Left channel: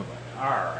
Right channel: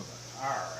Nobody. Alright.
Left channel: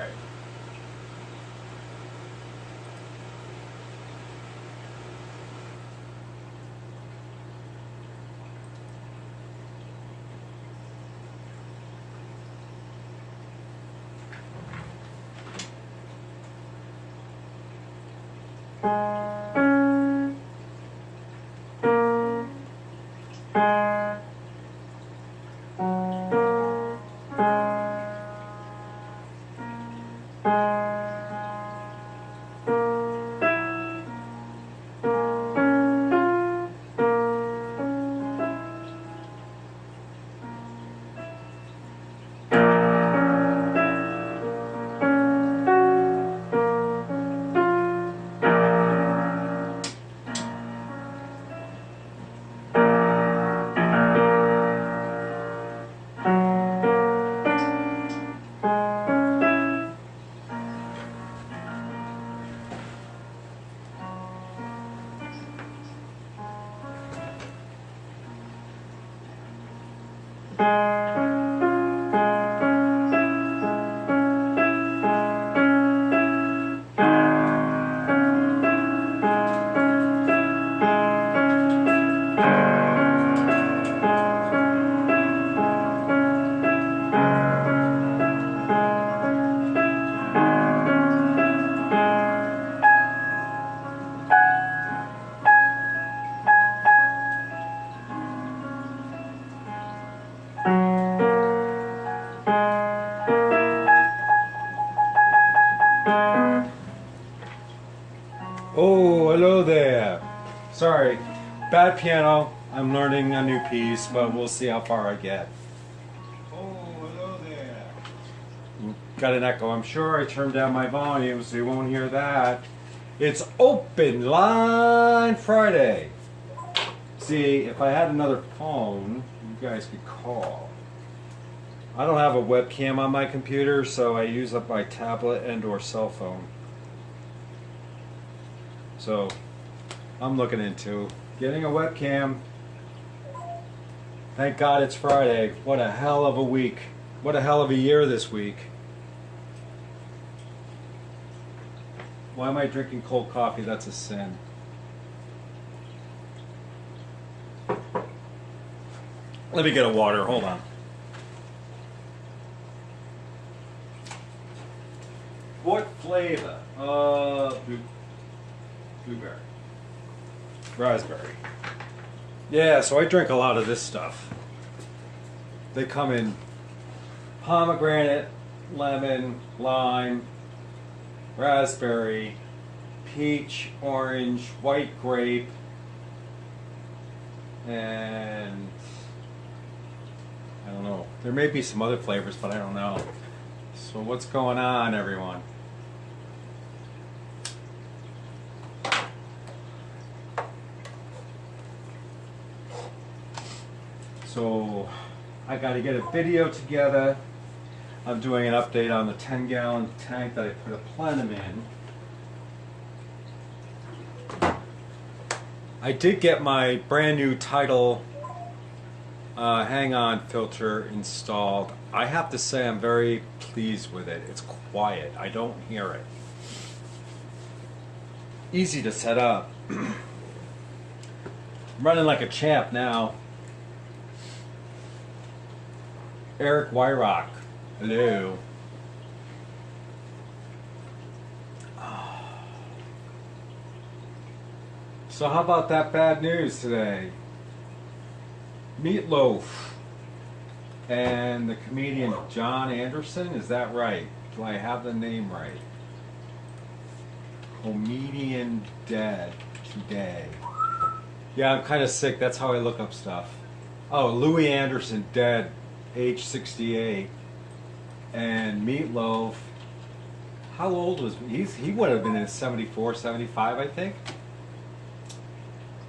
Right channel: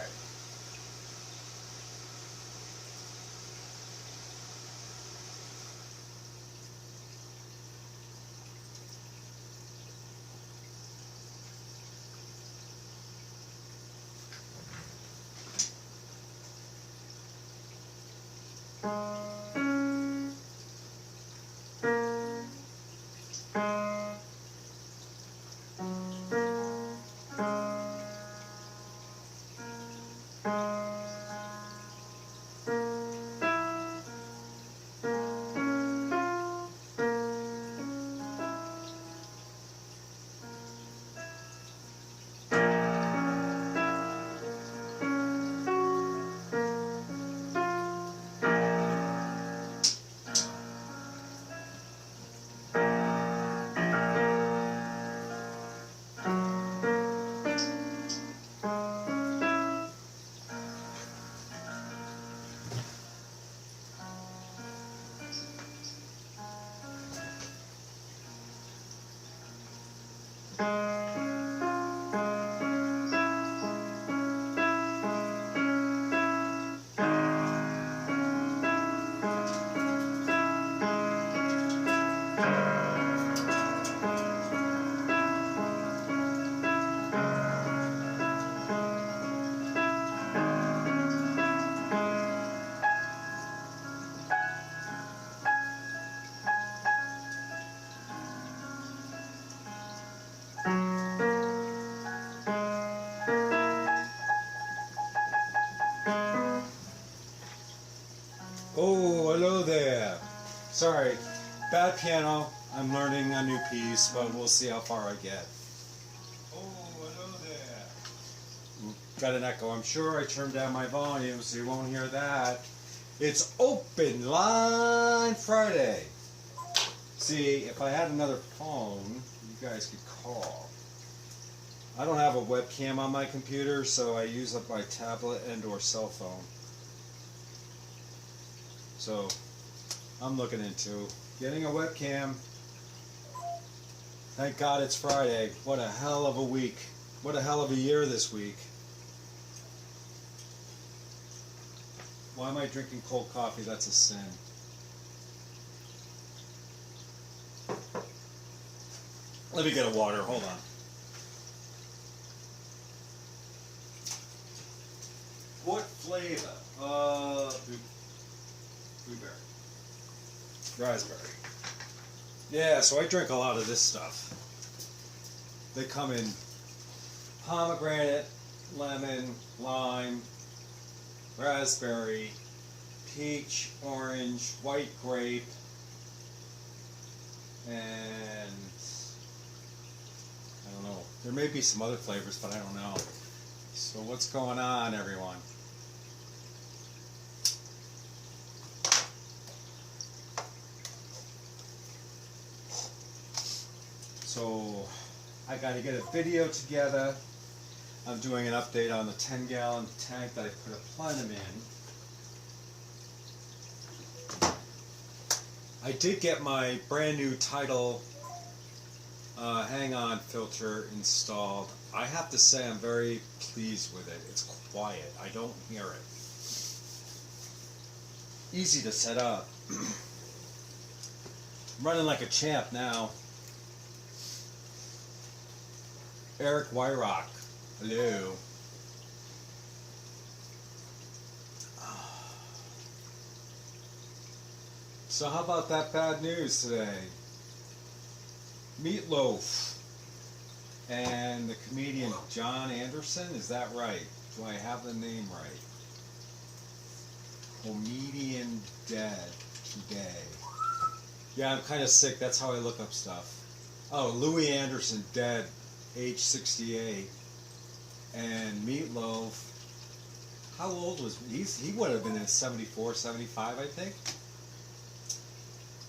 Oh, hello there. Sorry, bad piano. I'm learning a new piece, but we'll see how far I get. Oh, hello there. Got an echo. I'm sure I turned down my volume so you won't hear that. It's Open Line Friday. See, if I had another phone, you guys could call. I don't have a webcam on my computer, so I use up my tablet and or cell phone. So, I'm looking into getting a webcam. Thank God it's Friday. What a hell of a week. What a hell of a year this week. Why am I drinking cold coffee? That's a sin. Let me get a water. Hold on. What flavor? Blueberry. Raspberry. Yeah, so I drink a lot of this stuff. They come in pomegranate, lemon, lime, raspberry, peach, orange, white grape, and I don't know. There may be some other flavors, but I don't know. So what's going on, everyone? So I got to get a video together. I'm doing an update on the 10-gallon tank that I put a plenum in. I did get my brand new Tidal hang-on filter installed. I have to say I'm very pleased with it. It's quiet. I don't hear it. Easy to set up. I'm running like a champ now. Eric Wyrock. Hello. So how about that bad news today? Meatloaf and the comedian John Anderson, is that right? Do I have the name right? Comedian dead today. Yeah, I'm kind of sick. That's how I look up stuff. Oh, Louis Anderson dead, age 68. And Meatloaf, how old was he? Would have been in 74, 75, I think.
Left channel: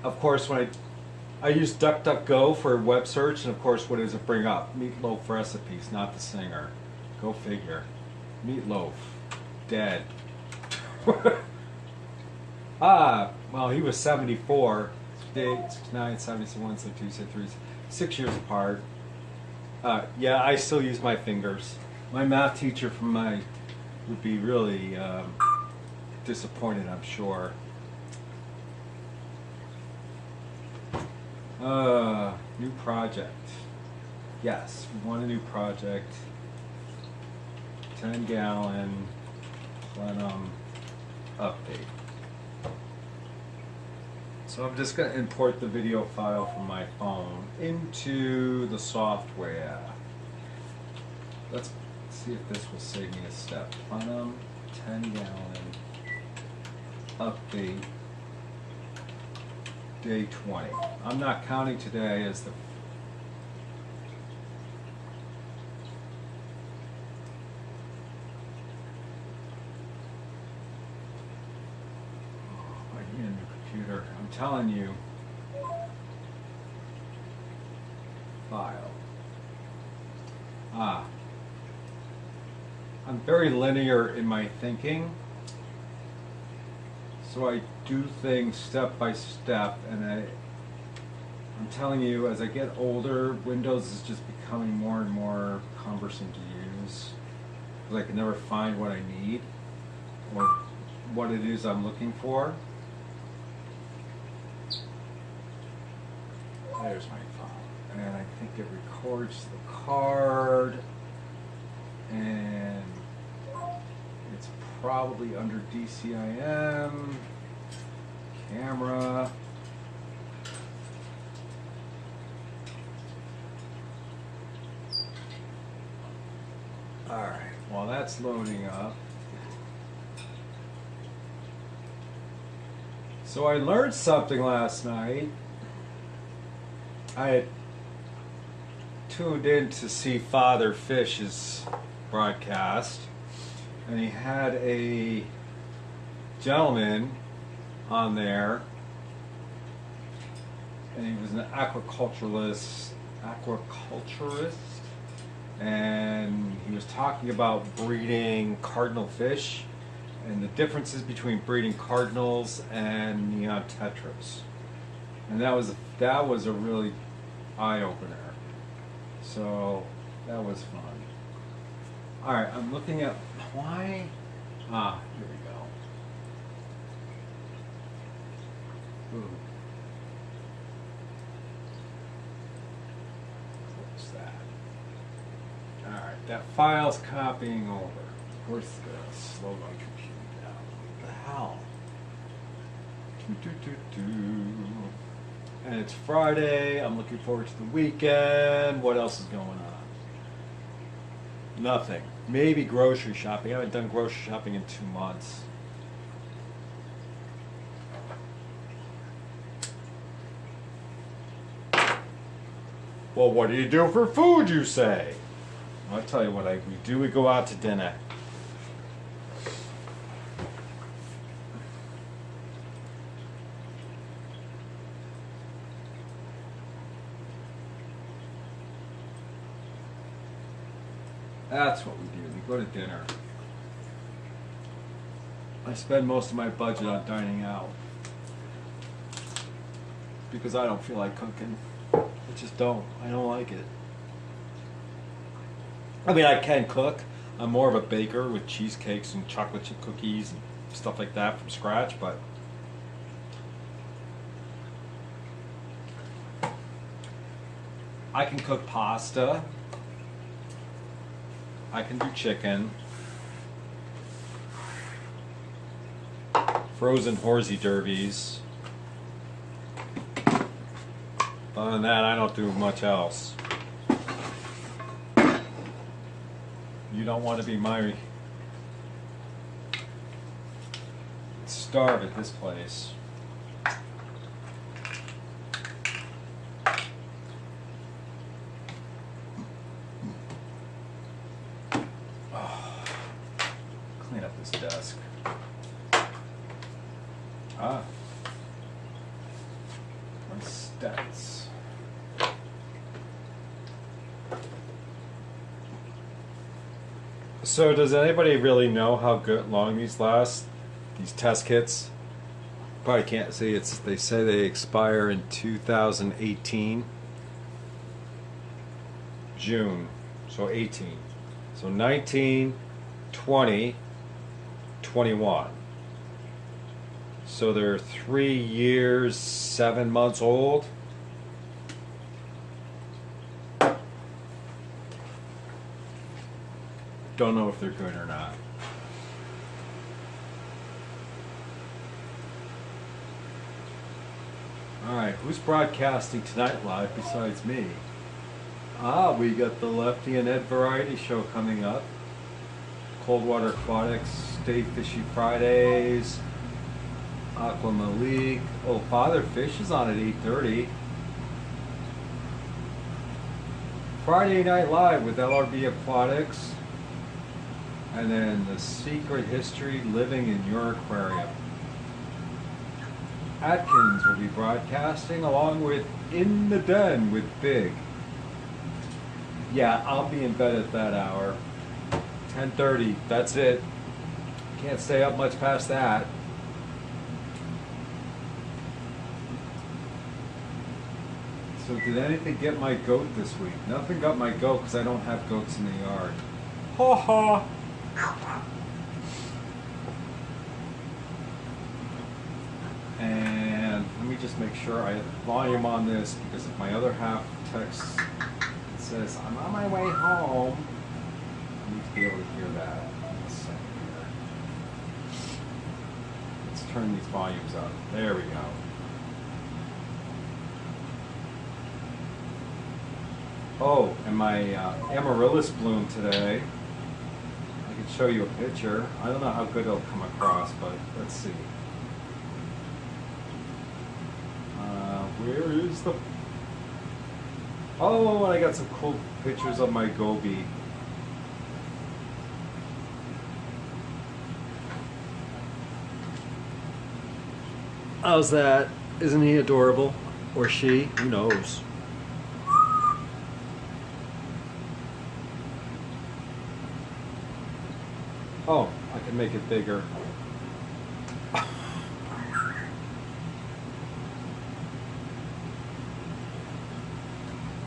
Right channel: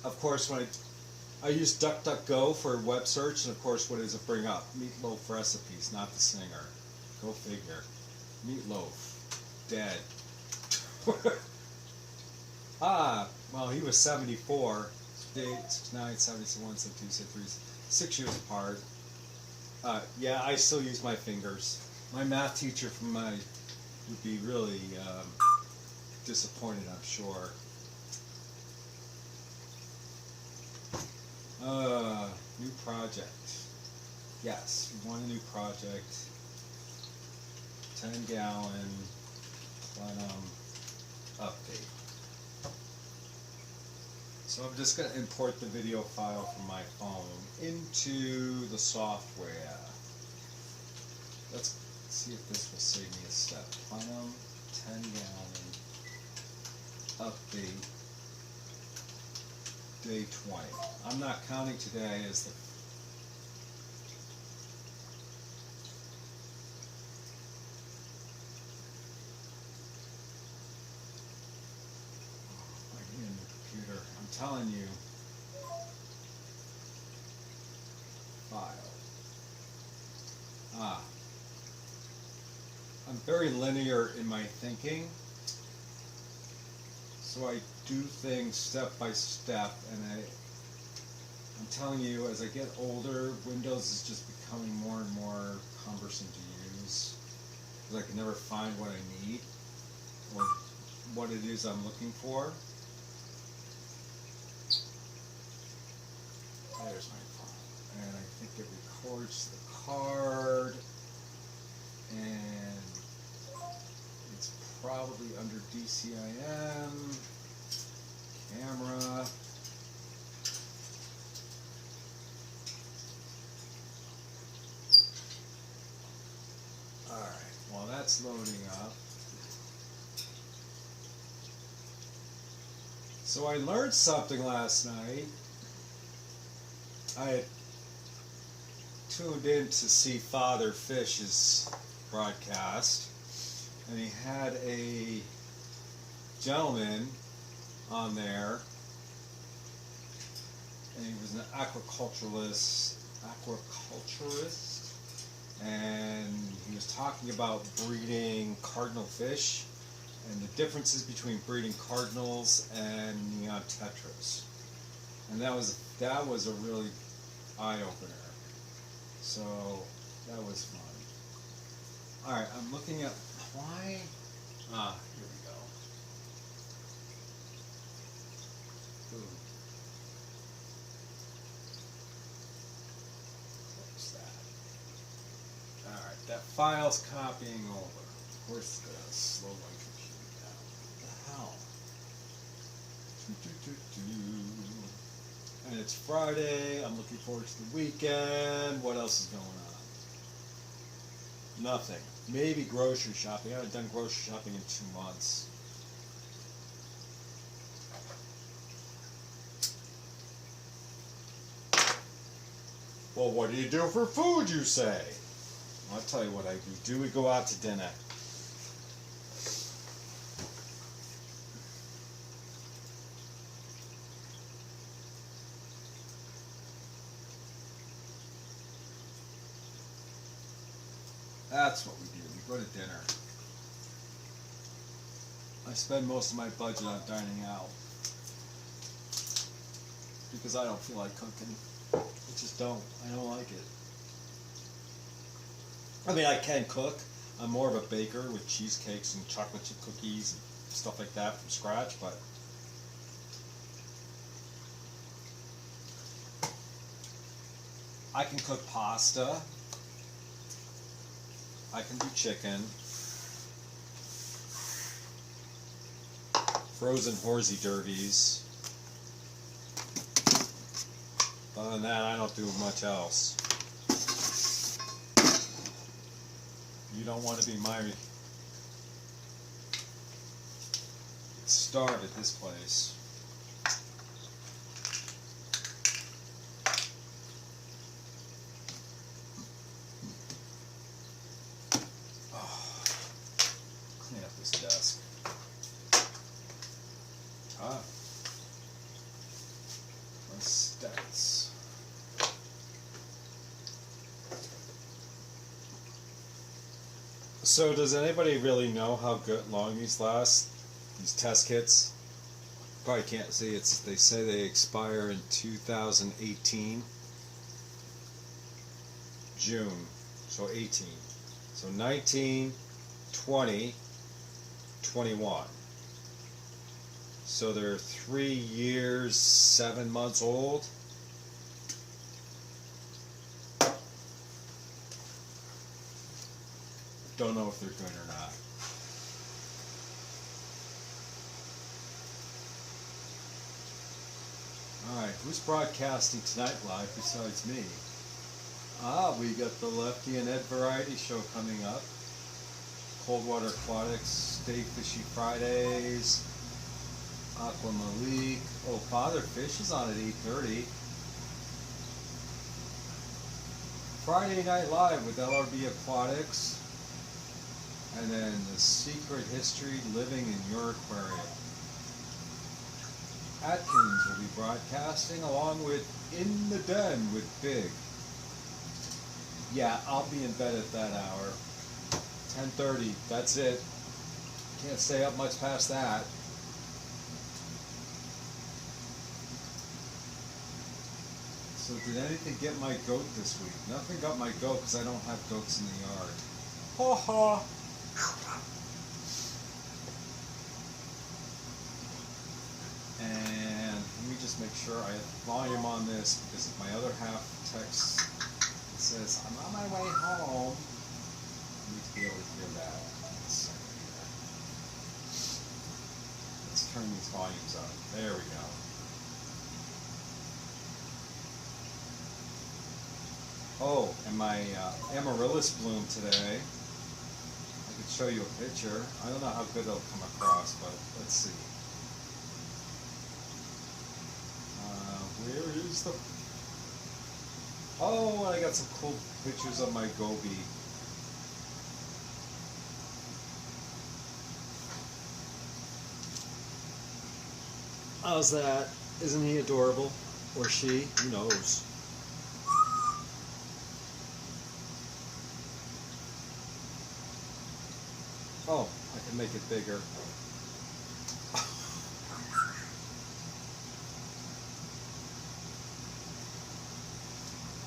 Of course, when I use DuckDuckGo for web search, and of course, what does it bring up? Meatloaf recipes, not the singer. Go figure. Meatloaf, dead. Well, he was 74, 69, 71, 72, 73, 6 years apart. Yeah, I still use my fingers. My math teacher from would be really disappointed, I'm sure. New project. Yes, we want a new project. 10-gallon plenum update. So I'm just going to import the video file from my phone into the software. Let's see if this will save me a step. Plenum 10-gallon update day 20. I'm not counting today as the I'm telling you, file. I'm very linear in my thinking, so I do things step by step, and I'm telling you, as I get older, Windows is just becoming more and more cumbersome to use, because I can never find what I need, or what it is I'm looking for. There's my file, and I think it records the card, and it's probably under DCIM, camera. Alright, while that's loading up. So I learned something last night. I had tuned in to see Father Fish's broadcast, and he had a gentleman on there, and he was an aquaculturist, and he was talking about breeding cardinal fish and the differences between breeding cardinals and neon tetras. And that was a really eye-opener. So that was fun. Alright, I'm looking at why. Here we go. Ooh. Close that. Alright, that file's copying over. Of course it's gonna slow my computer down. What the hell? And it's Friday. I'm looking forward to the weekend. What else is going on? Nothing. Maybe grocery shopping. I haven't done grocery shopping in 2 months. Well, what do you do for food, you say? I'll tell you what we do. We go out to dinner. That's what we do. We go to dinner. I spend most of my budget on dining out because I don't feel like cooking. I just don't. I don't like it. I mean, I can cook. I'm more of a baker with cheesecakes and chocolate chip cookies and stuff like that from scratch, but I can cook pasta. I can do chicken, frozen horsey derbies. Other than that, I don't do much else. You don't want to be my starve at this place. Clean up this desk. My stats. So does anybody really know how long these last? These test kits? Probably can't see. They say they expire in 2018. June. So 18. So 19, 20, 21. So they're 3 years, 7 months old. Don't know if they're good or not. Alright, who's broadcasting tonight live besides me? We got the Lefty and Ed Variety Show coming up. Coldwater Aquatics, Stay Fishy Fridays. Aqua Malik. Oh, Father Fish is on at 8:30. Friday Night Live with LRB Aquatics. And then The Secret History Living in Your Aquarium. Atkins will be broadcasting along with In the Den with Big. Yeah, I'll be in bed at that hour. 10:30, that's it. Can't stay up much past that. So did anything get my goat this week? Nothing got my goat because I don't have goats in the yard. Ha ha! And let me just make sure I have volume on this because if my other half texts, it says I'm on my way home. I need to be able to hear that. Let's see here. Let's turn these volumes up. There we go. Oh, and my amaryllis bloom today. I can show you a picture. I don't know how good it'll come across, but let's see. Where is the... Oh, and I got some cool pictures of my goby. How's that? Isn't he adorable? Or she? Who knows? Oh, I can make it bigger.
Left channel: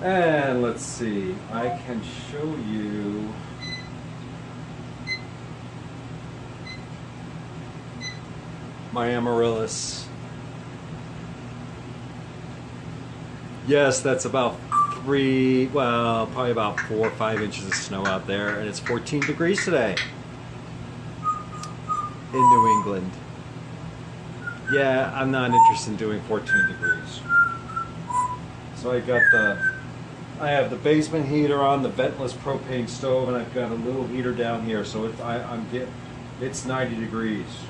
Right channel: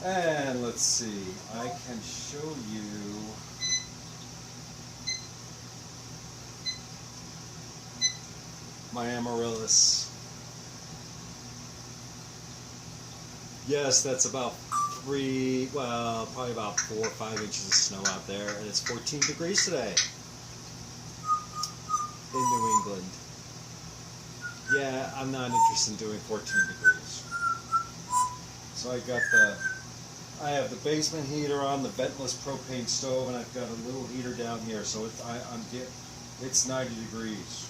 And let's see, I can show you my amaryllis. Yes, that's about probably about 4 or 5 inches of snow out there, and it's 14 degrees today in New England. Yeah, I'm not interested in doing 14 degrees. So I have the basement heater on, the ventless propane stove, and I've got a little heater down here, so it's 90 degrees.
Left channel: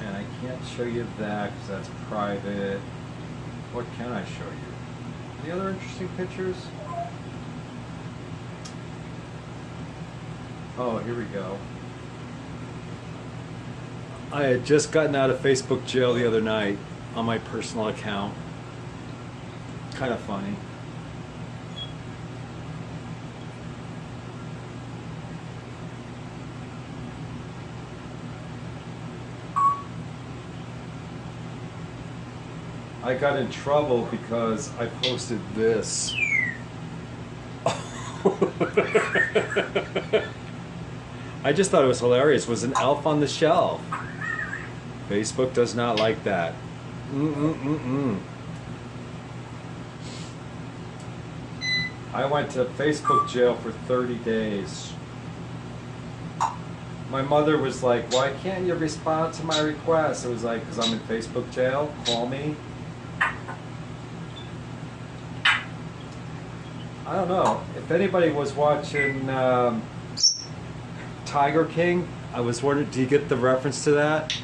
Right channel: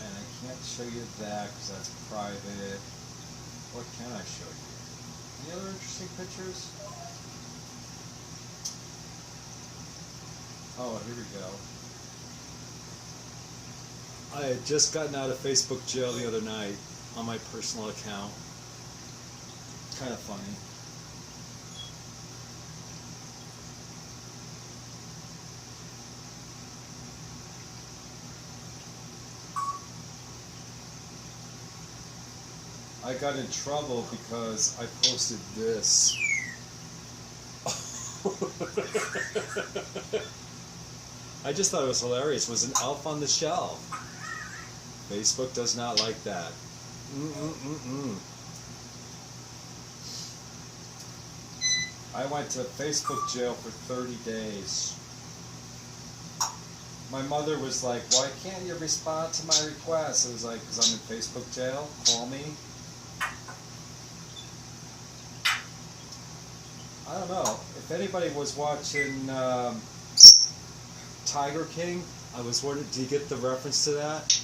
And I can't show you that because that's private. What can I show you? Any other interesting pictures? Oh, here we go. I had just gotten out of Facebook jail the other night on my personal account. Kind of funny. I got in trouble because I posted this. I just thought it was hilarious. It was an elf on the shelf. Facebook does not like that. I went to Facebook jail for 30 days. My mother was like, why can't you respond to my request? It was like, because I'm in Facebook jail, call me. I don't know. If anybody was watching Tiger King, I was wondering, do you get the reference to that?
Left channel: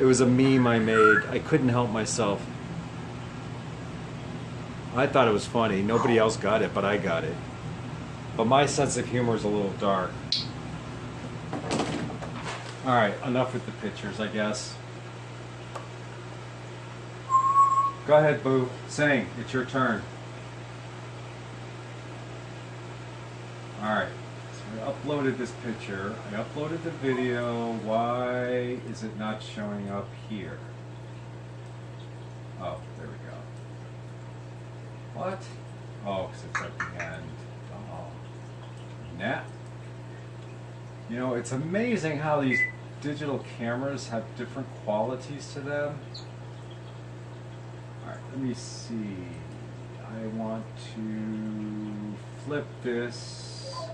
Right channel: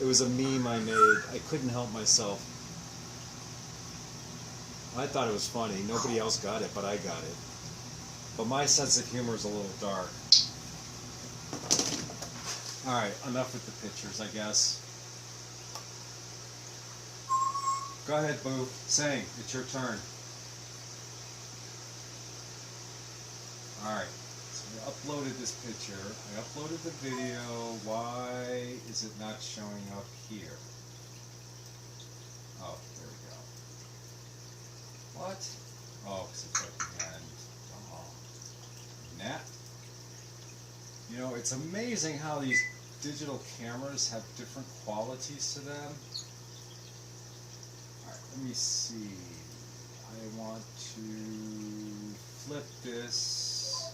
It was a meme I made. I couldn't help myself. I thought it was funny. Nobody else got it, but I got it. But my sense of humor is a little dark. Alright, enough with the pictures, I guess. Go ahead, Boo. Sing. It's your turn. Alright. I uploaded this picture, I uploaded the video. Why is it not showing up here? Oh, You know, it's amazing how these digital cameras have different qualities to them. Alright, let me see. I want to flip this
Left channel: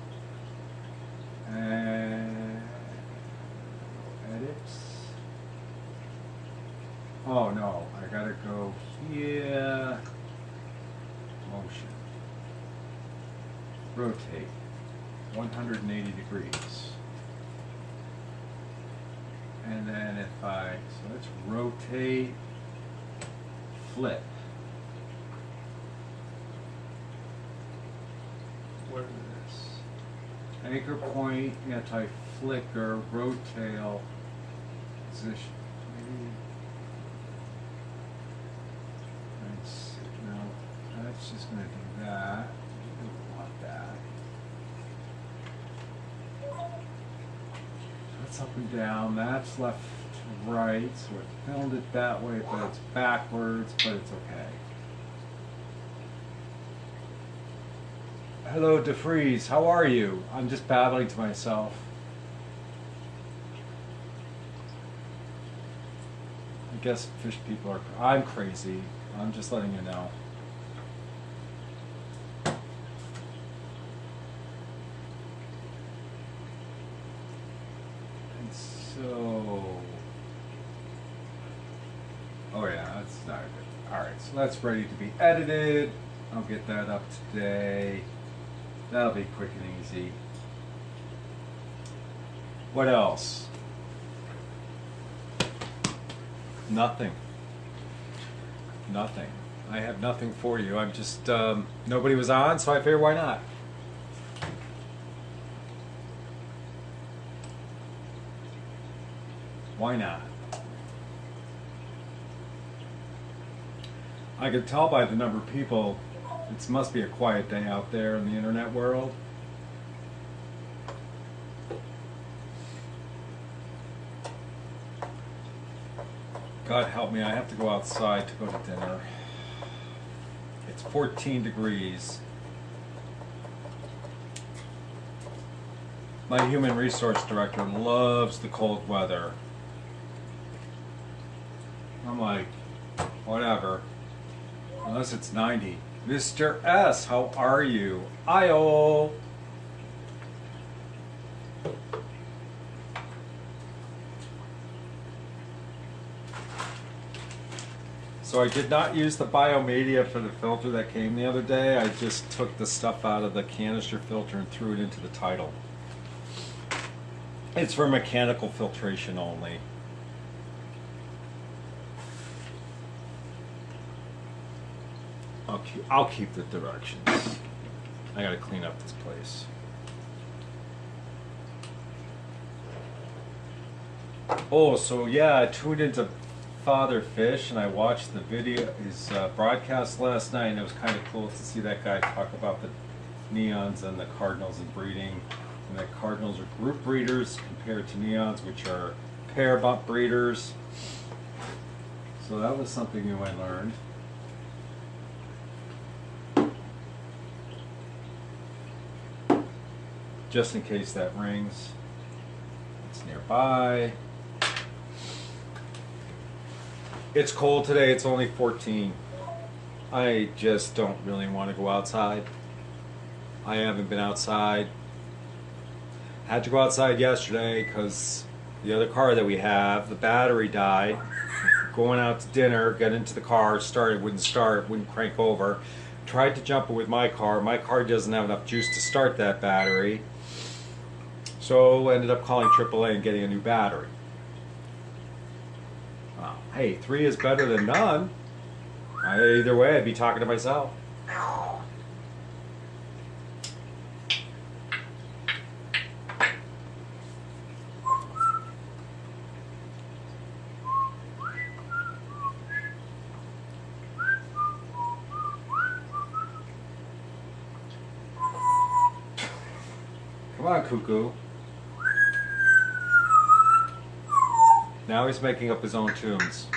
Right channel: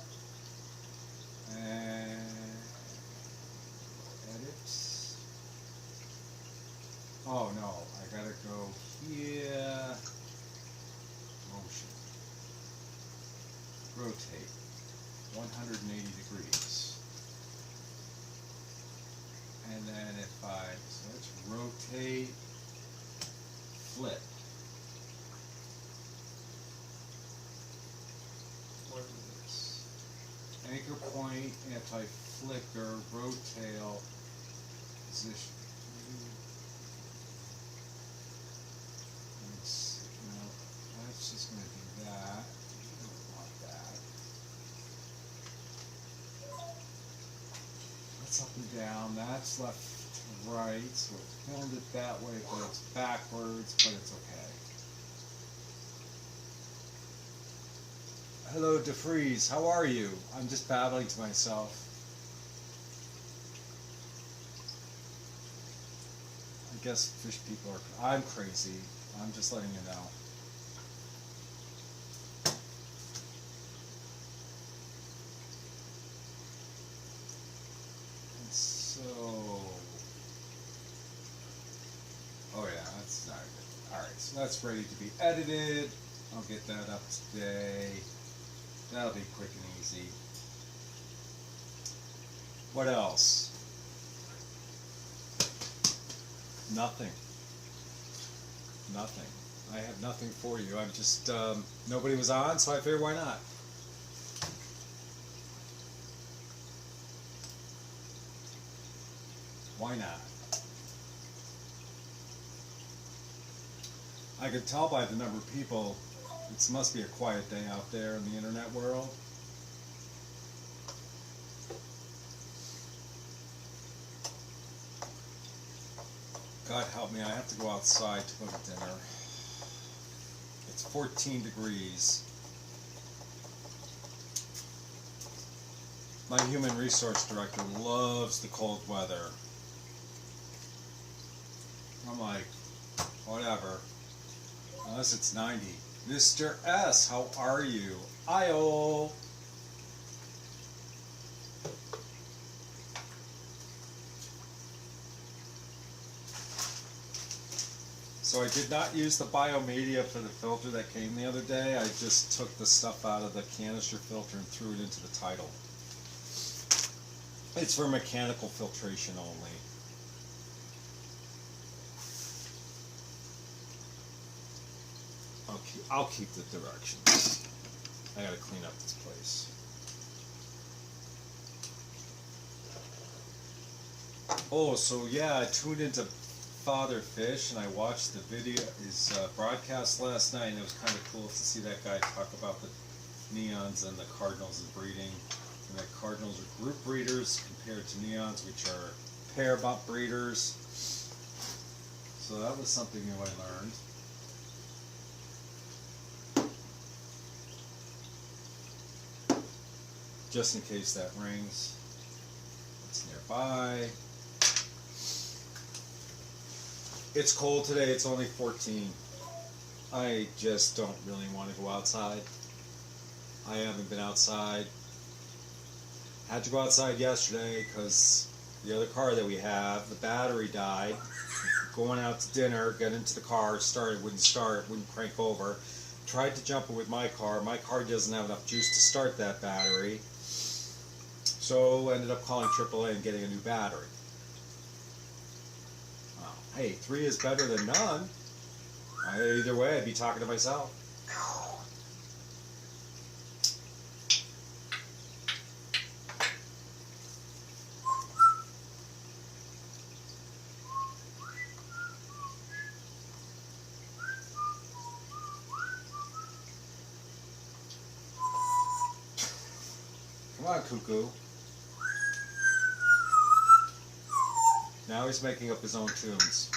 and edit. Oh no, I gotta go here. Motion. Rotate. 180 degrees. And then if so let's rotate, flip. What is this? Anchor point, anti-flicker, rotail, position. No, that's just going to do that. We don't want that. That's up and down, that's left to right, so it filmed it that way, but it's backwards, but it's okay. Hello, DeFreeze, how are you? I'm just babbling to myself. I guess fish people are, I'm crazy. I'm just letting you know. And so, oh yeah, that's not good. Alright, so that's ready to be edited. I'll get that up today. That'll be quick and easy. What else? Nothing. Nothing. I have nothing for you. I'm just, nobody was on, so I figured why not? Why not? I can tell by the number of people, it must be a quiet day out there in the internet world. God help me, I have to go outside to go to dinner. It's 14 degrees. My human resource director loves the cold weather. I'm like, whatever. Unless it's 90. Mr. S, how are you? Ayo! So I did not use the biomedia for the filter that came the other day. I just took the stuff out of the canister filter and threw it into the title. It's for mechanical filtration only. I'll keep the directions. I gotta clean up this place. Oh, so yeah, I tuned into Father Fish and I watched the video, his broadcast last night, and it was kind of cool to see that guy talk about the neons and the cardinals and breeding, and that cardinals are group breeders compared to neons, which are pair bump breeders. So that was something new I learned. Just in case that rings. It's nearby. It's cold today, it's only 14. I just don't really want to go outside. I haven't been outside. I had to go outside yesterday because the other car that we have, the battery died. Going out to dinner, got into the car, started, wouldn't start, wouldn't crank over. Tried to jump it with my car. My car doesn't have enough juice to start that battery. So ended up calling AAA and getting a new battery. Hey, 3 is better than none. Either way, I'd be talking to myself. Come on, Cuckoo. Now he's making up his own tunes.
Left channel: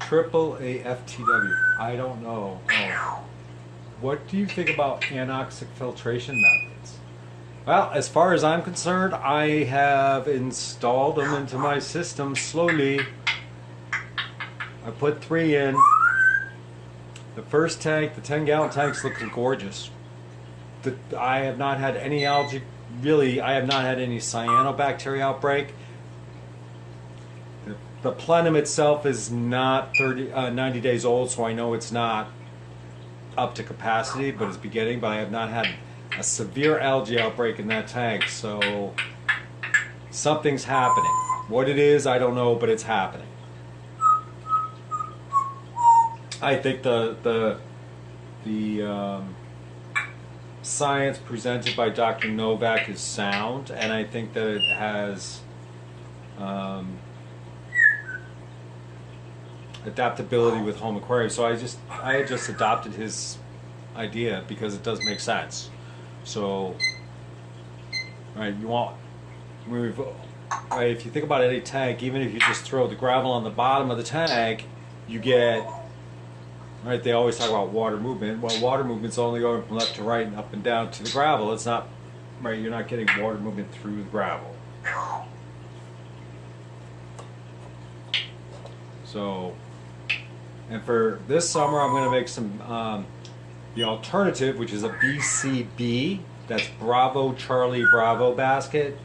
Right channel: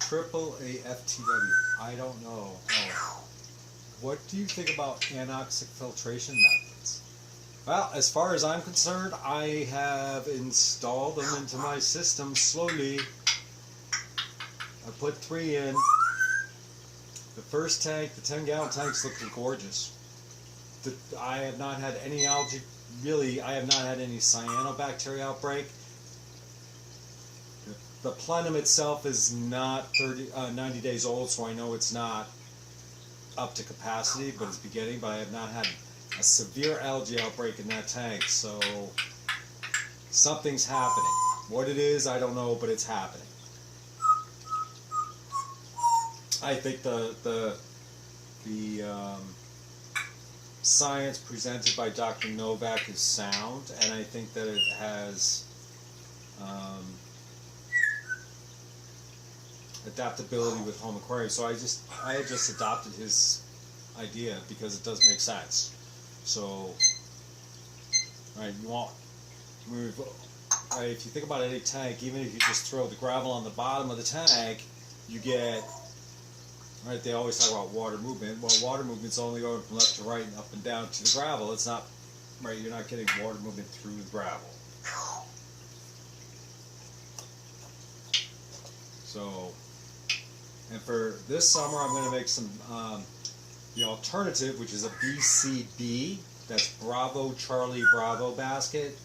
AAA FTW. I don't know. Oh. What do you think about anoxic filtration methods? Well, as far as I'm concerned, I have installed them into my system slowly. I put 3 in. The first tank, the 10-gallon tank's looking gorgeous. I have not had any algae, really, I have not had any cyanobacteria outbreak. The plenum itself is not 90 days old, so I know it's not up to capacity, but it's beginning, but I have not had a severe algae outbreak in that tank, so something's happening. What it is, I don't know, but it's happening. I think the science presented by Dr. Novak is sound, and I think that it has adaptability with home aquariums. So I had just adopted his idea because it does make sense. So, right, if you think about any tank, even if you just throw the gravel on the bottom of the tank, you get, right, they always talk about water movement. Well, water movement's only going from left to right and up and down to the gravel. It's not, right, you're not getting water movement through the gravel. So, and for this summer, I'm going to make some, the alternative, which is a BCB, that's Bravo Charlie Bravo basket.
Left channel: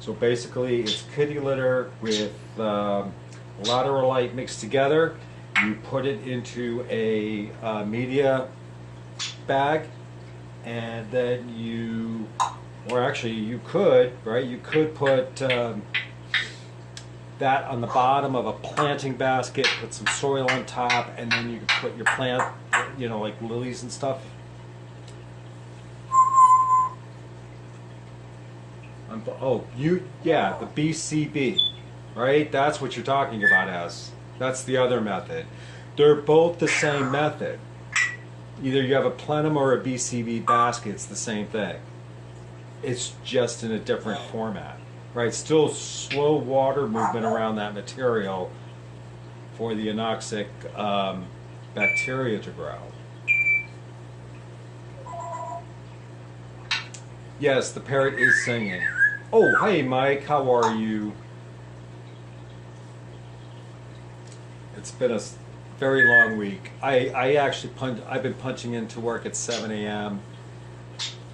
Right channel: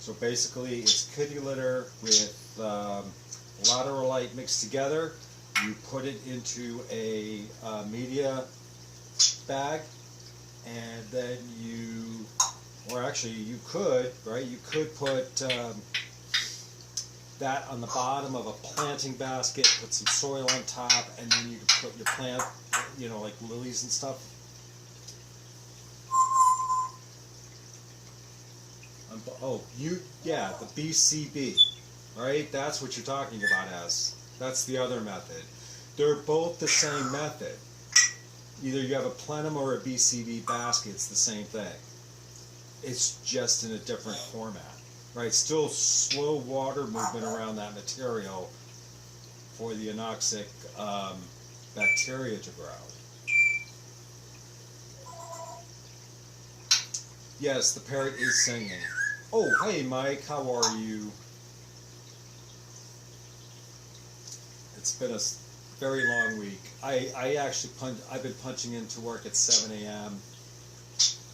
So basically, it's kitty litter with lateralite mixed together. You put it into a media bag, and then you, or actually you could, right, you could put that on the bottom of a planting basket, put some soil on top, and then you can put your plant, you know, like lilies and stuff. Yeah, the BCB, right? That's what you're talking about, as. That's the other method. They're both the same method. Either you have a plenum or a BCB basket, it's the same thing. It's just in a different format, right? Still slow water movement around that material for the anoxic bacteria to grow. Yes, the parrot is singing. Oh, hey Mike, how are you? It's been a very long week. I actually I've been punching into work at 7 a.m.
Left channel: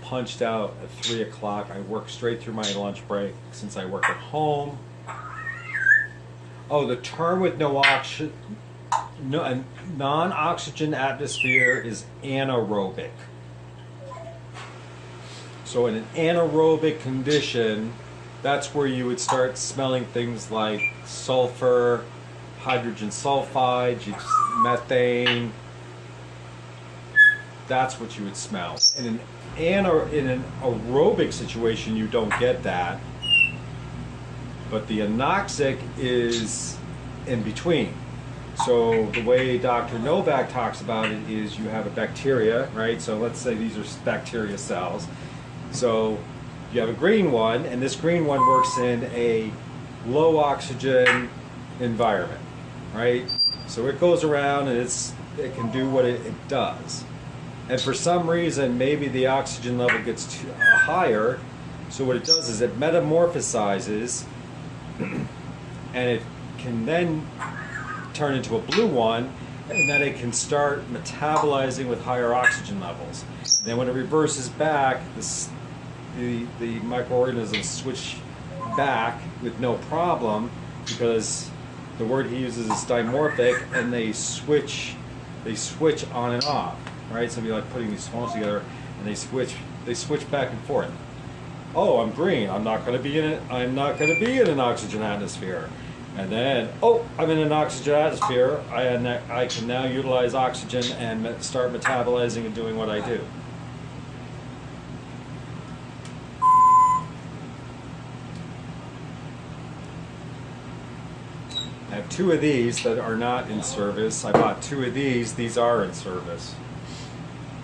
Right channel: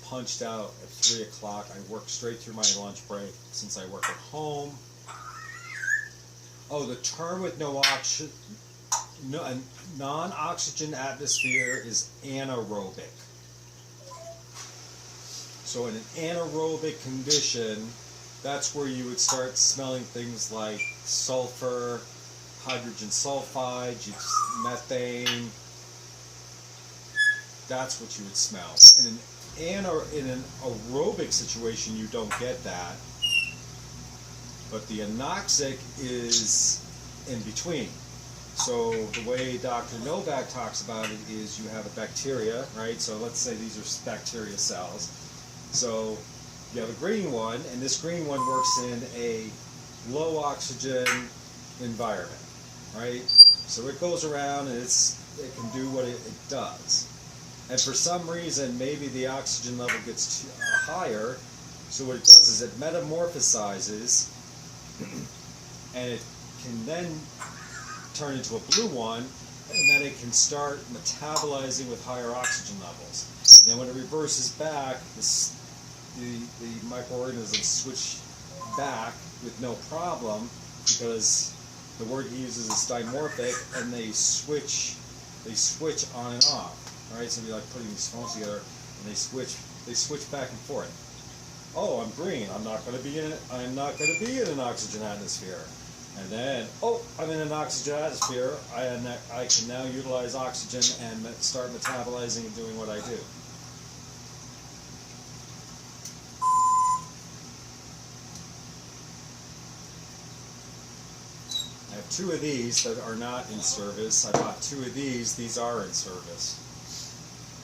Punched out at 3 o'clock. I work straight through my lunch break since I work at home. Oh, the term with non-oxygen atmosphere is anaerobic. So in an anaerobic condition, that's where you would start smelling things like sulfur, hydrogen sulfide, methane. That's what you would smell. In an aerobic situation, you don't get that. But the anoxic is in between. So the way Dr. Novak talks about it is you have a bacteria, right? So let's say these are bacteria cells. So you have a green one, and this green one works in a low oxygen environment, right? So it goes around and it can do what it does. And for some reason, maybe the oxygen level gets higher. So what it does is it metamorphosizes, and it can then turn into a blue one, and then it can start metabolizing with higher oxygen levels. And then when it reverses back, the microorganisms switch back with no problem, because the word he uses is dimorphic, and they switch on and off, right? So it'd be like putting these swans together, and they switch back and forth. Oh, I'm green. I'm not going to be in an oxygen atmosphere. And then, oh, I'm in an oxygen atmosphere. I can now utilize oxygen and start metabolizing and doing what I do. I have 2 of these that are not in service. I bought 2 of these. These are in service.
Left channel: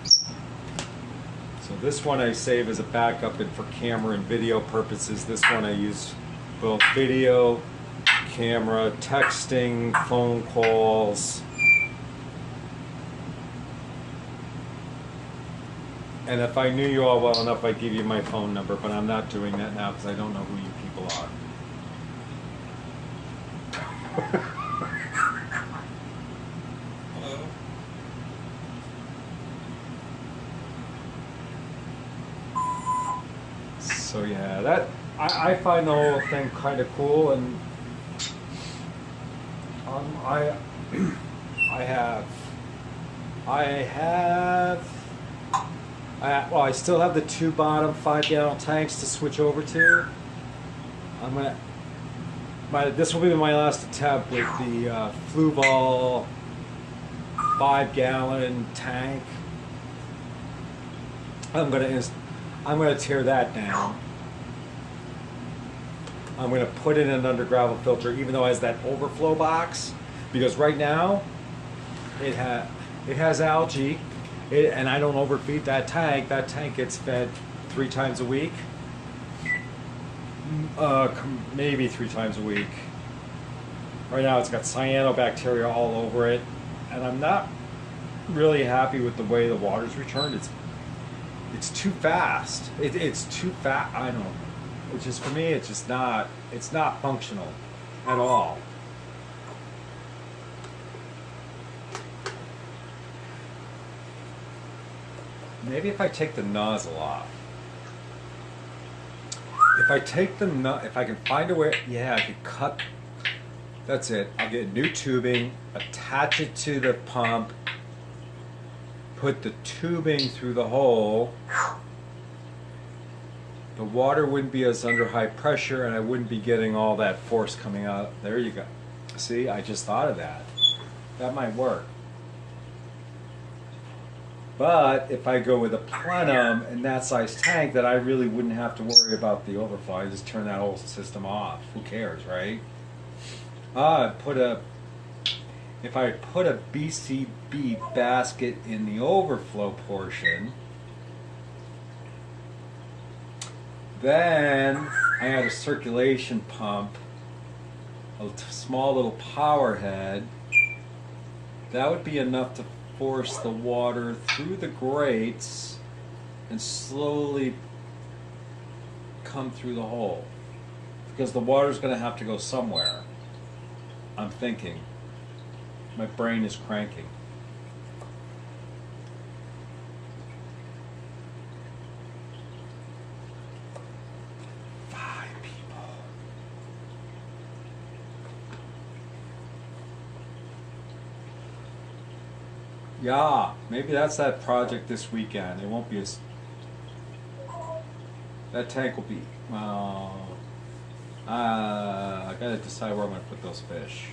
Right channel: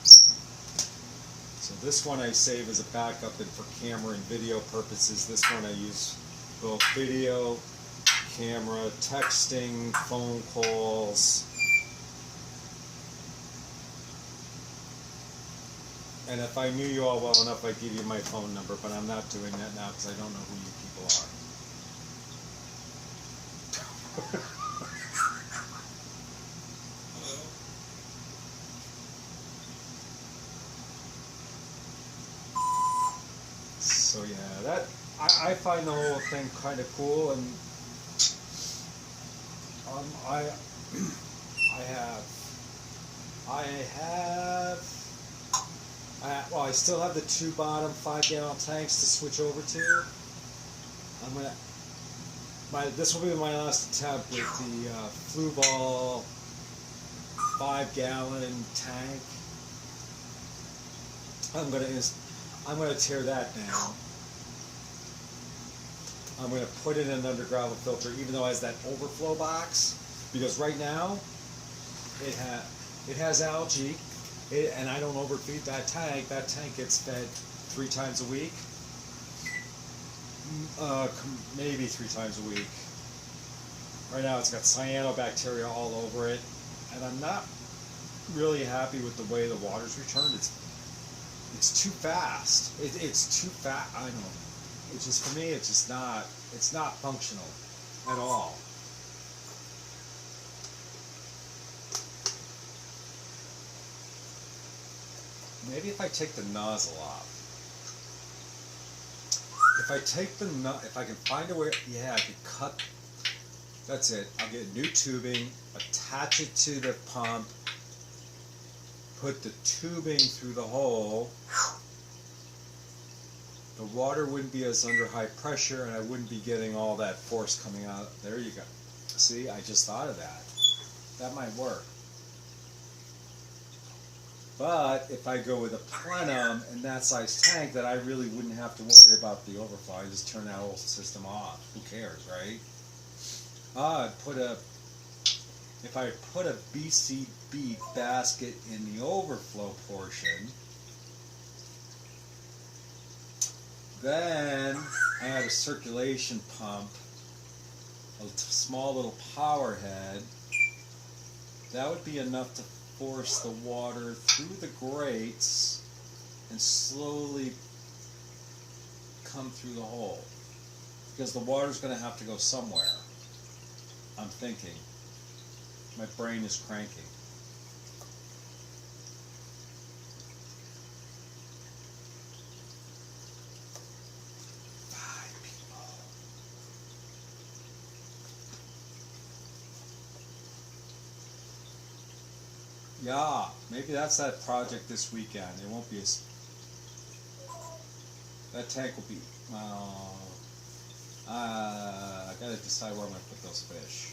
So this one I save as a backup and for camera and video purposes. This one I use both video, camera, texting, phone calls, And if I knew you all well enough, I'd give you my phone number, but I'm not doing that now because I don't know who you people are. Hello. So yeah, that I find the whole thing kind of cool, and I well, I still have the two bottom 5-gallon tanks to switch over to. This will be my last attempt with the Fluval 5-gallon tank. I'm gonna tear that down. I'm gonna put it in an under gravel filter, even though it has that overflow box, because right now it has algae, and I don't overfeed that tank. That tank gets fed 3 times a week, maybe 3 times a week. Right now it's got cyanobacteria all over it, and I'm not really happy with the way the water's returned. It's too fast. It's too fast. I don't. It's just, for me, it's just not. It's not functional at all. Maybe if I take the nozzle off. If I can find a way, yeah, I could cut. That's it. I'll get new tubing, attach it to the pump, put the tubing through the hole. The water wouldn't be as under high pressure, and I wouldn't be getting all that force coming out. There you go. See, I just thought of that. That might work. But if I go with a plenum and that size tank, then I really wouldn't have to worry about the overflow. I just turn that whole system off. Who cares, right? If I put a BCB basket in the overflow portion, then I have a circulation pump, a small little power head. That would be enough to force the water through the grates and slowly come through the hole. Because the water's going to have to go somewhere. I'm thinking. My brain is cranking. Yeah, maybe that's that project this weekend. It won't be as... That tank will be... I gotta decide where I'm gonna put those fish.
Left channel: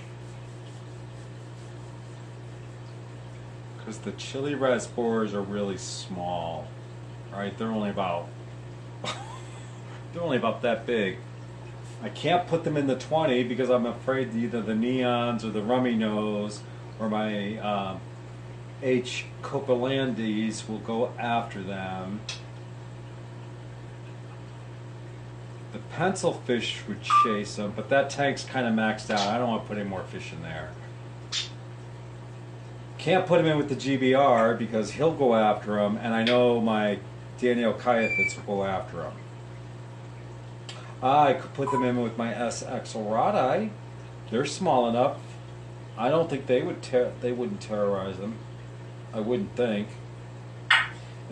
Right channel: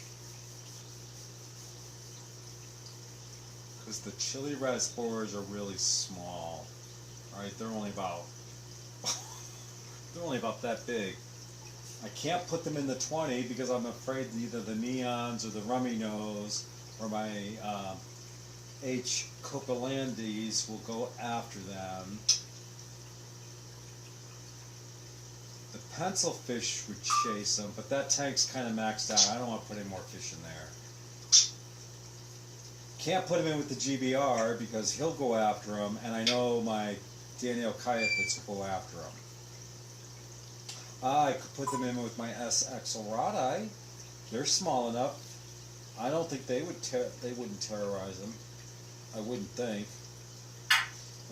Because the chili red spores are really small. Right? They're only about... they're only about that big. I can't put them in the 20 because I'm afraid either the neons or the rummy nose or my... H. copelandis will go after them. The pencil fish would chase them, but that tank's kind of maxed out. I don't want to put any more fish in there. Can't put him in with the GBR because he'll go after them, and I know my Daniel Kayafits will go after them. I could put them in with my S. axelrodi. They're small enough. I don't think they wouldn't terrorize them. I wouldn't think.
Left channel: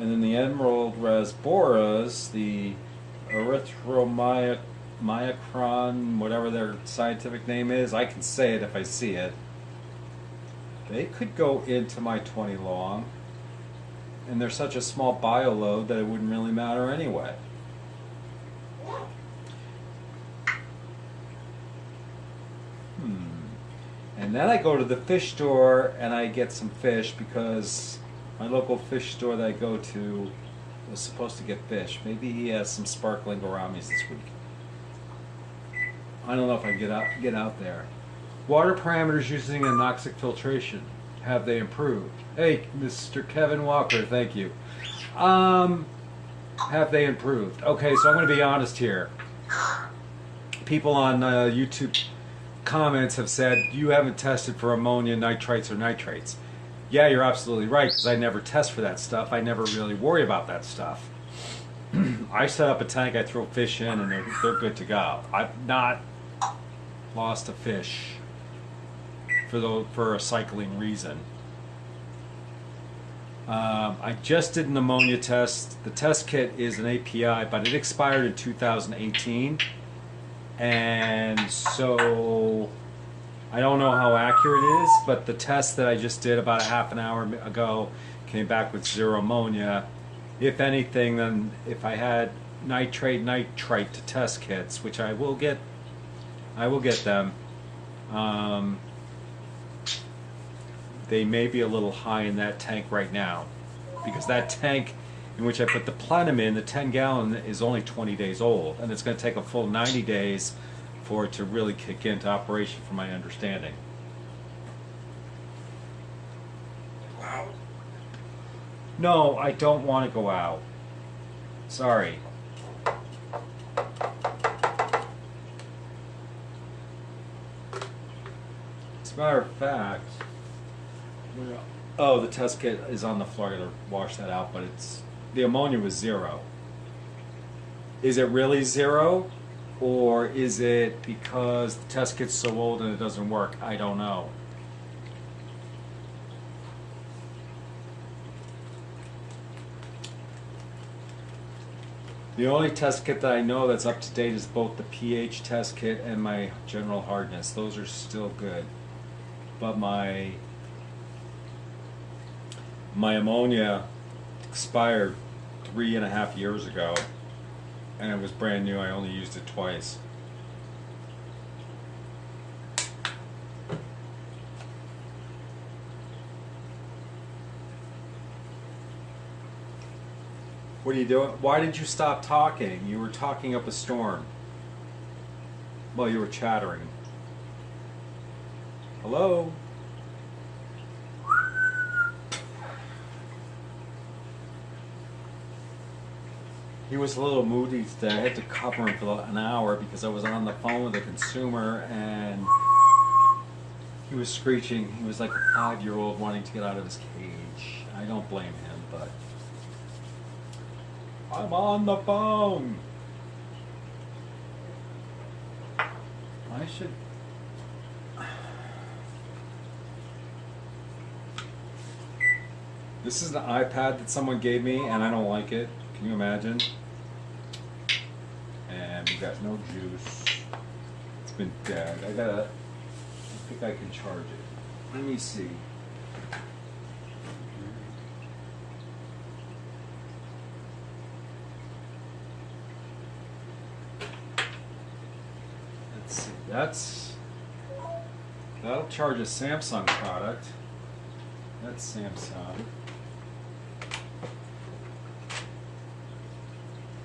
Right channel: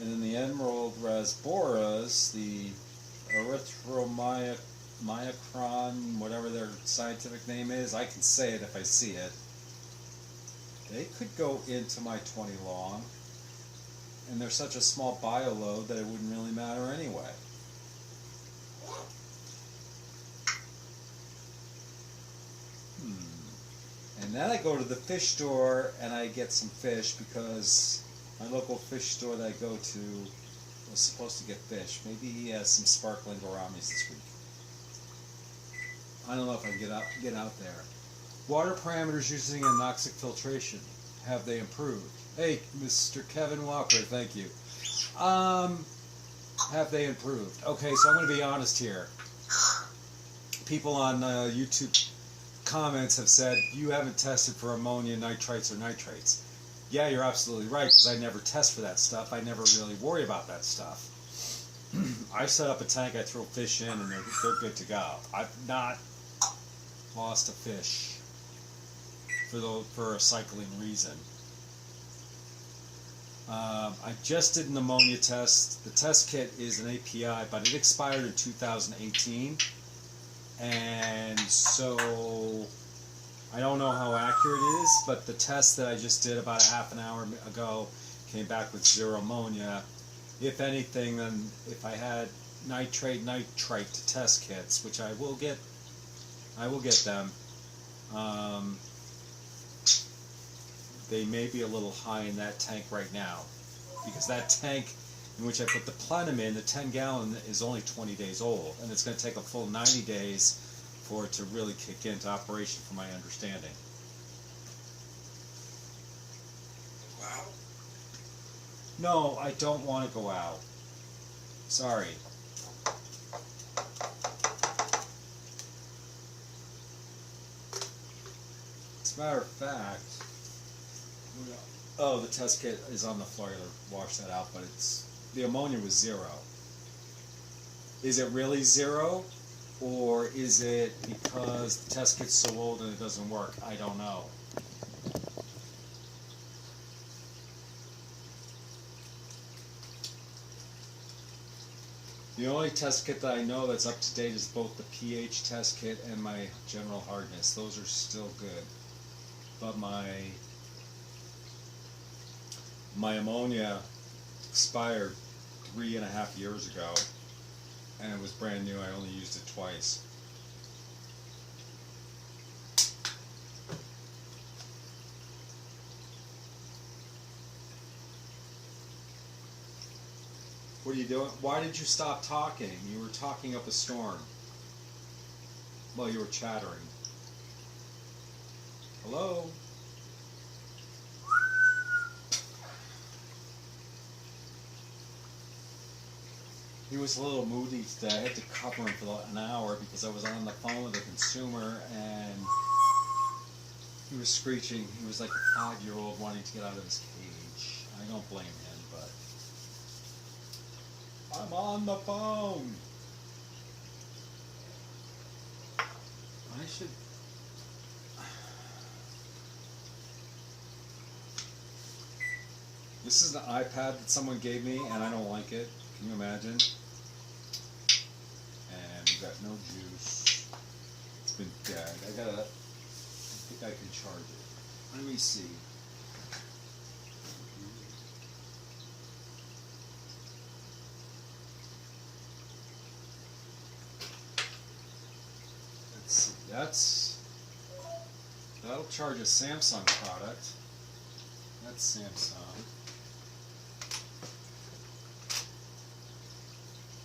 And then the emerald rasboras, the erythromyocron, whatever their scientific name is, I can say it if I see it. They could go into my 20 long, and they're such a small bio load that it wouldn't really matter anyway. And then I go to the fish store and I get some fish because my local fish store that I go to was supposed to get fish. Maybe he has some sparkling gouramis this week. I don't know if I can get out there. Water parameters using anoxic filtration. Have they improved? Hey, Mr. Kevin Walker, thank you. Have they improved? Okay, so I'm going to be honest here. People on YouTube comments have said you haven't tested for ammonia, nitrites, or nitrates. Yeah, you're absolutely right, because I never test for that stuff. I never really worry about that stuff. I set up a tank, I throw fish in, and they're good to go. I've not lost a fish for a cycling reason. I just did an ammonia test. The test kit is an API, but it expired in 2018, and so I don't know how accurate it is, but the test that I just did about a half an hour ago came back with 0 ammonia. If anything, then if I had nitrate to test kits, which I will get them. They may be a little high in that tank right now, because that tank in which I put the plenum in, the 10-gallon, is only 20 days old, and it's going to take a full 90 days for it to really kick into operation, from my understanding. Wow. No, I don't want to go out. Sorry. As a matter of fact, oh, the test kit is on the floor. I gotta wash that out, but the ammonia was 0. Is it really 0? Or is it because the test kit's so old and it doesn't work? I don't know. The only test kit that I know that's up to date is both the pH test kit and my general hardness. Those are still good. But my ammonia expired 3.5 years ago, and it was brand new. I only used it twice. What are you doing? Why did you stop talking? You were talking up a storm. Well, you were chattering. Hello? He was a little moody today. I had to cover him for an hour because I was on the phone with a consumer and he was screeching. He was like a 5-year-old wanting to get out of his cage. I don't blame him, but I'm on the phone. I should... This is the iPad that someone gave me and I don't like it. Can you imagine? And we got no juice. It's been dead. I think I can charge it. Let me see. Let's see. That'll charge a Samsung product. That's Samsung.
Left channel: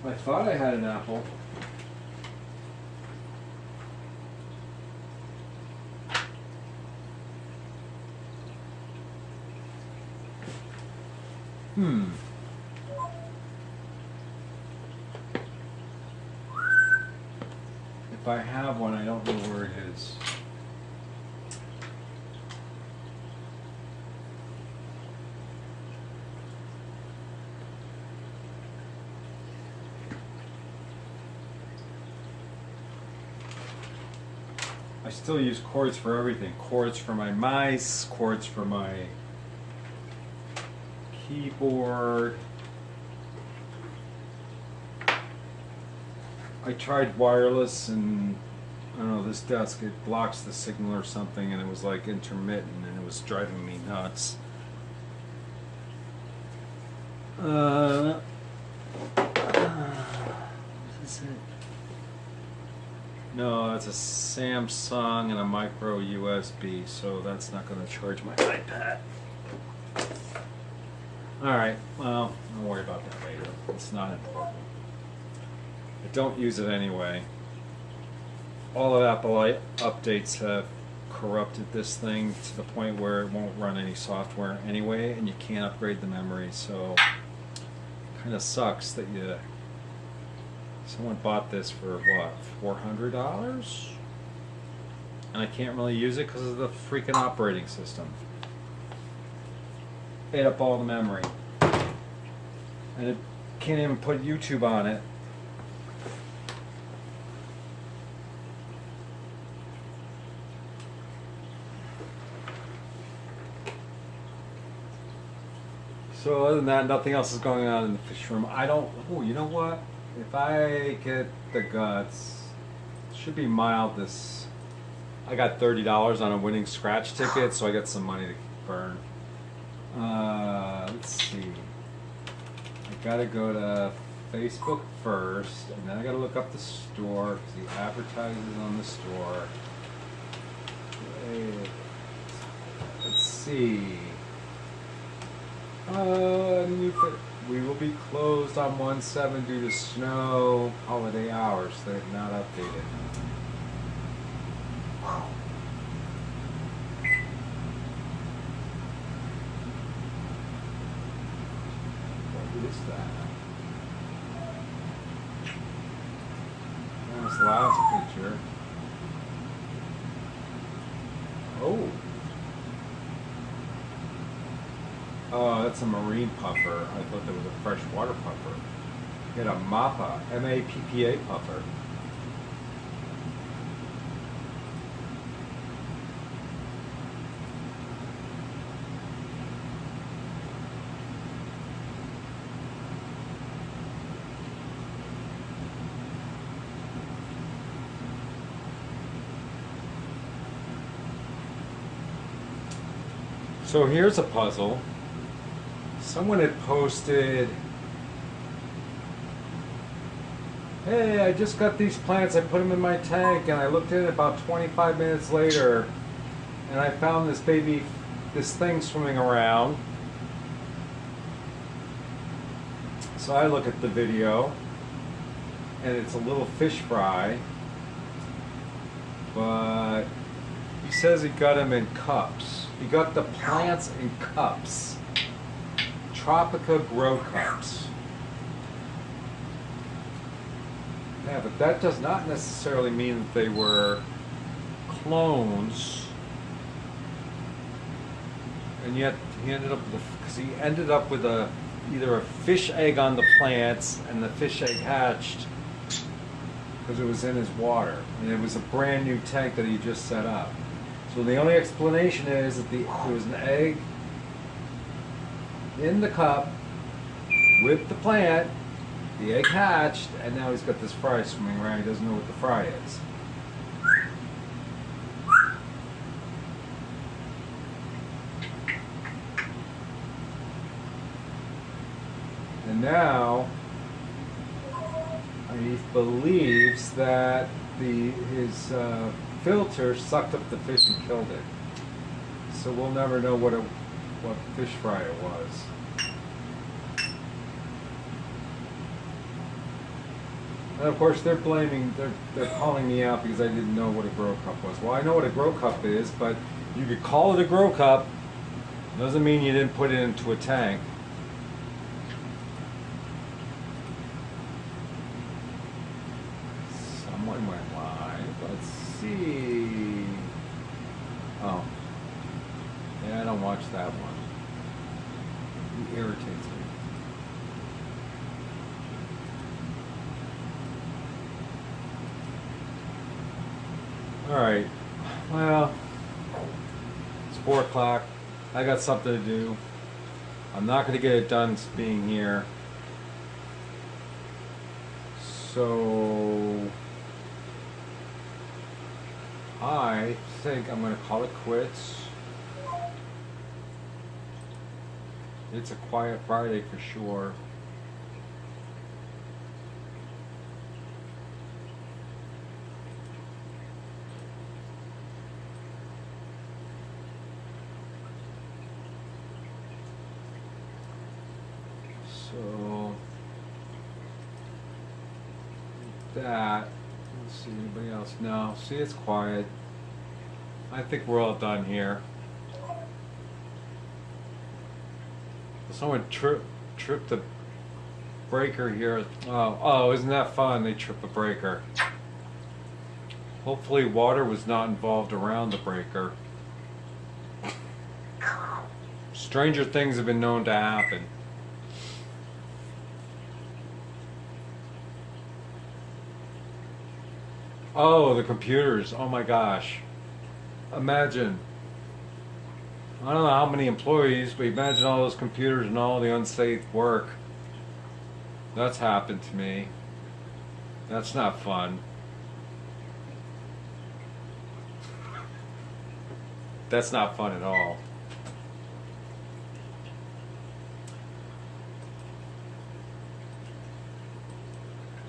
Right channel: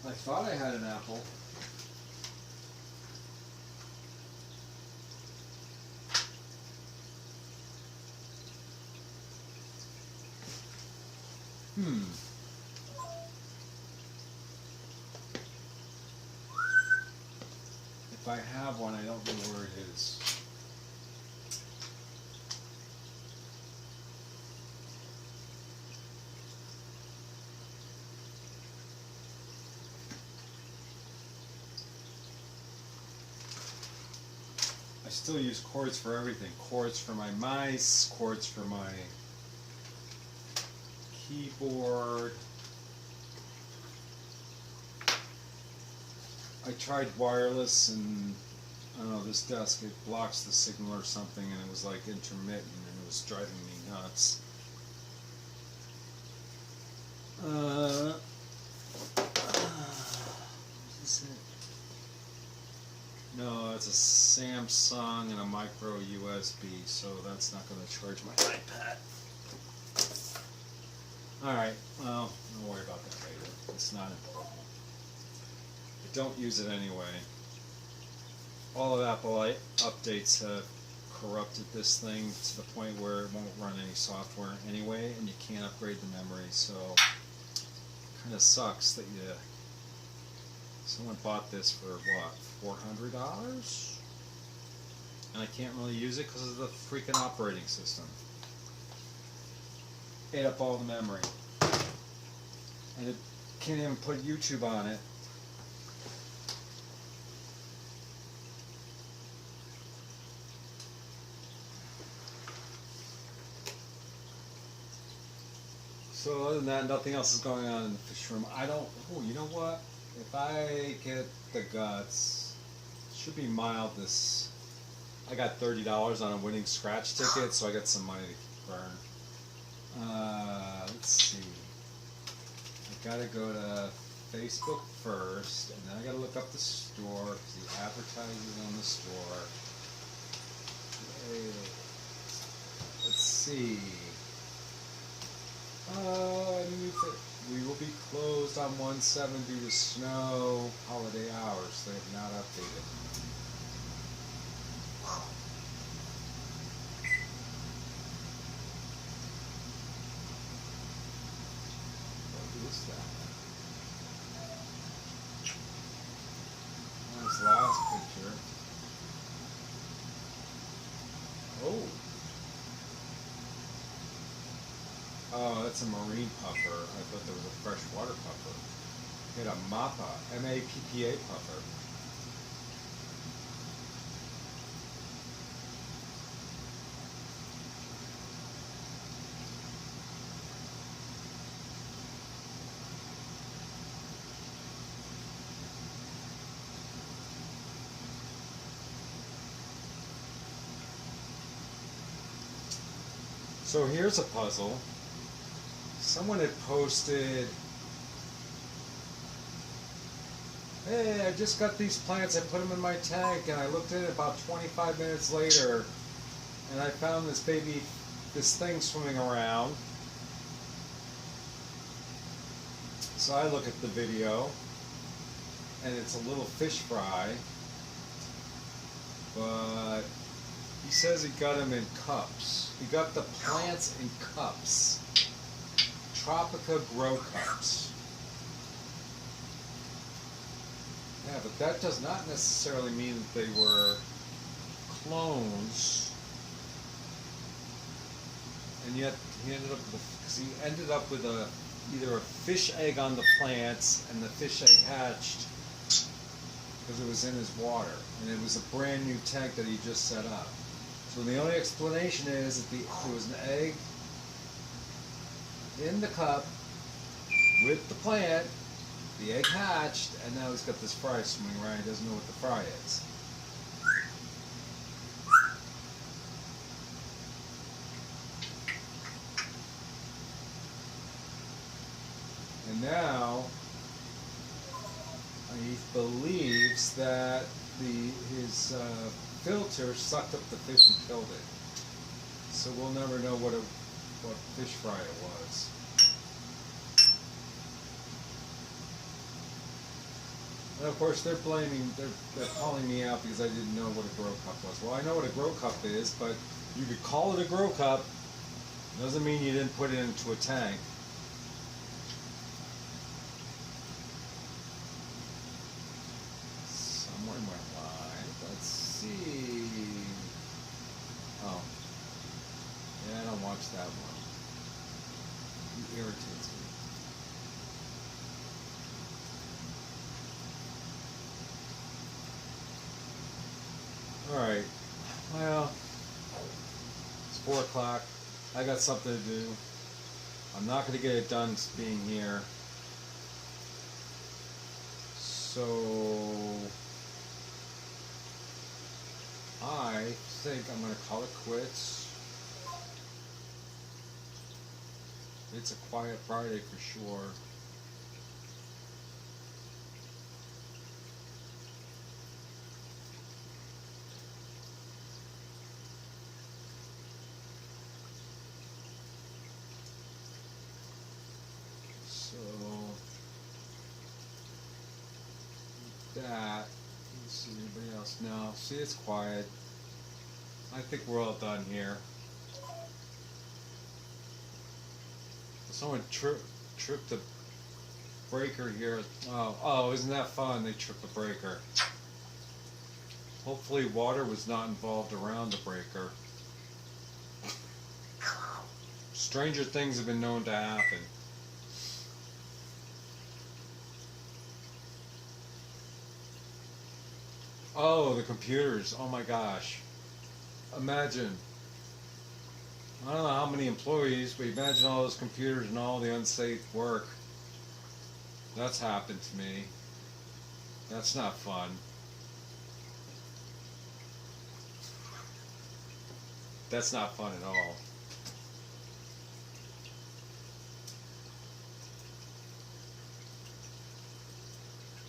I thought I had an Apple. If I have one, I don't know where it is. I still use cords for everything. Cords for my mice, cords for my keyboard. I tried wireless and I don't know, this desk, it blocks the signal or something, and it was like intermittent and it was driving me nuts. What is it? No, that's a Samsung and a micro USB, so that's not going to charge my iPad. Alright, well, don't worry about that later. It's not important. I don't use it anyway. All of Apple updates have corrupted this thing to the point where it won't run any software anyway, and you can't upgrade the memory, so it kind of sucks that someone bought this for what, $400? And I can't really use it because of the freaking operating system. ate up all the memory. And it can't even put YouTube on it. So other than that, nothing else is going on in the fish room. I don't, oh, you know what? If I get the guts, it should be mild this. I got $30 on a winning scratch ticket, so I got some money to burn. Let's see. I gotta go to Facebook first, and then I gotta look up the store, because he advertises on the store. Okay. Let's see. We will be closed on 1/7 due to snow. Holiday hours. They're not updated. Wow. What is that? That's the last picture. Oh. Oh, that's a marine puffer. I thought that was a freshwater puffer. Get a MAPPA, M-A-P-P-A puffer. So here's a puzzle. Someone had posted, hey, I just got these plants, I put them in my tank, and I looked in it about 25 minutes later, and I found this thing swimming around. So I look at the video, and it's a little fish fry, but he says he got them in cups. He got the plants in cups. Tropica grow cups. Yeah, but that does not necessarily mean that they were clones. And yet he ended up with either a fish egg on the plants, and the fish egg hatched because it was in his water, and it was a brand new tank that he just set up. So the only explanation is that there was an egg in the cup with the plant, the egg hatched, and now he's got this fry swimming around. He doesn't know what the fry is. And now he believes that his filter sucked up the fish and killed it. So we'll never know what fish fry it was. And of course they're calling me out because I didn't know what a grow cup was. Well, I know what a grow cup is, but you could call it a grow cup. Doesn't mean you didn't put it into a tank. Someone went live. Let's see. Oh. Yeah, I don't watch that one. He irritates me. Alright. Well, it's 4 o'clock. I got something to do. I'm not going to get it done being here. So I think I'm going to call it quits. It's a quiet Friday for sure. So that, let's see, anybody else? No, see, it's quiet. I think we're all done here. Someone tripped the breaker here. Oh, isn't that fun? They trip a breaker. Hopefully water was not involved around the breaker. Stranger things have been known to happen. Oh, the computers. Oh my gosh. Imagine. I don't know how many employees, but imagine all those computers and all the unsafe work. That's happened to me. That's not fun. That's not fun at all.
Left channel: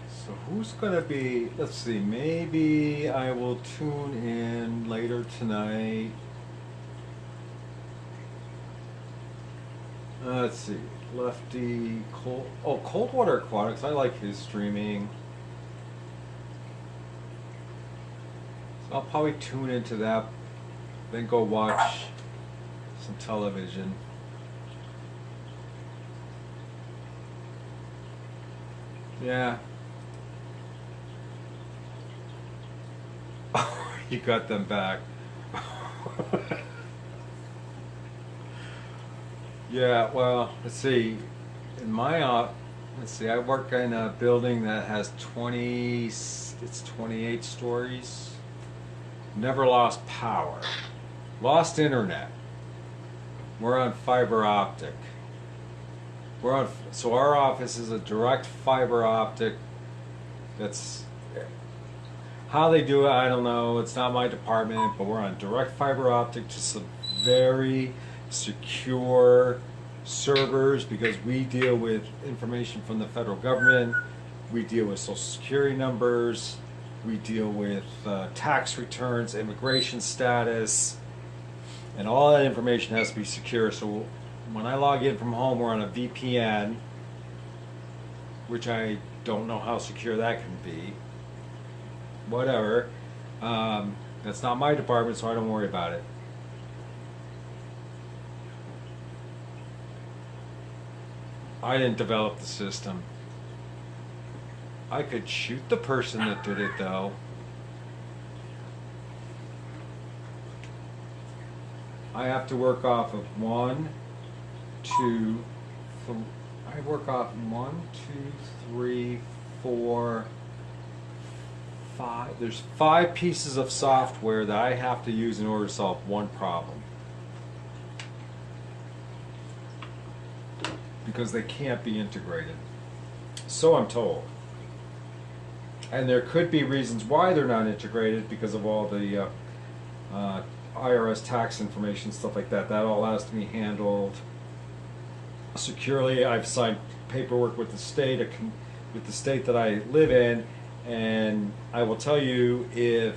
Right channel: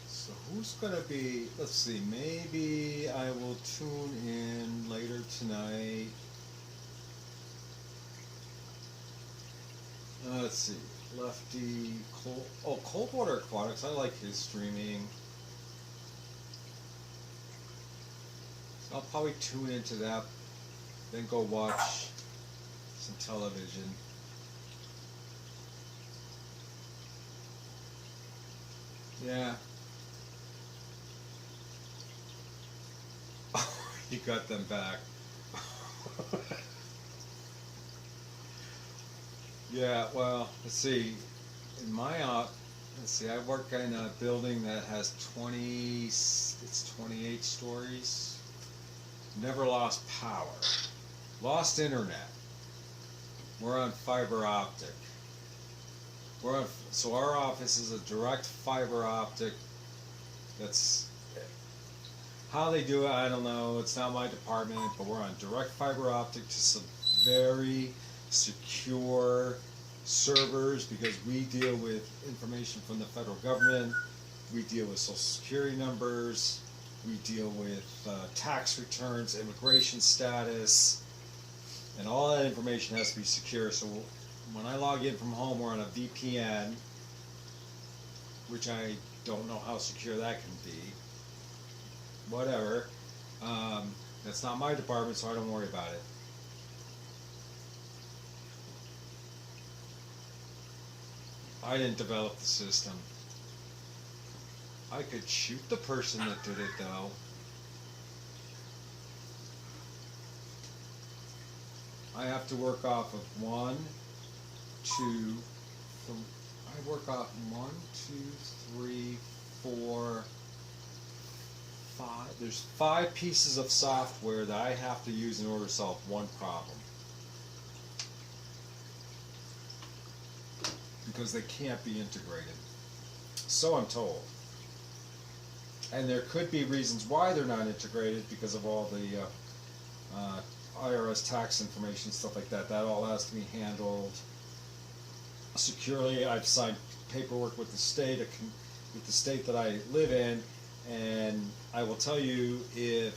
So who's gonna be, let's see, maybe I will tune in later tonight. Let's see, Lefty, Coldwater Aquatics, I like his streaming. So I'll probably tune into that, then go watch some television. Yeah. You got them back. Yeah, well, let's see. In my let's see. I work in a building that has 20. It's 28 stories. Never lost power. Lost internet. We're on fiber optic. So our office is a direct fiber optic. That's how they do it. I don't know. It's not my department, but we're on direct fiber optic to some very secure servers because we deal with information from the federal government. We deal with social security numbers. We deal with tax returns, immigration status, and all that information has to be secure. So when I log in from home, we're on a VPN, which I don't know how secure that can be. Whatever. That's not my department, so I don't worry about it. I didn't develop the system. I could shoot the person that did it, though. I have to work off of 1, 2, I work off 1, 2, 3, 4, 5. There's 5 pieces of software that I have to use in order to solve one problem. Because they can't be integrated. So I'm told. And there could be reasons why they're not integrated because of all the IRS tax information, stuff like that. That all has to be handled securely. I've signed paperwork with the state, that I live in, and I will tell you, if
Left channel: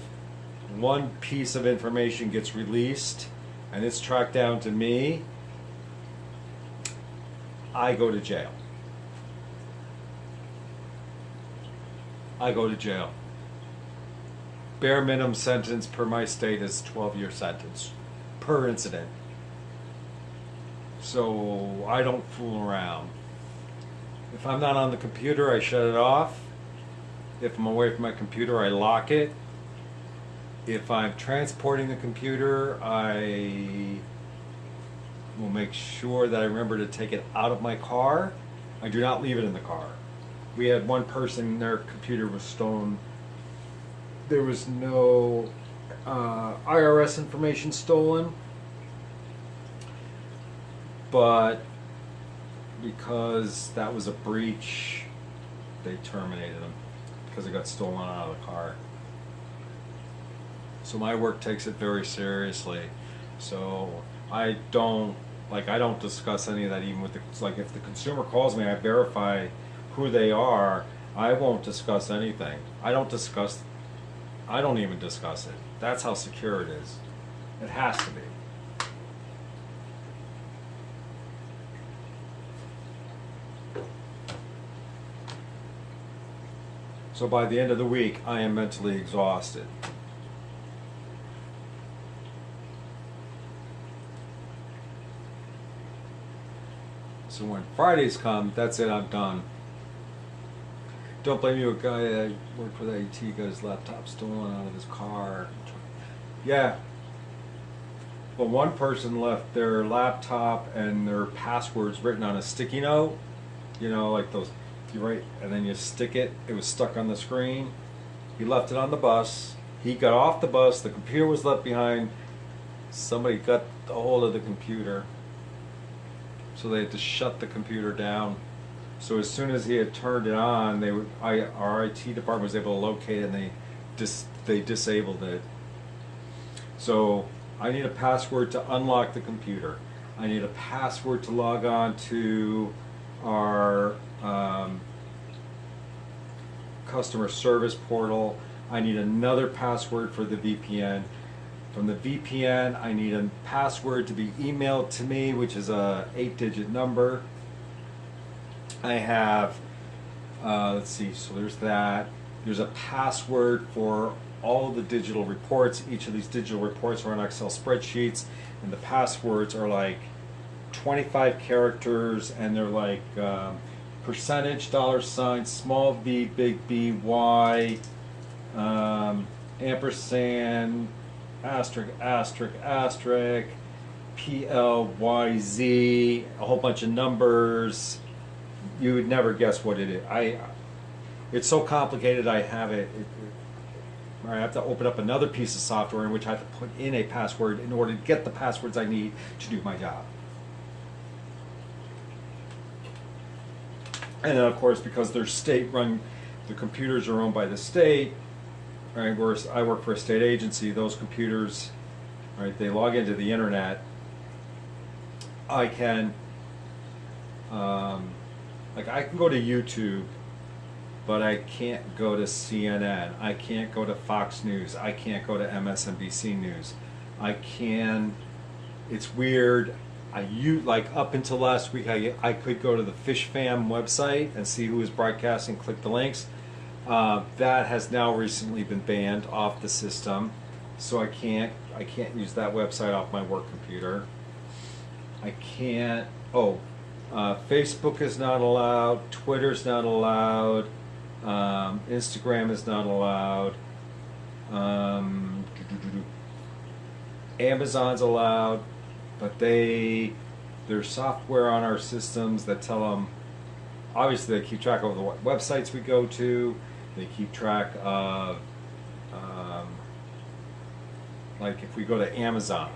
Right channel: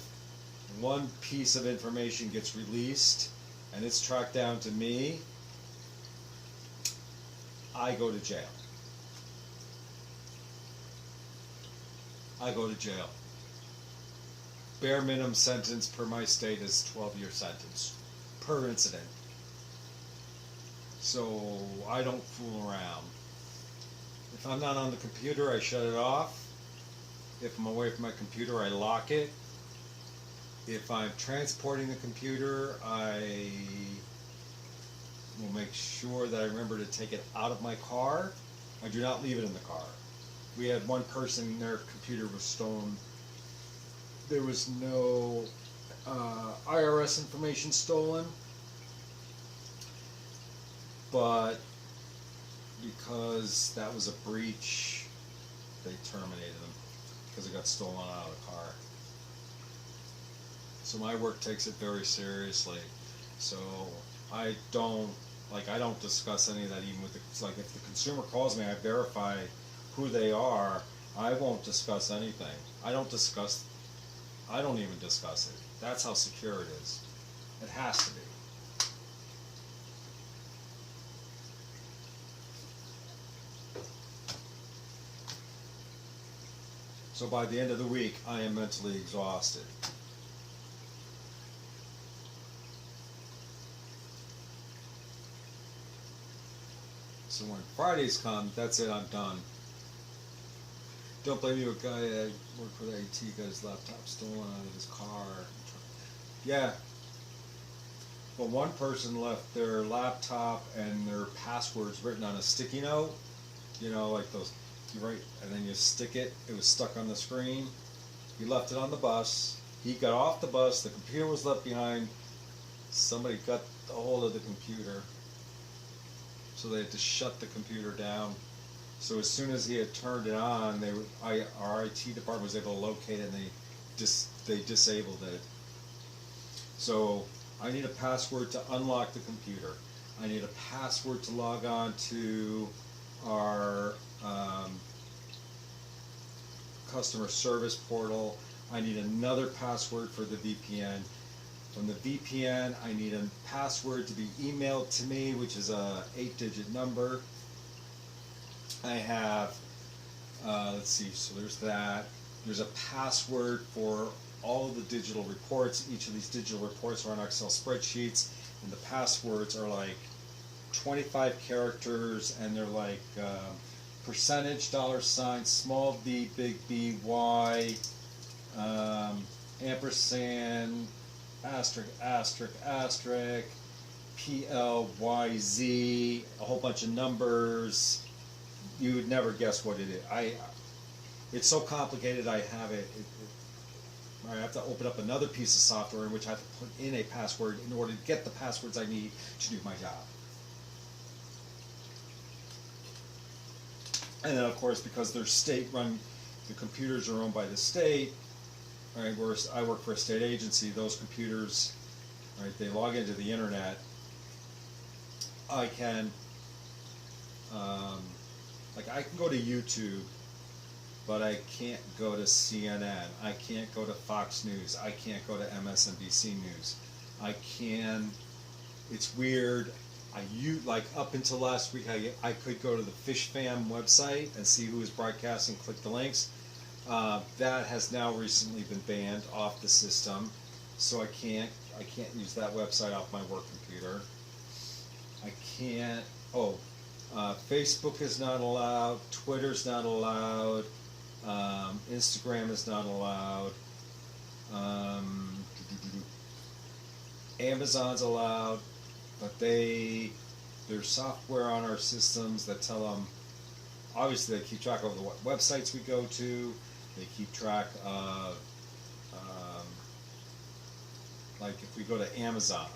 one piece of information gets released and it's tracked down to me, I go to jail. I go to jail. Bare minimum sentence per my state is 12-year sentence per incident. So I don't fool around. If I'm not on the computer, I shut it off. If I'm away from my computer, I lock it. If I'm transporting the computer, I will make sure that I remember to take it out of my car. I do not leave it in the car. We had one person, their computer was stolen. There was no IRS information stolen, but because that was a breach, they terminated him because it got stolen out of the car. So my work takes it very seriously. So I don't discuss any of that even with if the consumer calls me, I verify who they are. I won't discuss anything. I don't even discuss it. That's how secure it is. It has to be. So by the end of the week, I am mentally exhausted. So when Fridays come, that's it, I'm done. Don't blame you, a guy that worked for the AT got his laptop stolen out of his car. Yeah. Well, one person left their laptop and their passwords written on a sticky note. You know, like those, you write and then you stick it. It was stuck on the screen. He left it on the bus. He got off the bus. The computer was left behind. Somebody got a hold of the computer. So they had to shut the computer down. So as soon as he had turned it on, our IT department was able to locate it, and they disabled it. So I need a password to unlock the computer. I need a password to log on to our customer service portal. I need another password for the VPN. From the VPN, I need a password to be emailed to me, which is a 8-digit number. I have, let's see, so there's that. There's a password for all of the digital reports. Each of these digital reports are on Excel spreadsheets, and the passwords are like 25 characters, and they're like percentage, $, small v, big B, Y, ampersand, asterisk, asterisk, asterisk, PLYZ, a whole bunch of numbers. You would never guess what it is. It's so complicated. I have I have to open up another piece of software in which I have to put in a password in order to get the passwords I need to do my job. And then, of course, because they're state-run, the computers are owned by the state. Right, whereas I work for a state agency, those computers, right, they log into the internet. I can, like, I can go to YouTube, but I can't go to CNN. I can't go to Fox News. I can't go to MSNBC News. I can. It's weird. Like up until last week, I could go to the FishFam website and see who is broadcasting, click the links. That has now recently been banned off the system, so I can't use that website off my work computer. I can't. Facebook is not allowed. Twitter's not allowed. Instagram is not allowed. Amazon's allowed, but there's software on our systems that tell them. Obviously, they keep track of what websites we go to. They keep track of, like, if we go to Amazon.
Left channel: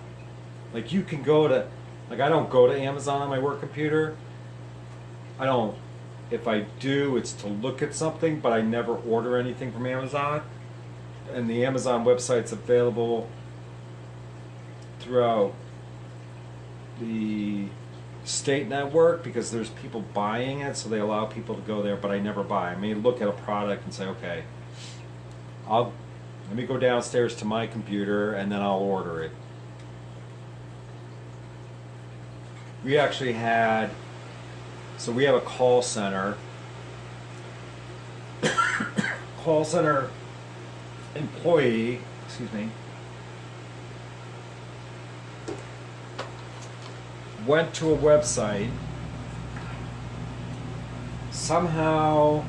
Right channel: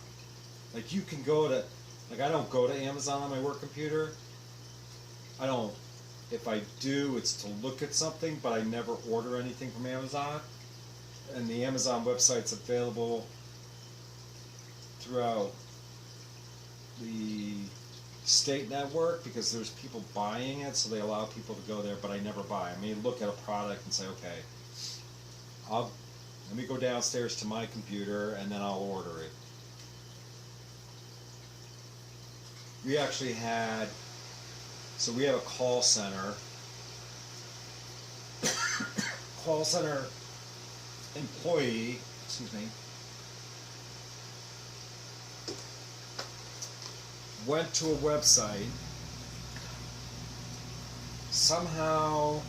Like, you can go to, like, I don't go to Amazon on my work computer. I don't. If I do, it's to look at something, but I never order anything from Amazon. And the Amazon website's available throughout the state network because there's people buying it, so they allow people to go there, but I never buy. I may look at a product and say, okay, let me go downstairs to my computer and then I'll order it. We actually had, so we have a call center. Call center employee, excuse me, went to a website, somehow,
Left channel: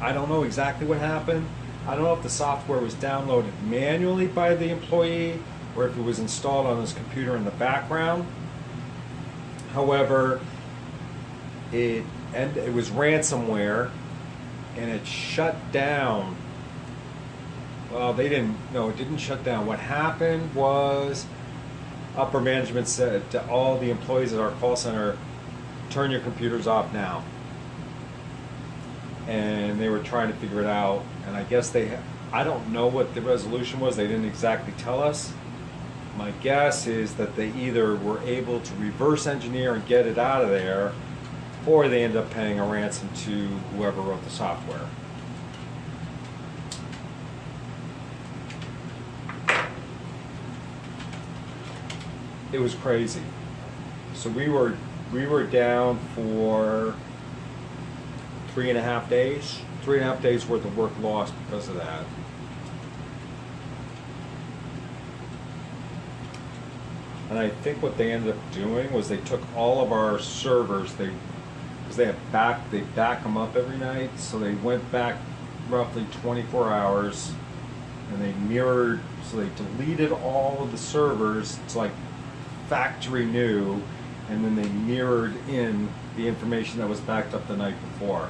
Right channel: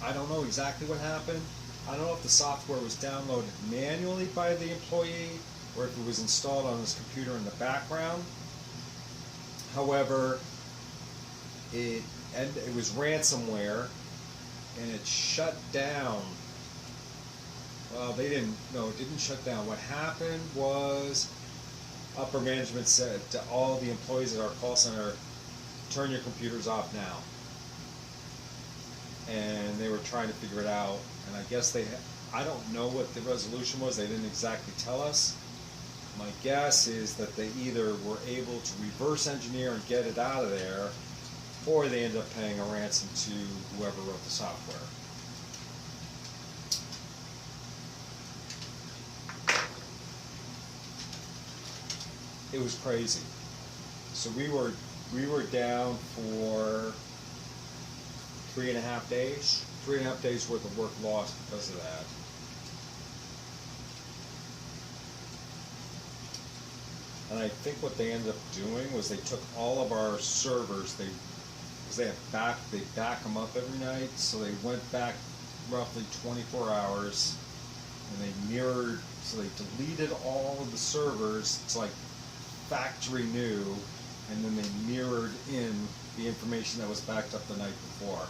I don't know exactly what happened. I don't know if the software was downloaded manually by the employee or if it was installed on his computer in the background. However, it was ransomware, and it shut down. Well, it didn't shut down. What happened was upper management said to all the employees at our call center, turn your computers off now. And they were trying to figure it out, and I guess I don't know what the resolution was. They didn't exactly tell us. My guess is that they either were able to reverse engineer and get it out of there, or they ended up paying a ransom to whoever wrote the software. It was crazy. So we were down for 3.5 days. 3.5 days worth of work lost because of that. And I think what they ended up doing was they took all of our servers, because they back them up every night, so they went back roughly 24 hours, and they mirrored So they deleted all of the servers. It's like factory new, and then they mirrored in the information that was backed up the night before.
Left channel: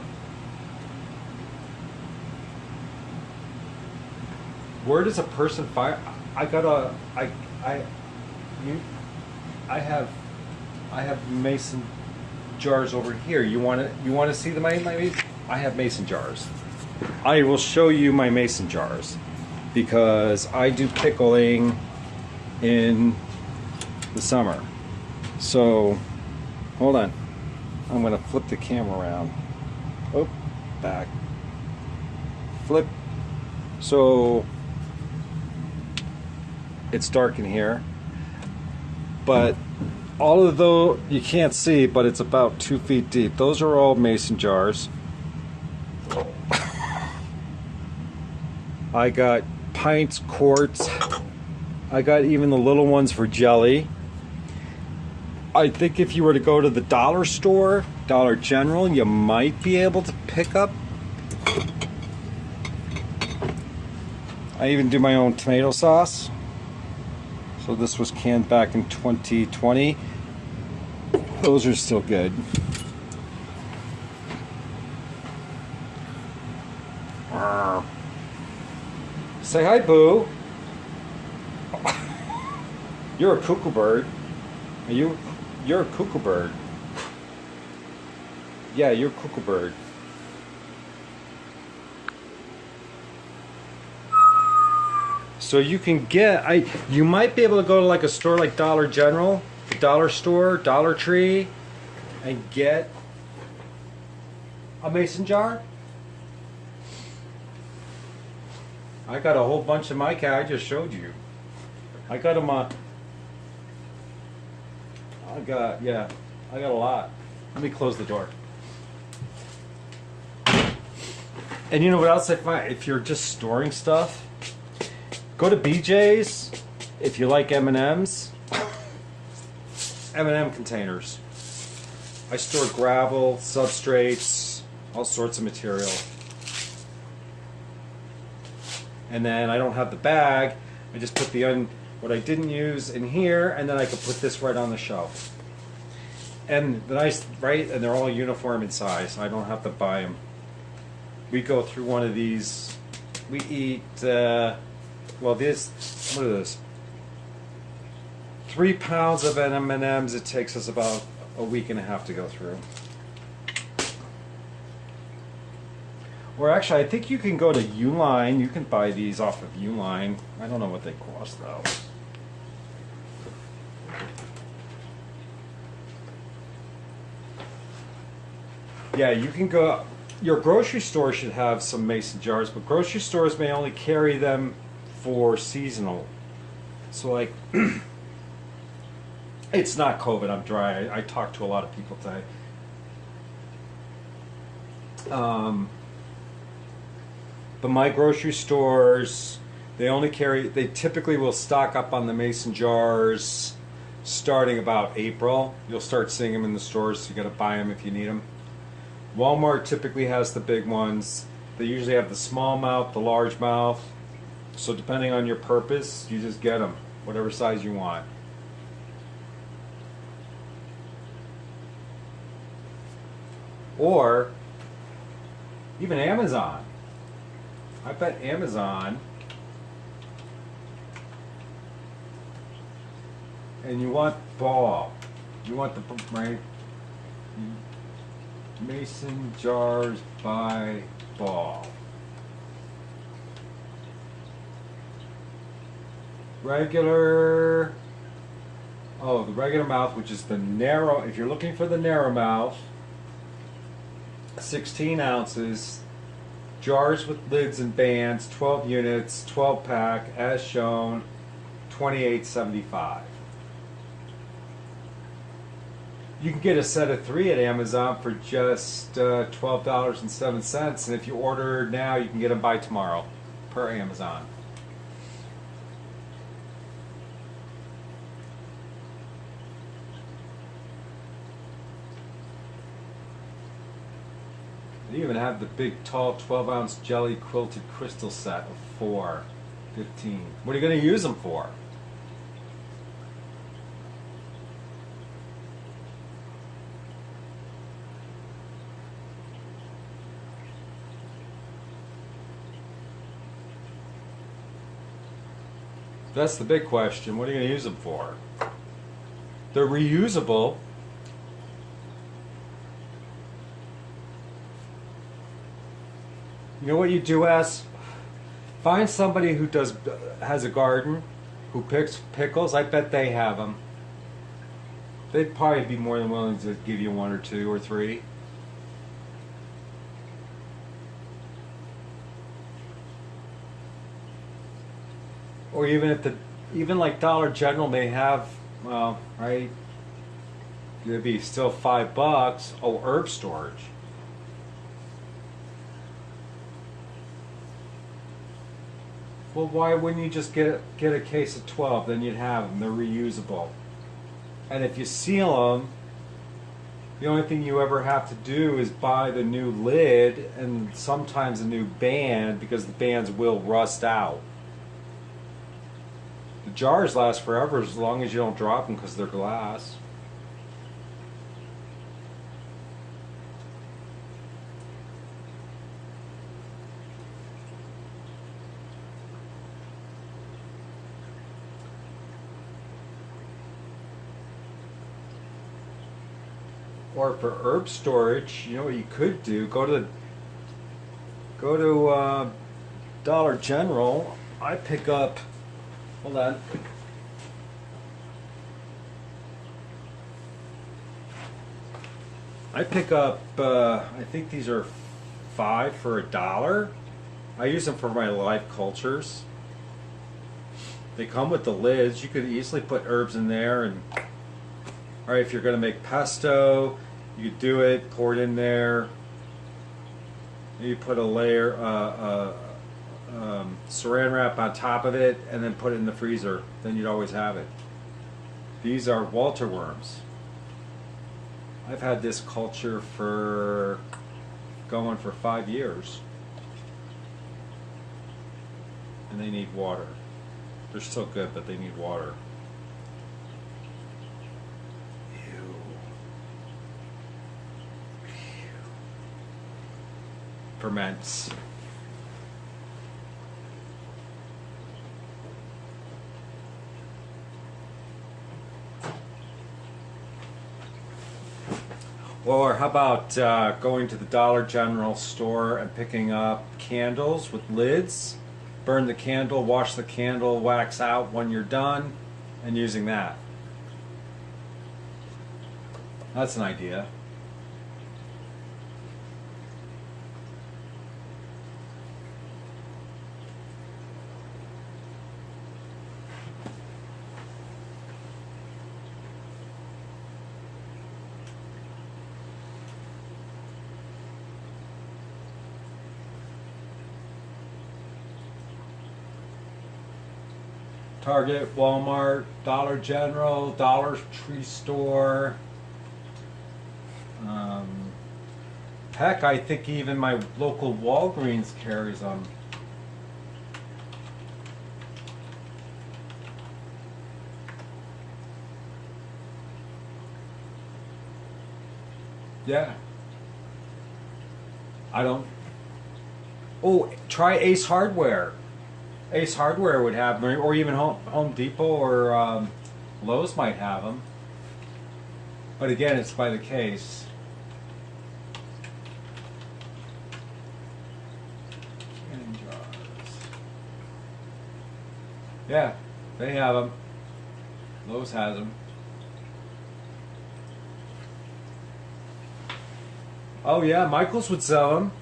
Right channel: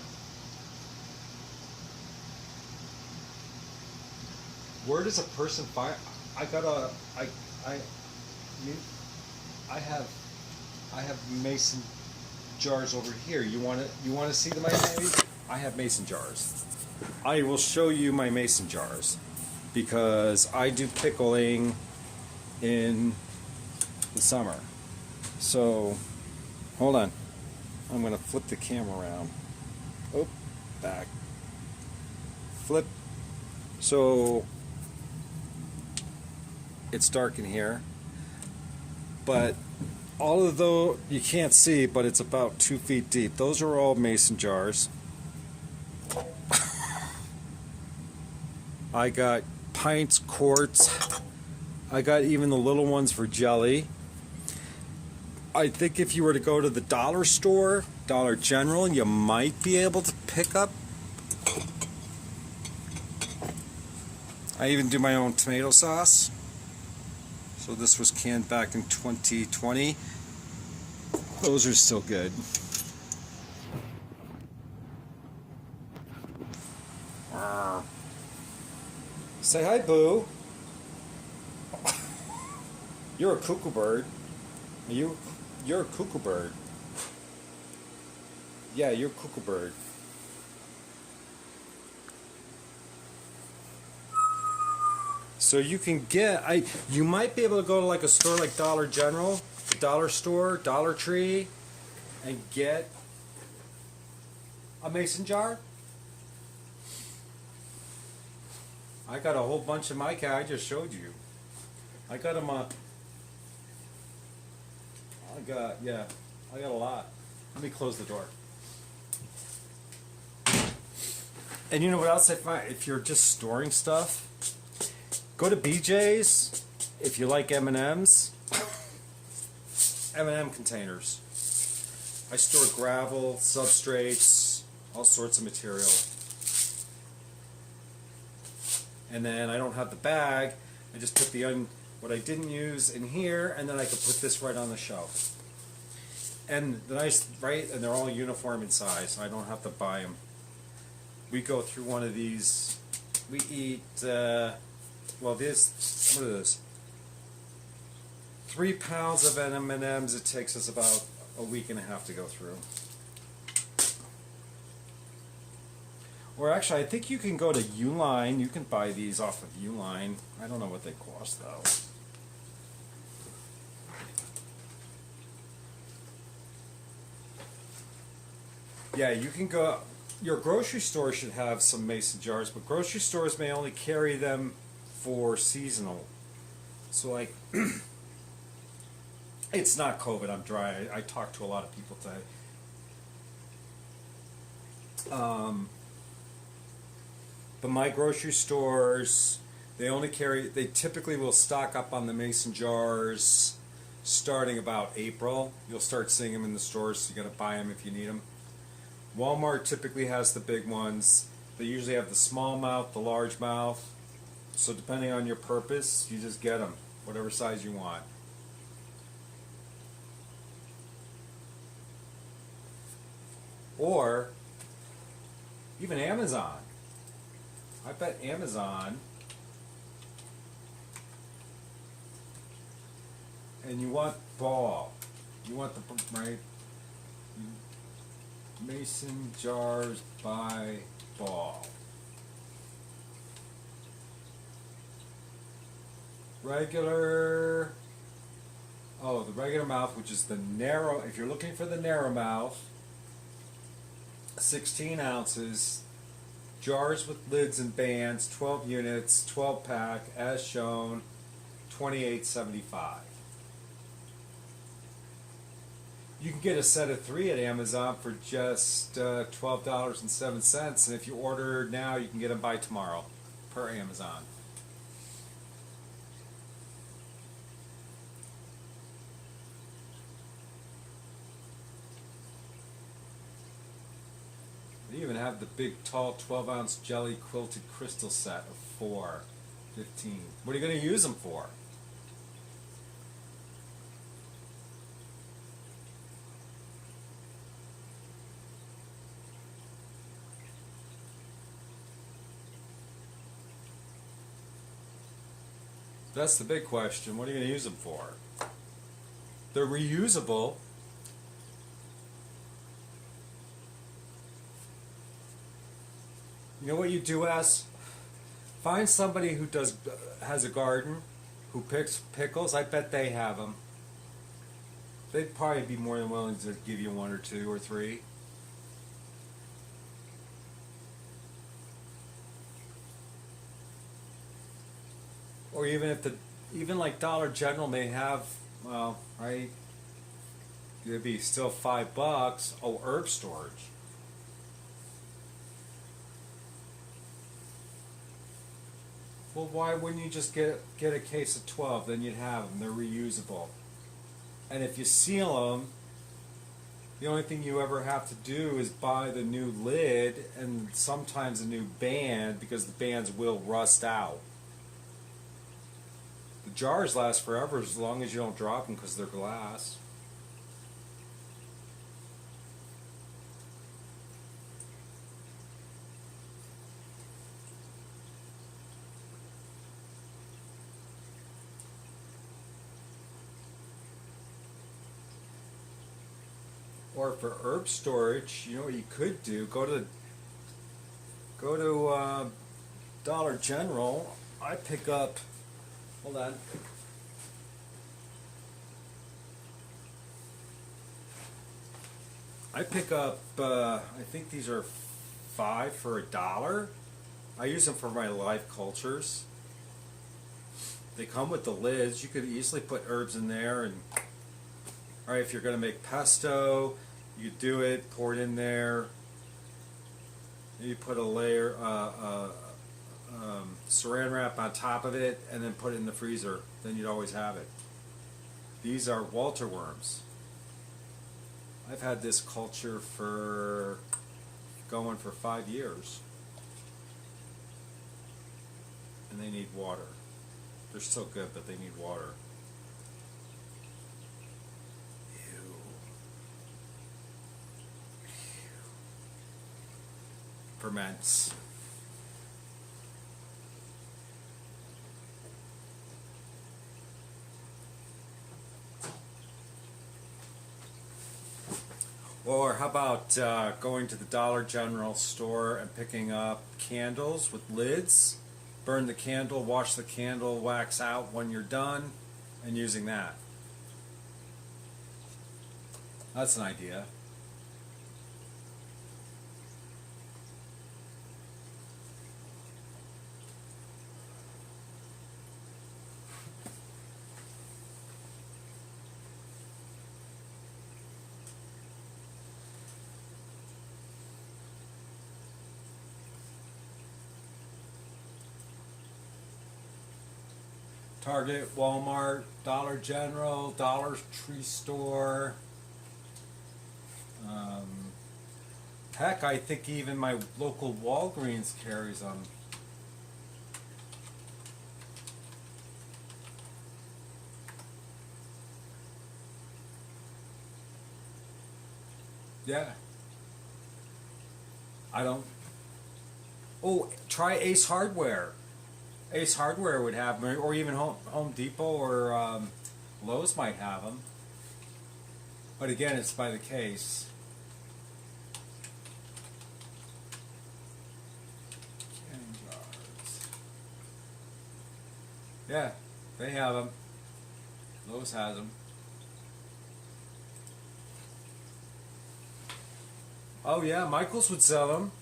Where does a person find? I have mason jars over here. You want to see them, maybe? I have mason jars. I will show you my mason jars because I do pickling in the summer. So, hold on. I'm going to flip the camera around. Oh, back. Flip. So, it's dark in here. But all of those, you can't see, but it's about 2 feet deep. Those are all mason jars. I got pints, quarts. I got even the little ones for jelly. I think if you were to go to the dollar store, Dollar General, you might be able to pick up. I even do my own tomato sauce. So this was canned back in 2020. Those are still good. Say hi, Boo. You're a cuckoo bird. You're a cuckoo bird. Yeah, you're a cuckoo bird. So you can get, you might be able to go to like a store like Dollar General, Dollar Store, Dollar Tree, and get a mason jar. I got a whole bunch in my cat. I just showed you. I got them. I got a lot. Let me close the door. And you know what else I find? If you're just storing stuff, go to BJ's. If you like M&Ms, M&M containers. I store gravel, substrates, all sorts of material. And then I don't have the bag. I just put what I didn't use in here, and then I can put this right on the shelf. And the nice, right? And they're all uniform in size. So I don't have to buy them. We go through one of these. We eat. What is this? 3 pounds of M&Ms. It takes us about a week and a half to go through. Or actually, I think you can go to Uline. You can buy these off of Uline. I don't know what they cost though. Yeah, you can go. Your grocery store should have some mason jars, but grocery stores may only carry them for seasonal. So like, it's not COVID. I'm dry. I talked to a lot of people today. But my grocery stores, they typically will stock up on the mason jars starting about April. You'll start seeing them in the stores, so you gotta buy them if you need them. Walmart typically has the big ones. They usually have the small mouth, the large mouth. So depending on your purpose, you just get them, whatever size you want. Or even Amazon. I bet Amazon, and you want ball. You want the, right? Mason jars by ball. Regular, the regular mouth, which is the narrow, if you're looking for the narrow mouth, 16 ounces. Jars with lids and bands, 12 units, 12 pack, as shown, $28.75. You can get a set of 3 at Amazon for just $12.07, and if you order now, you can get them by tomorrow, per Amazon. They even have the big, tall, 12-ounce jelly quilted crystal set of 4, 15. What are you going to use them for? That's the big question. What are you going to use them for? They're reusable. You know what you do, ask? Find somebody who has a garden, who picks pickles. I bet they have them. They'd probably be more than willing to give you one or two or three. Or even like Dollar General may have, well, right? It'd be still $5. Oh, herb storage. Well, why wouldn't you just get a case of 12? Then you'd have them. They're reusable. And if you seal them, the only thing you ever have to do is buy the new lid and sometimes a new band, because the bands will rust out. The jars last forever as long as you don't drop them because they're glass. Or for herb storage, you know what you could do? Go to Dollar General. I pick up. Hold on. I pick up. I think these are $5 for $1. I use them for my live cultures. They come with the lids. You could easily put herbs in there, and all right, if you're going to make pesto, you do it, pour it in there. You put a layer, saran wrap on top of it, and then put it in the freezer. Then you'd always have it. These are Walter worms. I've had this culture for going for 5 years, and they need water. They're still good, but they need water. Ferments. Or how about going to the Dollar General store and picking up candles with lids, burn the candle, wash the candle wax out when you're done, and using that. That's an idea. Target, Walmart, Dollar General, Dollar Tree Store. Heck, I think even my local Walgreens carries them. Yeah. I don't. Oh, try Ace Hardware. Ace Hardware would have them, or even Home Depot or Lowe's might have them. But again, it's by the case. Canning jars. Yeah, they have them. Lowe's has them. Oh yeah, Michaels would sell them.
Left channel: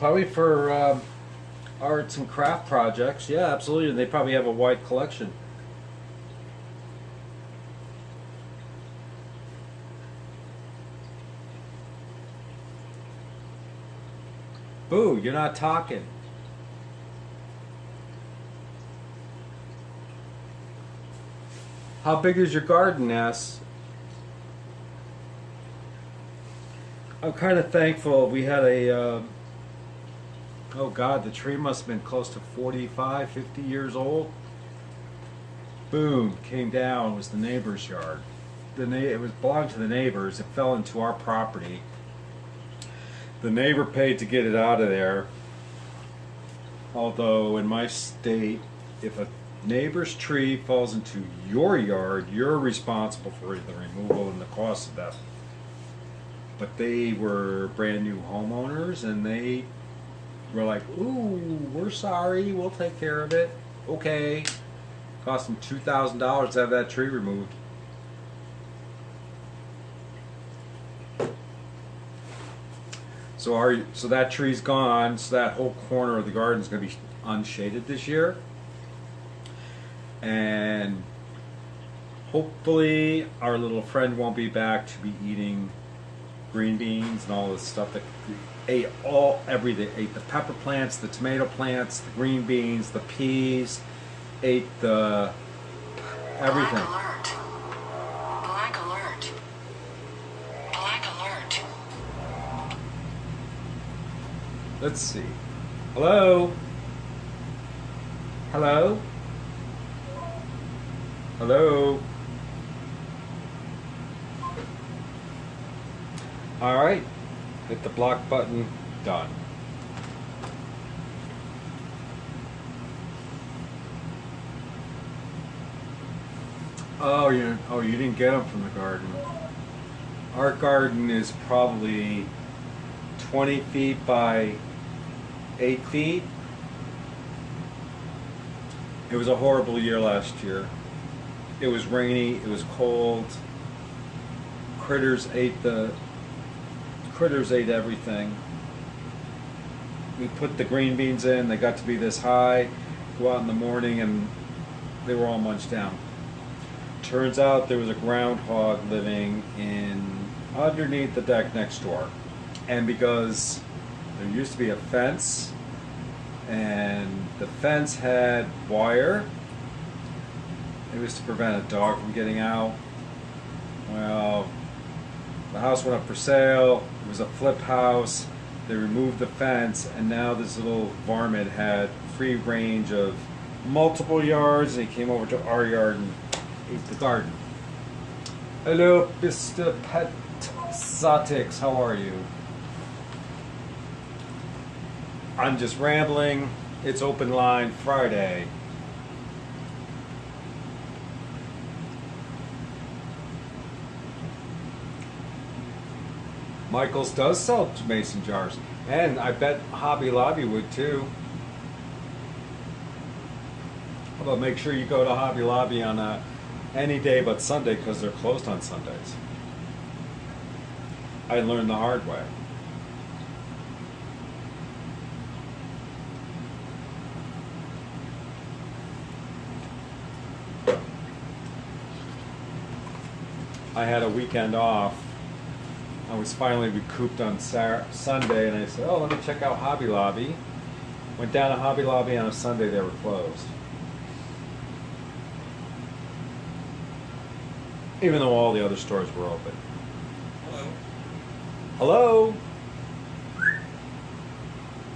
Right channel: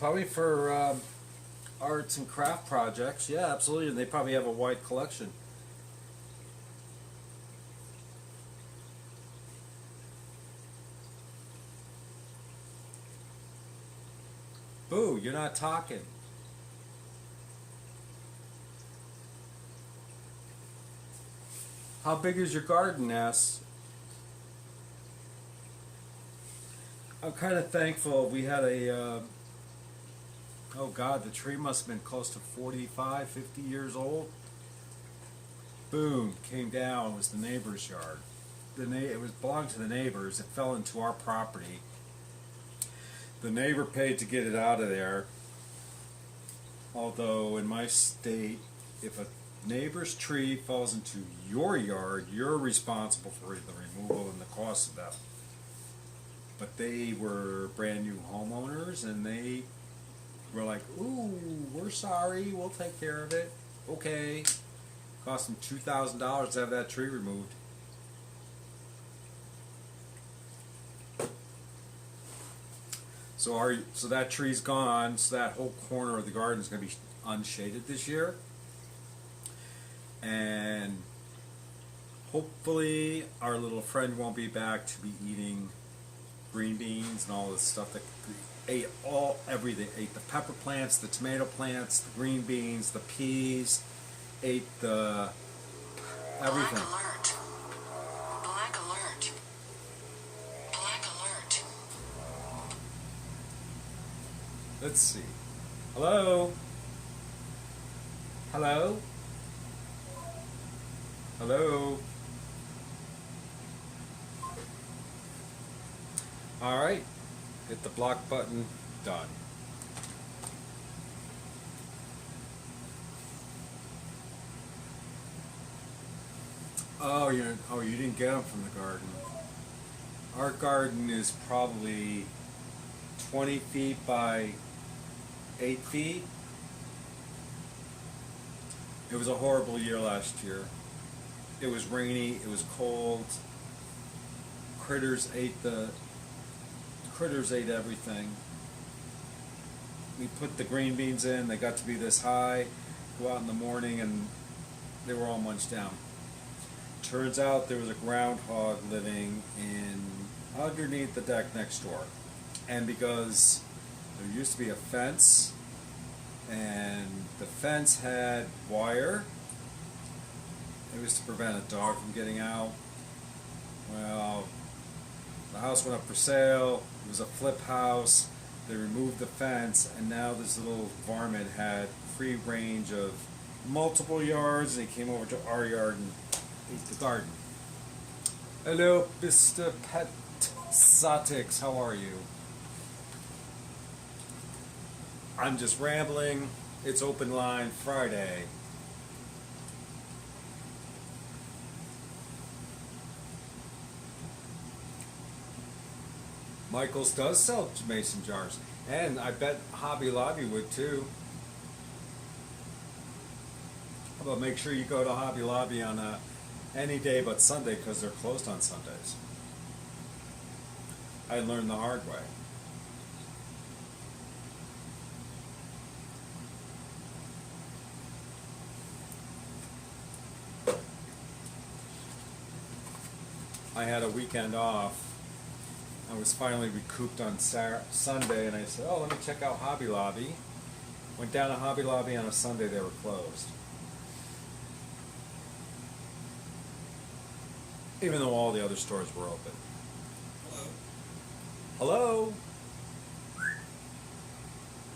Probably for arts and craft projects. Yeah, absolutely. They probably have a wide collection. Boo, you're not talking. How big is your garden, Ness? I'm kind of thankful we had a Oh God, the tree must have been close to 45, 50 years old. Boom, came down. It was the neighbor's yard. It was belonged to the neighbors. It fell into our property. The neighbor paid to get it out of there. Although in my state, if a neighbor's tree falls into your yard, you're responsible for the removal and the cost of that. But they were brand new homeowners, and they were like, "Ooh, we're sorry. We'll take care of it." Okay. Cost them $2,000 to have that tree removed. So that tree's gone. So that whole corner of the garden is going to be unshaded this year, and hopefully our little friend won't be back to be eating green beans and all this stuff that ate everything. Ate the pepper plants, the tomato plants, the green beans, the peas, ate the everything. Black alert. Black alert. Black alert. Let's see. Hello? Hello? Hello? Alright. Hit the block button. Done. Oh, you didn't get them from the garden. Our garden is probably 20 feet by 8 feet. It was a horrible year last year. It was rainy, it was cold. Critters ate everything. We put the green beans in, they got to be this high. Go out in the morning and they were all munched down. Turns out there was a groundhog living underneath the deck next door. And because there used to be a fence, and the fence had wire, it was to prevent a dog from getting out. Well, the house went up for sale. It was a flip house. They removed the fence, and now this little varmint had free range of multiple yards, and he came over to our yard and ate the garden. Hello, Mr. Pet Satix, how are you? I'm just rambling. It's open line Friday. Michaels does sell mason jars, and I bet Hobby Lobby would too. How about make sure you go to Hobby Lobby on any day but Sunday, because they're closed on Sundays. I learned the hard way. I had a weekend off. I was finally recouped on Sunday, and I said, "Oh, let me check out Hobby Lobby." Went down to Hobby Lobby on a Sunday. They were closed, even though all the other stores were open. Hello. Hello.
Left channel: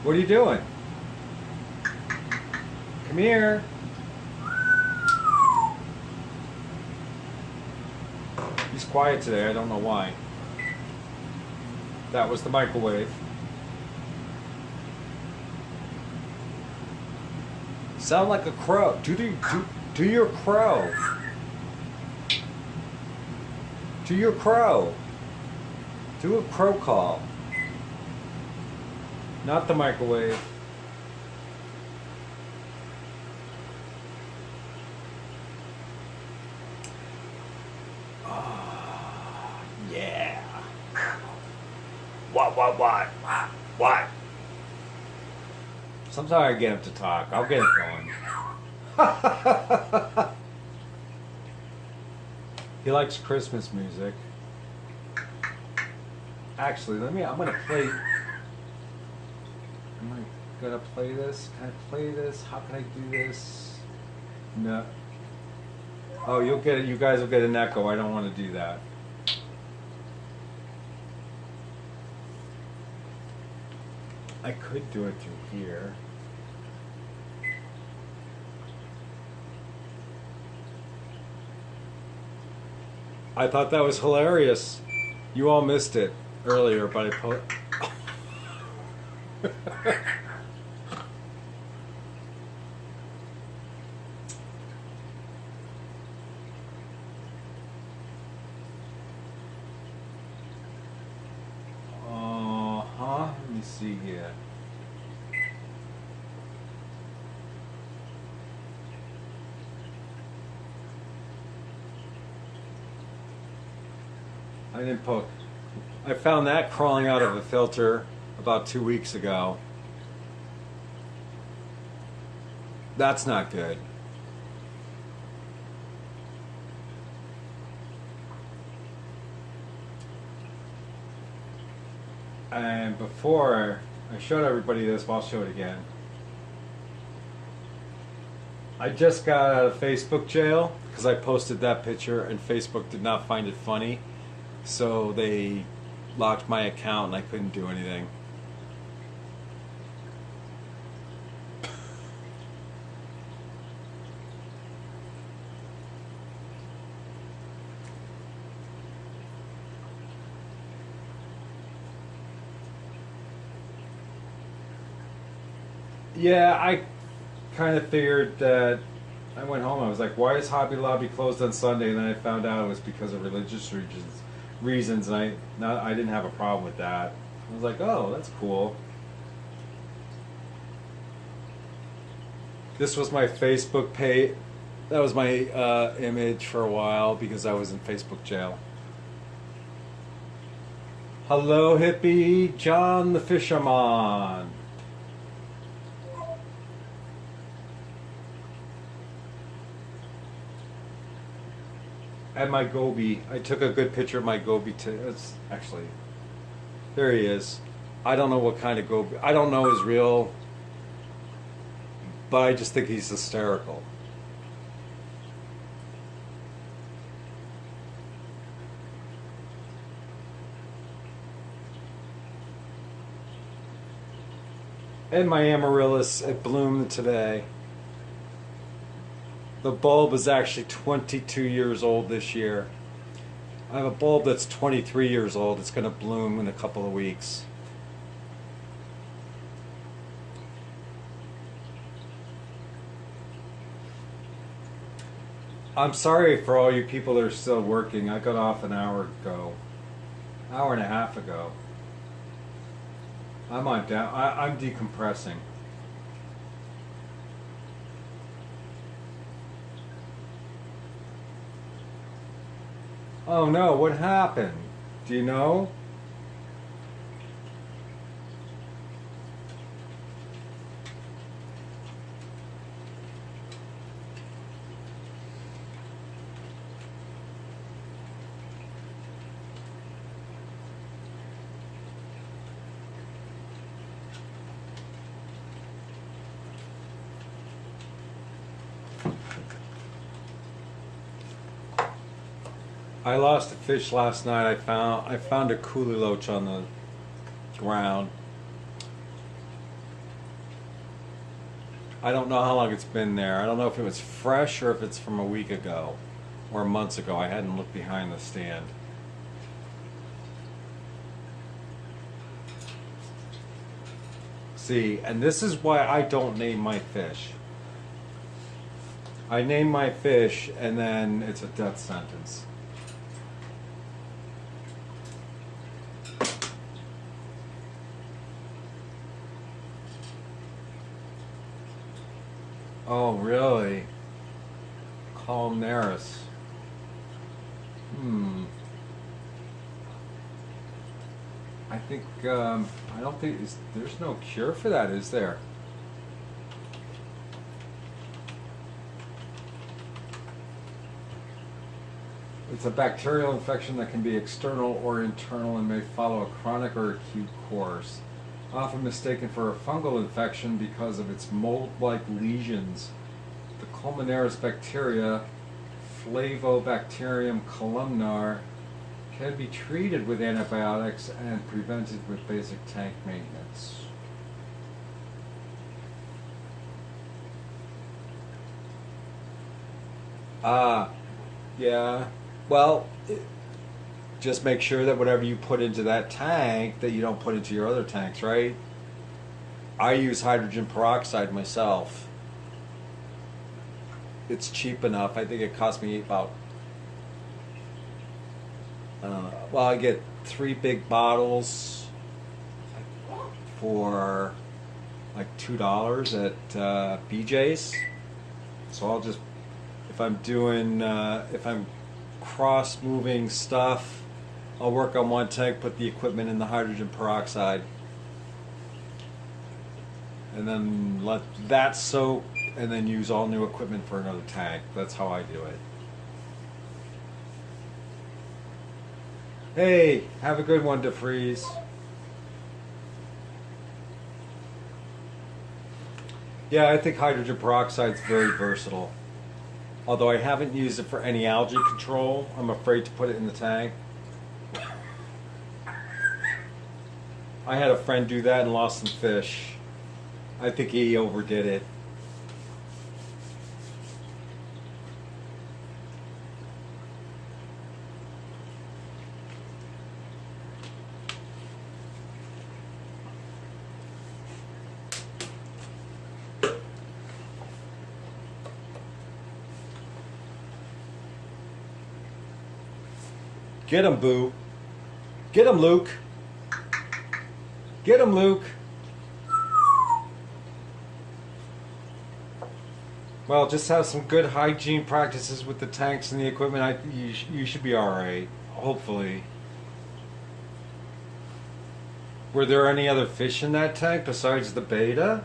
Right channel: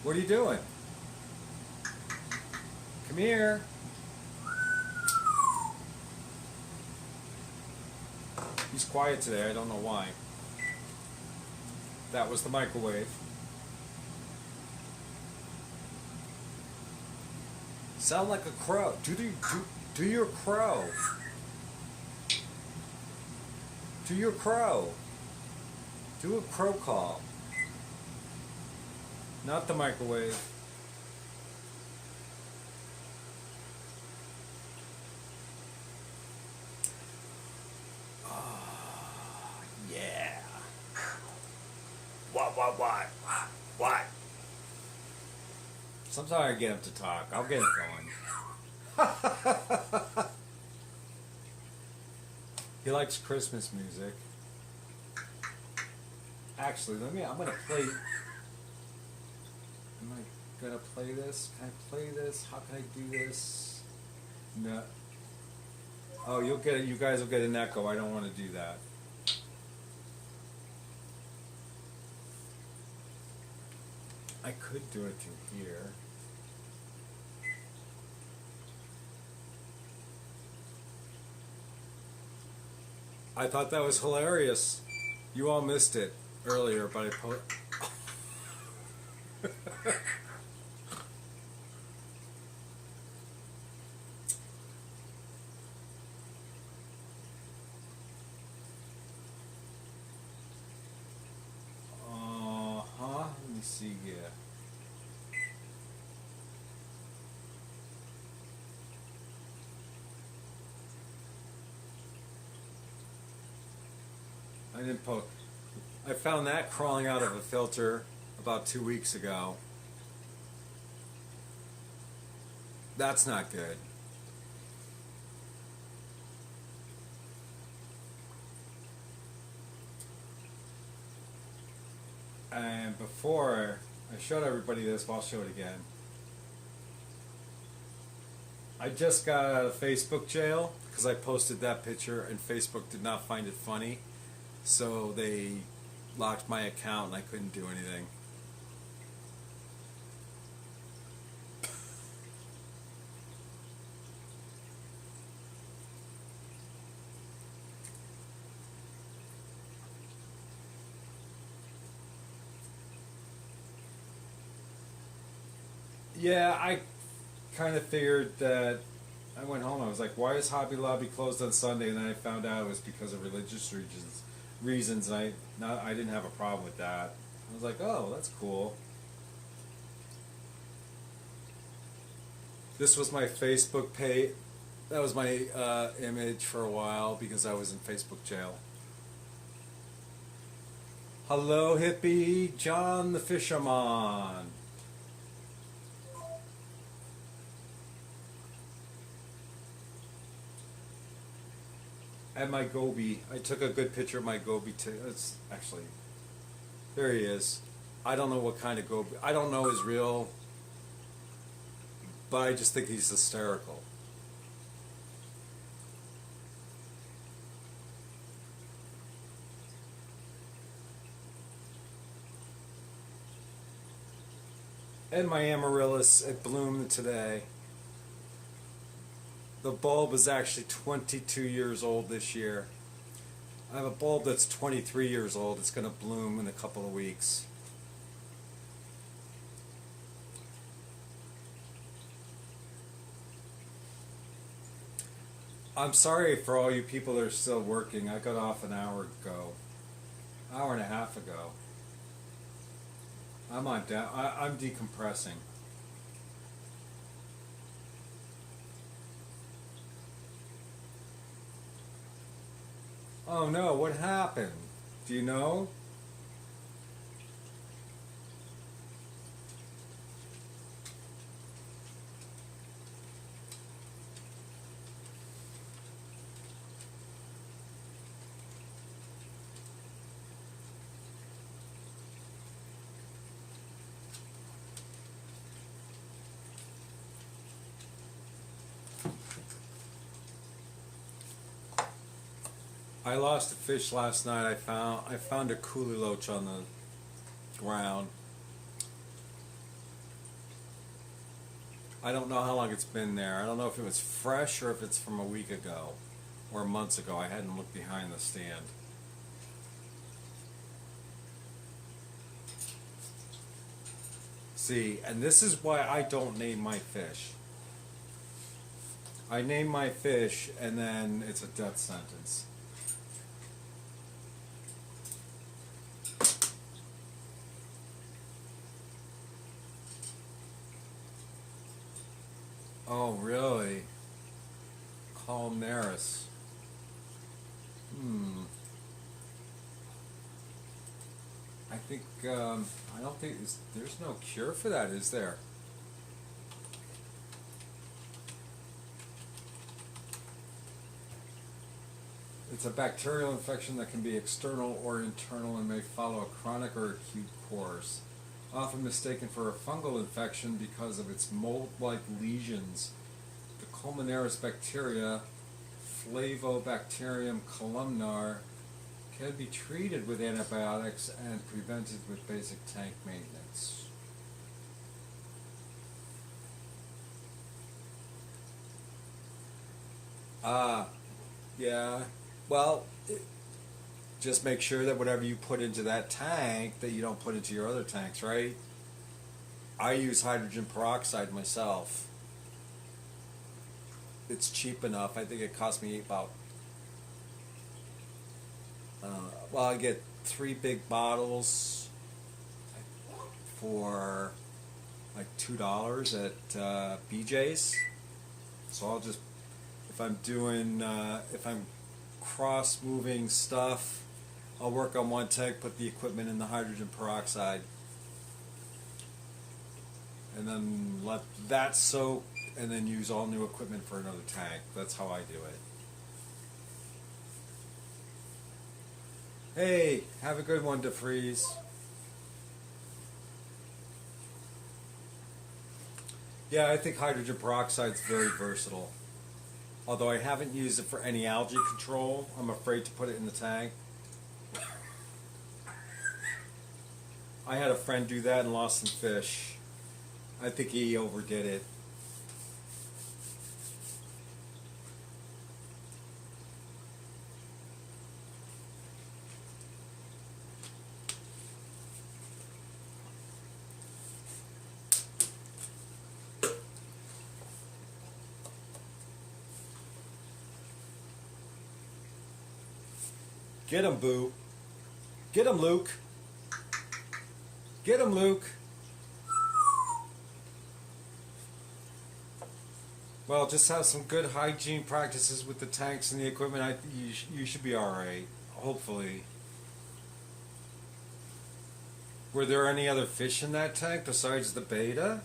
What are you doing? Come here. He's quiet today. I don't know why. That was the microwave. Sound like a crow. Do your crow. Do your crow. Do a crow call. Not the microwave. Yeah. What? Sometimes I get him to talk. I'll get it going. He likes Christmas music. Actually, I'm gonna play this. Can I play this? How can I do this? No. Oh, you'll get it. You guys will get an echo. I don't want to do that. I could do it through here. I thought that was hilarious. You all missed it earlier, but I put. Let me see here. I didn't post. I found that crawling out of a filter about 2 weeks ago. That's not good. And before I showed everybody this, but I'll show it again. I just got out of Facebook jail because I posted that picture and Facebook did not find it funny. So they locked my account and I couldn't do anything. Yeah, I kind of figured that. I went home. I was like, "Why is Hobby Lobby closed on Sunday?" And then I found out it was because of religious reasons, and I didn't have a problem with that. I was like, "Oh, that's cool." This was my Facebook page. That was my image for a while because I was in Facebook jail. Hello, hippie, John the Fisherman. And my goby. I took a good picture of my goby too. It's actually, there he is. I don't know what kind of goby. I don't know his real, but I just think he's hysterical. And my amaryllis, it bloomed today. The bulb is actually 22 years old this year. I have a bulb that's 23 years old. It's going to bloom in a couple of weeks. I'm sorry for all you people that are still working. I got off an hour and a half ago. I'm decompressing. Oh no, what happened? Do you know? I lost a fish last night. I found a coolie loach on the ground. I don't know how long it's been there. I don't know if it was fresh or if it's from a week ago or months ago. I hadn't looked behind the stand. See, and this is why I don't name my fish. I name my fish and then it's a death sentence. Oh, really? Columnaris. I think, I don't think, there's no cure for that, is there? It's a bacterial infection that can be external or internal and may follow a chronic or acute course. Often mistaken for a fungal infection because of its mold-like lesions. The Columnaris bacteria, Flavobacterium columnar, can be treated with antibiotics and prevented with basic tank maintenance. Ah, yeah. Well, just make sure that whatever you put into that tank that you don't put into your other tanks, right? I use hydrogen peroxide myself. It's cheap enough. I think it cost me about well, I get 3 big bottles for like $2 at BJ's. So I'll just, if I'm doing, if I'm cross moving stuff, I'll work on one tank, put the equipment in the hydrogen peroxide, and then let that soak, and then use all new equipment for another tank. That's how I do it. Hey, have a good one, DeFreeze. Yeah, I think hydrogen peroxide is very versatile. Although I haven't used it for any algae control, I'm afraid to put it in the tank. I had a friend do that and lost some fish. I think he overdid it. Get him, Boo. Get him, Luke. Get him, Luke. Well, just have some good hygiene practices with the tanks and the equipment. You should be alright. Hopefully. Were there any other fish in that tank besides the beta?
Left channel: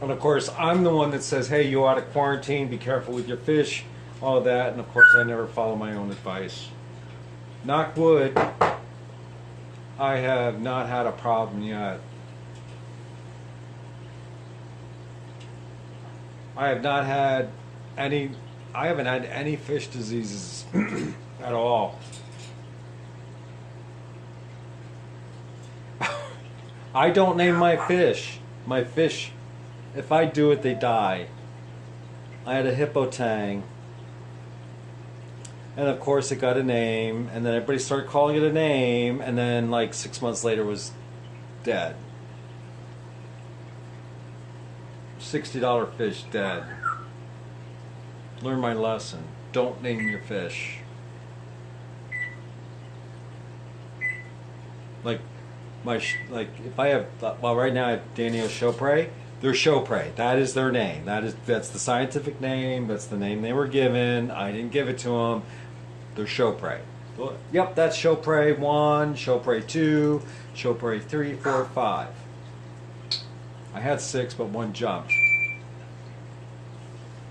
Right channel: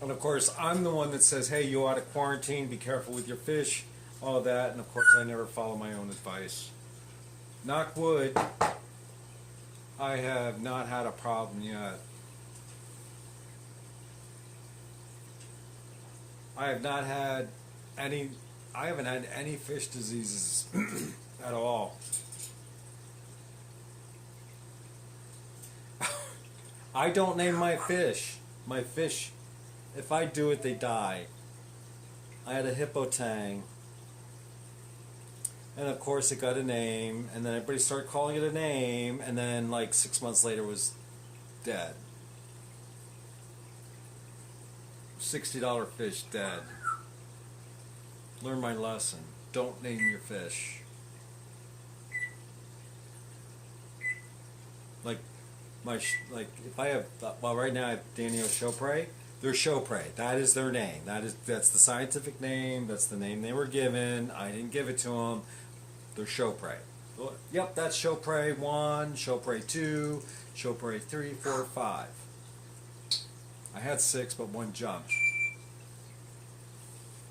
And of course, I'm the one that says, hey, you ought to quarantine, be careful with your fish, all that. And of course, I never follow my own advice. Knock wood, I have not had a problem yet. I haven't had any fish diseases at all. I don't name my fish. My fish, if I do it, they die. I had a hippo tang. And of course it got a name, and then everybody started calling it a name, and then like 6 months later it was dead. $60 fish dead. Learn my lesson. Don't name your fish. Like if I have, well, right now I have Danio Chopre. They're Chopre. That is their name. That's the scientific name. That's the name they were given. I didn't give it to them. They're Chopre. Yep, that's Chopre 1, Chopre 2, Chopre 3, 4, 5. I had 6, but 1 jumped.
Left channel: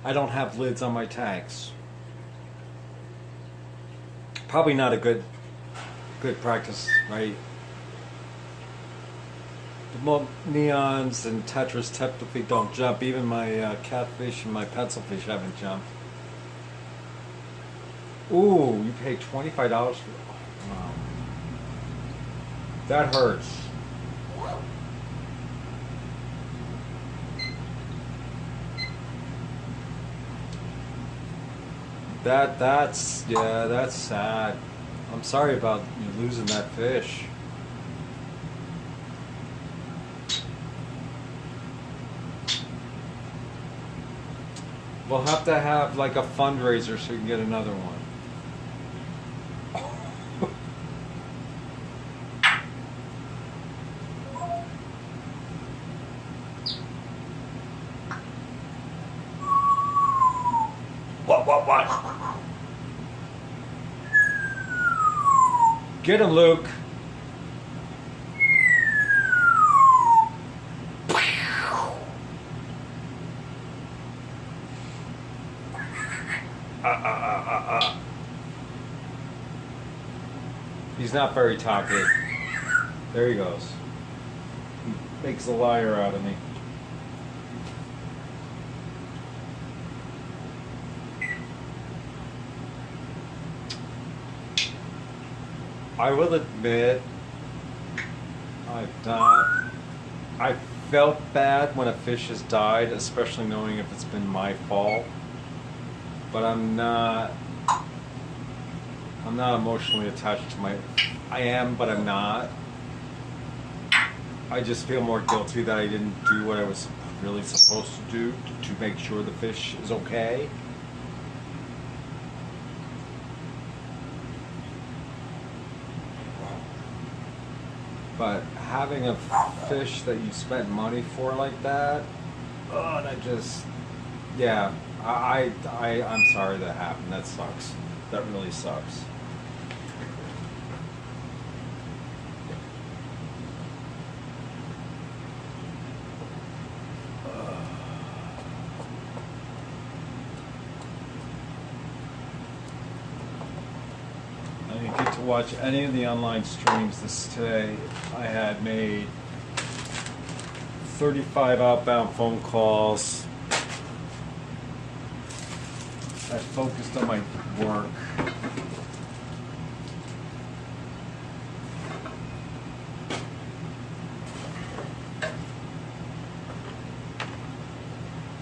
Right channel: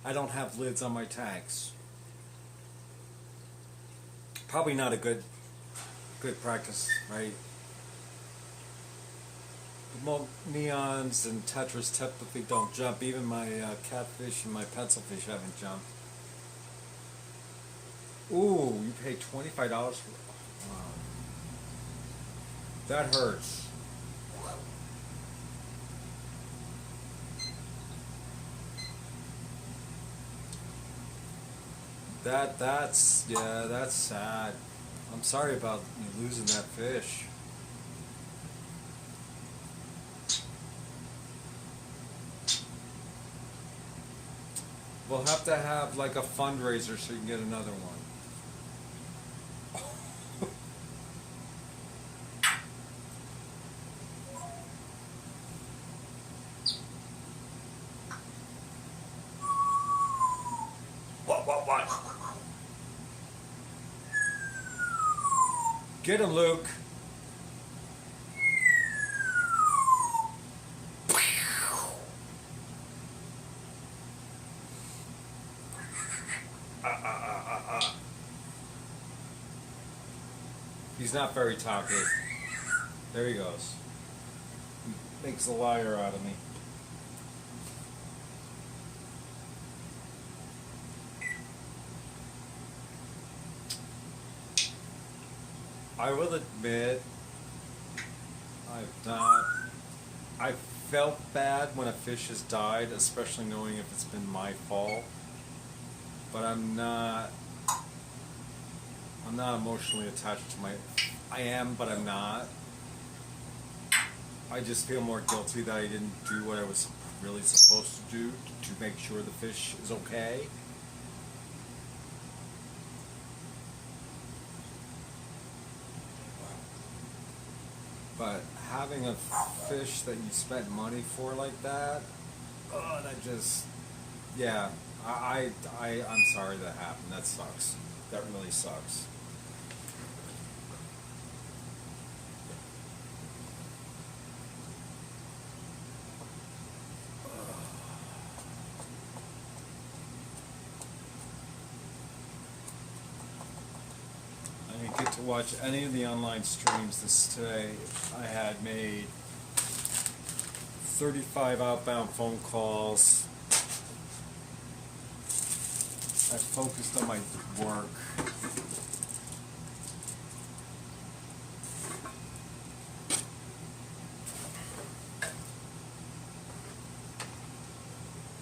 I don't have lids on my tanks. Probably not a good practice, right? The neons and tetras technically don't jump. Even my catfish and my pencilfish haven't jumped. Ooh, you paid $25 for it. Wow. That hurts. That's sad. I'm sorry about you losing that fish. We'll have to have like a fundraiser so you can get another one. What? Get him, Luke. He's not very talkative. There he goes. He makes a liar out of me. I will admit I've not. I felt bad when a fish has died, especially knowing if it's been my fault. But I'm not emotionally attached to my. I am, but I'm not. I just feel more guilty that I didn't do what I was really supposed to do to make sure the fish is okay. But having a fish that you spent money for like that, that just, yeah, I'm sorry that happened. That sucks. That really sucks. I didn't get to watch any of the online streams today. I had made 35 outbound phone calls. I focused on my work.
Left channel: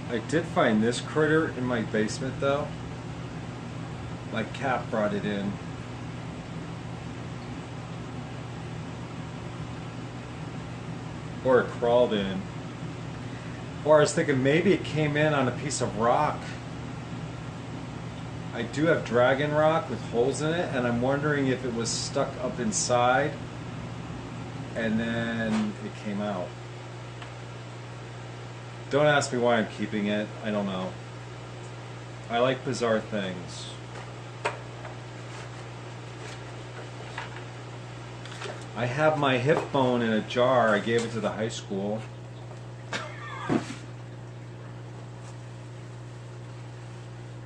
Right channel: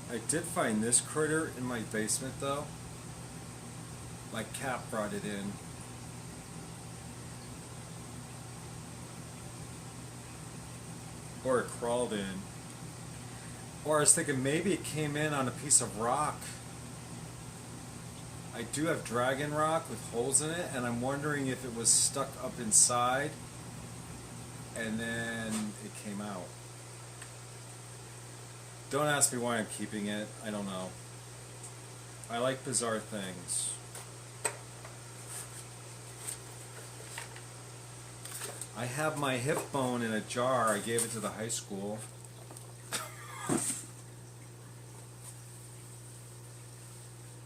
I did find this critter in my basement though. My cat brought it in. Or it crawled in. Or I was thinking maybe it came in on a piece of rock. I do have dragon rock with holes in it, and I'm wondering if it was stuck up inside and then it came out. Don't ask me why I'm keeping it. I don't know. I like bizarre things. I have my hip bone in a jar. I gave it to the high school.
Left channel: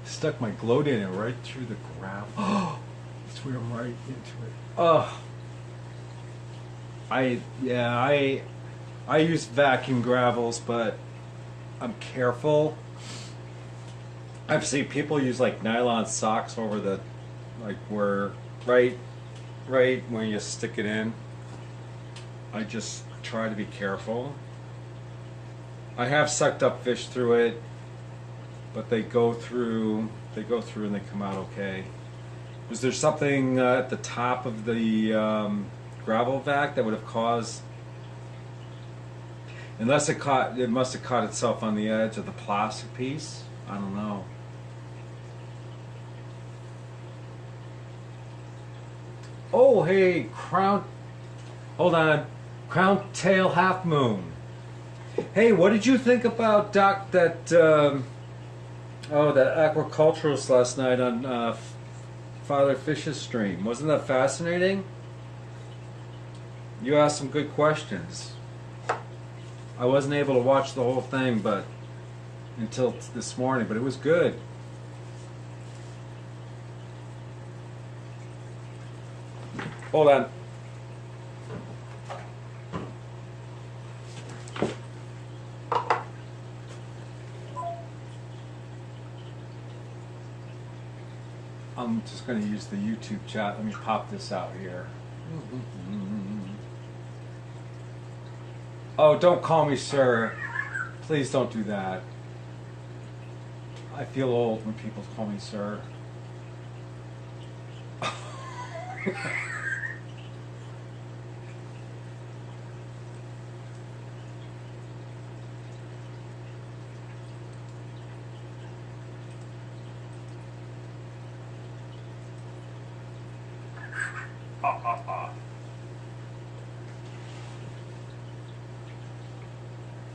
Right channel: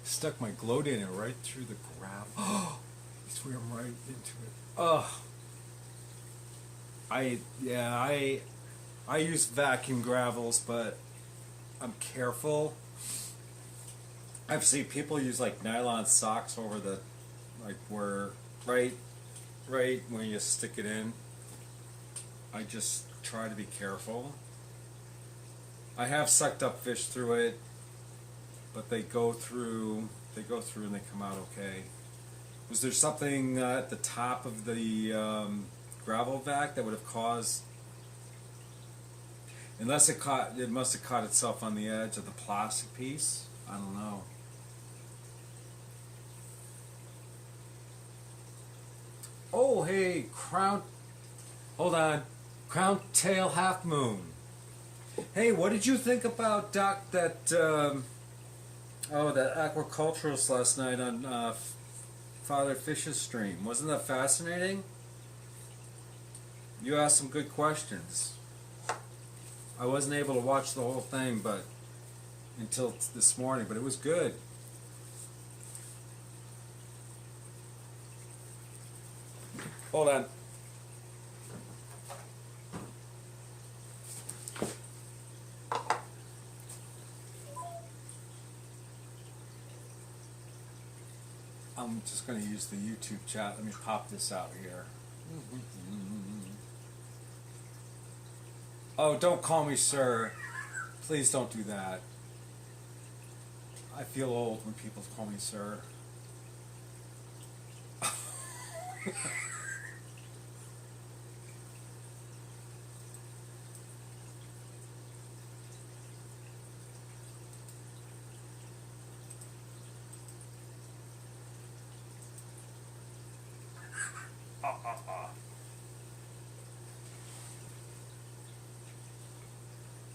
Stuck my gloat in it right through the gravel. Oh, it's where I'm right into it. Oh. I use vacuum gravels, but I'm careful. I've seen people use like nylon socks over the, like where, right when you stick it in. I just try to be careful. I have sucked up fish through it, but they go through and they come out okay. Was there something at the top of the gravel vac that would have caused? Unless it must have caught itself on the edge of the plastic piece. I don't know. Oh, hey, hold on, crown tail half moon. Hey, what did you think about that aquaculturist last night on Father Fish's stream? Wasn't that fascinating? You asked some good questions. I wasn't able to watch the whole thing, but until this morning, but it was good. Hold on. I'm just going to use the YouTube chat. Let me pop this out here. Oh, don't call me sir. Please don't do that. I feel old when people call me sir.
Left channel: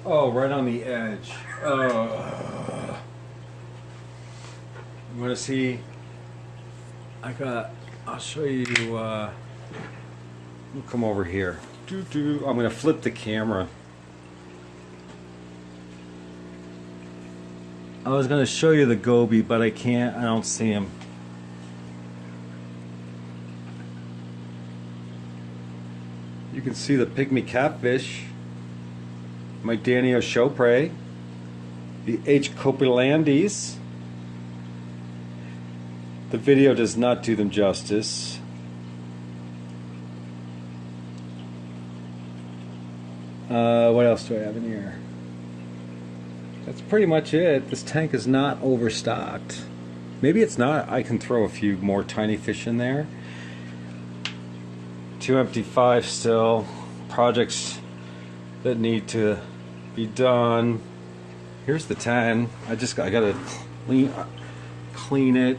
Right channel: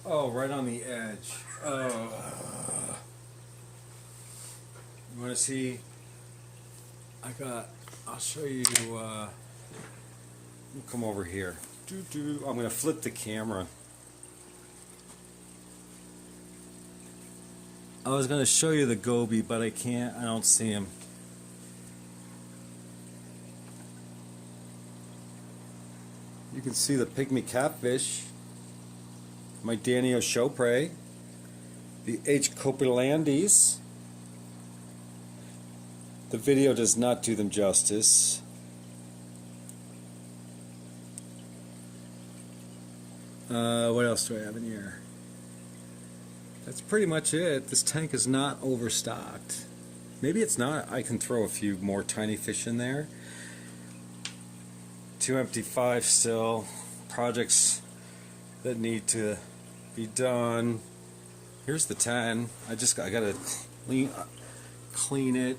Oh, right on the edge. Oh. You want to see? I'll show you. We'll come over here. I'm going to flip the camera. I was going to show you the goby, but I can't. I don't see him. You can see the pygmy catfish, my Danio Chopre, the H. copelandis. The video does not do them justice. What else do I have in here? That's pretty much it. This tank is not overstocked. Maybe it's not. I can throw a few more tiny fish in there. 2 empty 5 still. Projects that need to be done. Here's the 10. I gotta clean it.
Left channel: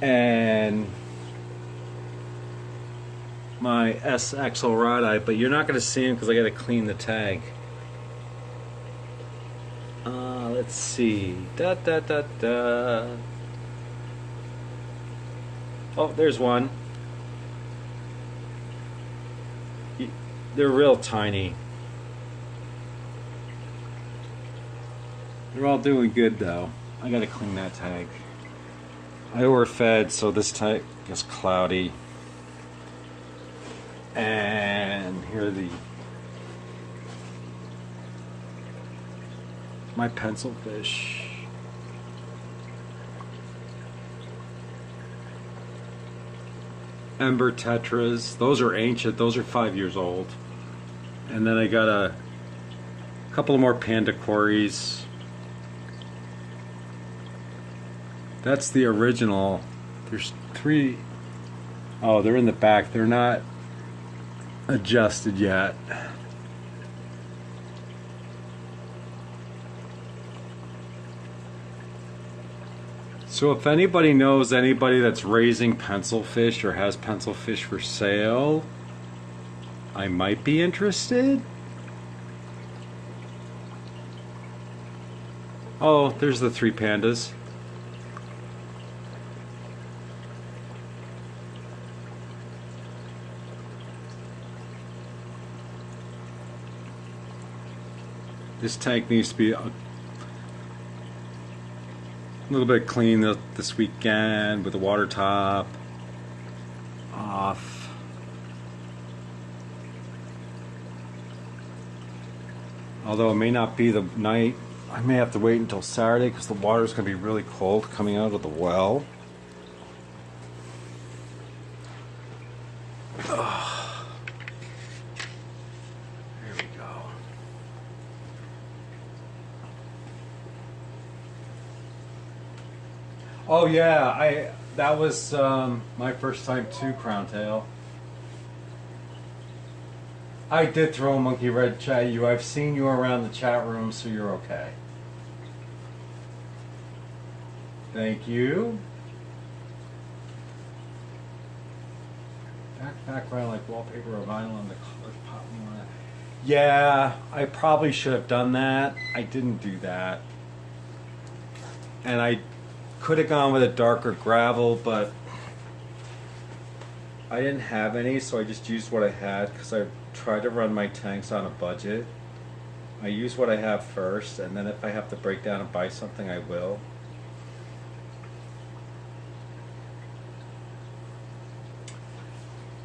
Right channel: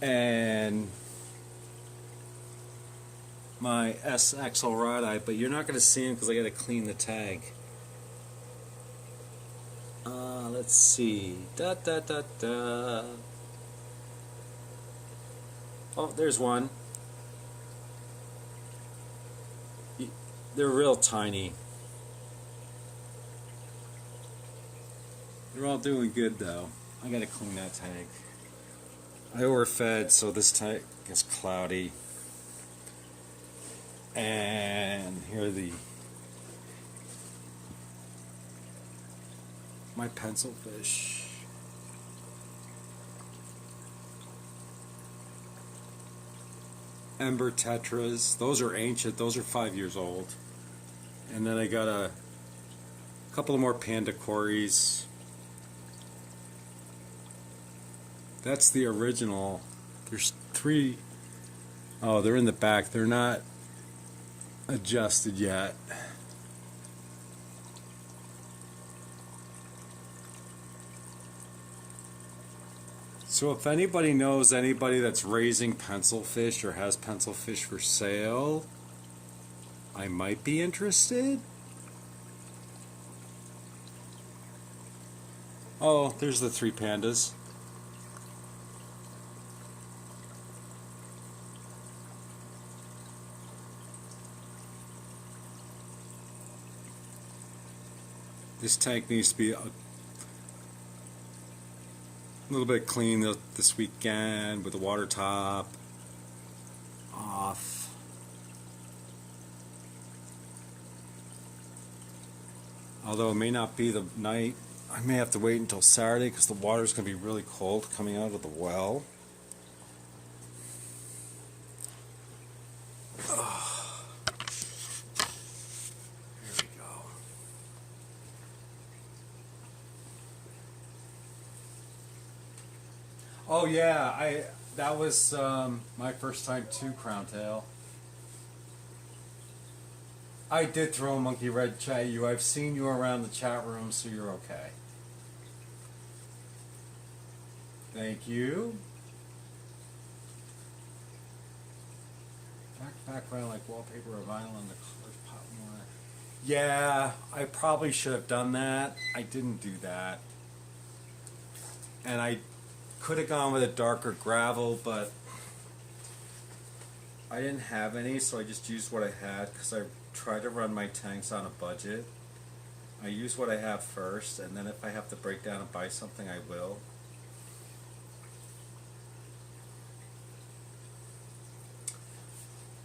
And my SXL rod eye, but you're not going to see him because I got to clean the tag. Let's see. Da da da da. Oh, there's one. They're real tiny. They're all doing good though. I got to clean that tag. I overfed, so this tag is cloudy. And here are my pencil fish. Ember tetras. Those are ancient. Those are 5 years old. And then I got a couple of more panda cories. That's the original. There's 3. Oh, they're in the back. They're not adjusted yet. So if anybody knows anybody that's raising pencil fish or has pencil fish for sale, I might be interested. Oh, there's the 3 pandas. This tank needs to be a little bit clean this weekend with the water top off. Although it may not be the night, I may have to wait until Saturday because the water's going to be really cold coming out of the well. Oh yeah, that was my first time too, Crown Tail. I did throw a monkey red chat you. I've seen you around the chat room, so you're okay. Thank you. Background like wallpaper or vinyl on the color pop. Yeah, I probably should have done that. I didn't do that. And I could have gone with a darker gravel, but I didn't have any, so I just used what I had because I tried to run my tanks on a budget. I use what I have first, and then if I have to break down and buy something, I will.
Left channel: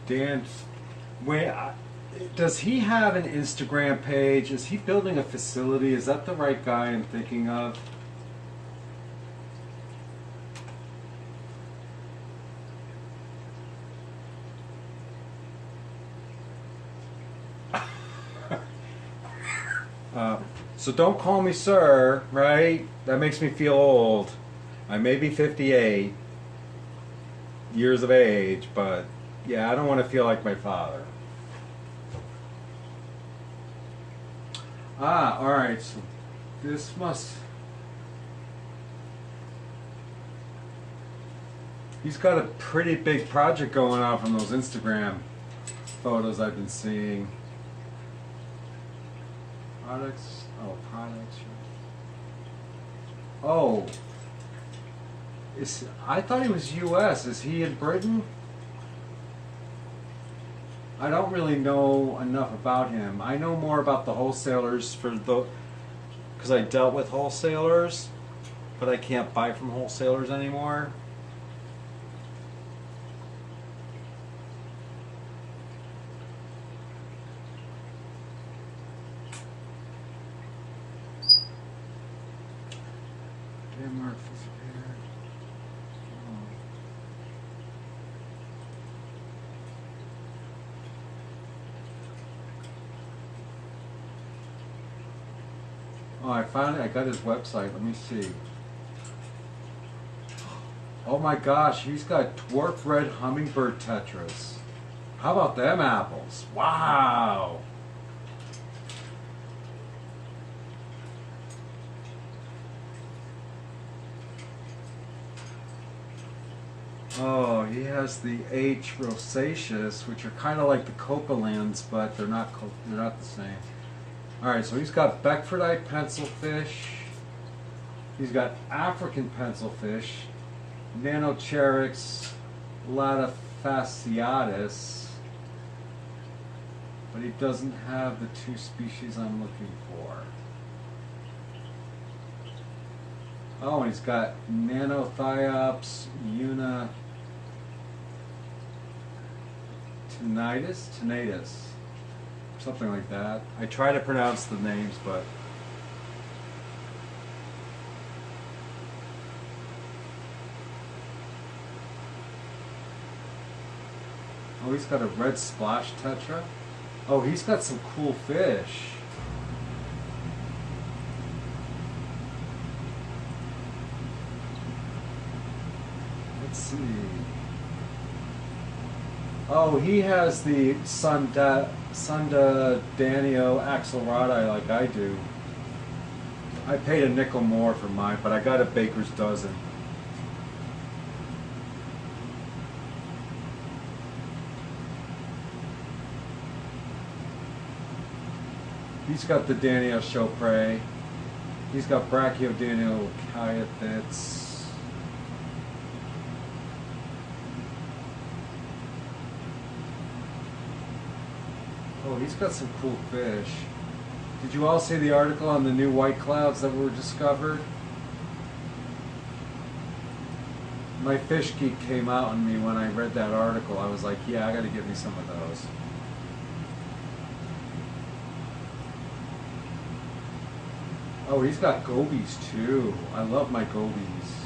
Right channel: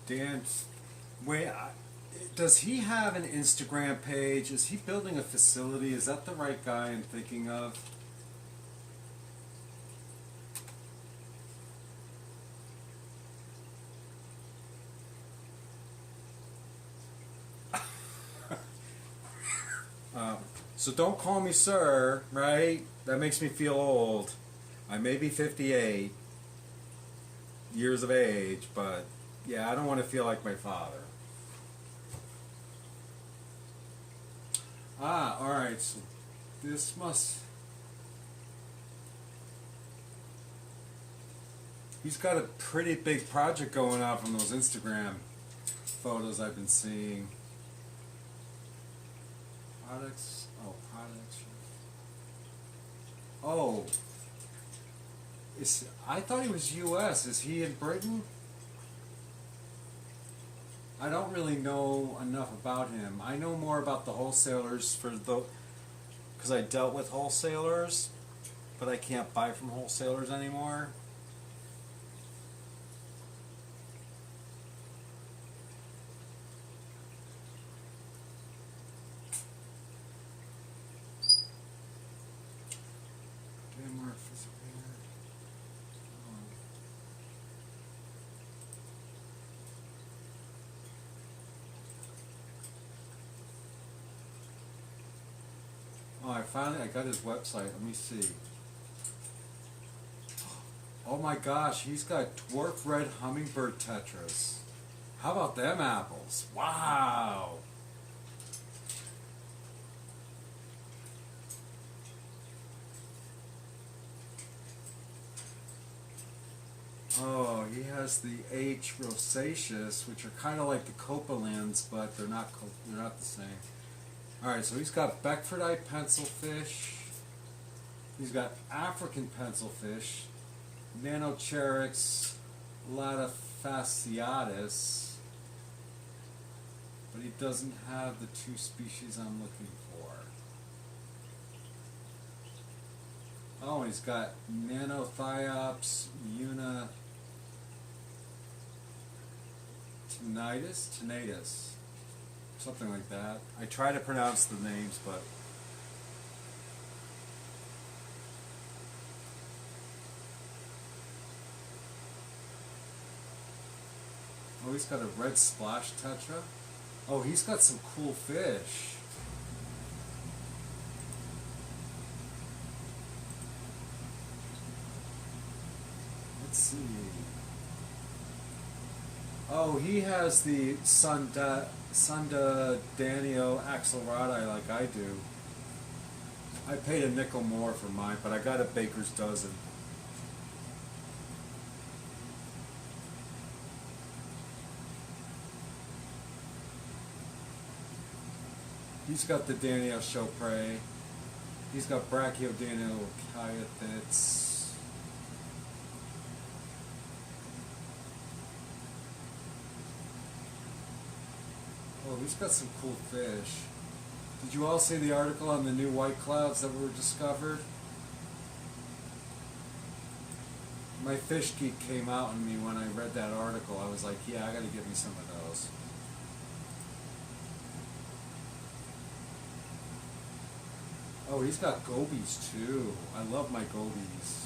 Dan, wait, does he have an Instagram page? Is he building a facility? Is that the right guy I'm thinking of? So don't call me sir, right? That makes me feel old. I may be 58 years of age, but yeah, I don't want to feel like my father. Ah, alright, so this must... He's got a pretty big project going on from those Instagram photos I've been seeing. Products. Oh. I thought he was U.S. Is he in Britain? I don't really know enough about him. I know more about the wholesalers because I dealt with wholesalers, but I can't buy from wholesalers anymore. Oh, I got his website. Let me see. Oh my gosh, he's got dwarf red hummingbird tetras. How about them apples? Wow. Oh, he has the H. rosaceus, which are kind of like the copalins, but they're not the same. All right, so he's got Beckfordite pencilfish. He's got African pencilfish, Nanocherix latafasciatus, but he doesn't have the two species I'm looking for. Oh, and he's got Nanothiops tenatus, something like that. I try to pronounce the names, but oh, he's got a red splash tetra. Oh, he's got some cool fish. Let's see. Oh, he has the Sunda Danio axelrodi like I do. I paid a nickel more for mine, but I got a baker's dozen. He's got the Danio Chopre. He's got Brachiodanio calythits. Oh, he's got some cool fish. Did you all see the article on the new white clouds that were discovered? My fish geek came out on me when I read that article. I was like, yeah, I gotta get me some of those. Oh, he's got gobies too. I love my gobies.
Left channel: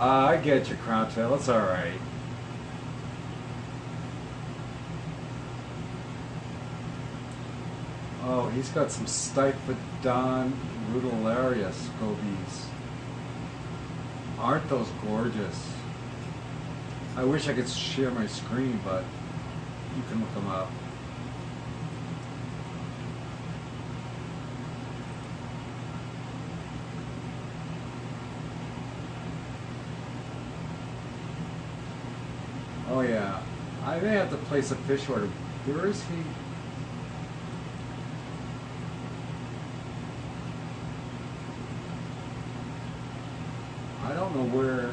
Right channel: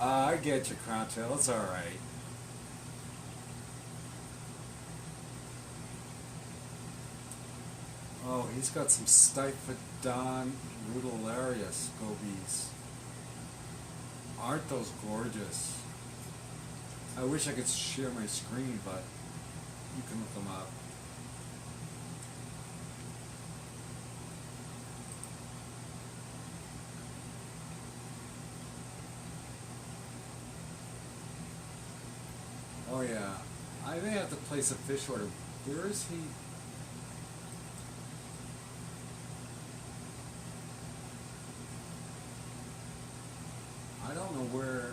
I get your crown tail. It's all right. Oh, he's got some Stiphodon rudolarius gobies. Aren't those gorgeous? I wish I could share my screen, but you can look them up. Oh yeah, I may have to place a fish order. Where is he? I don't know where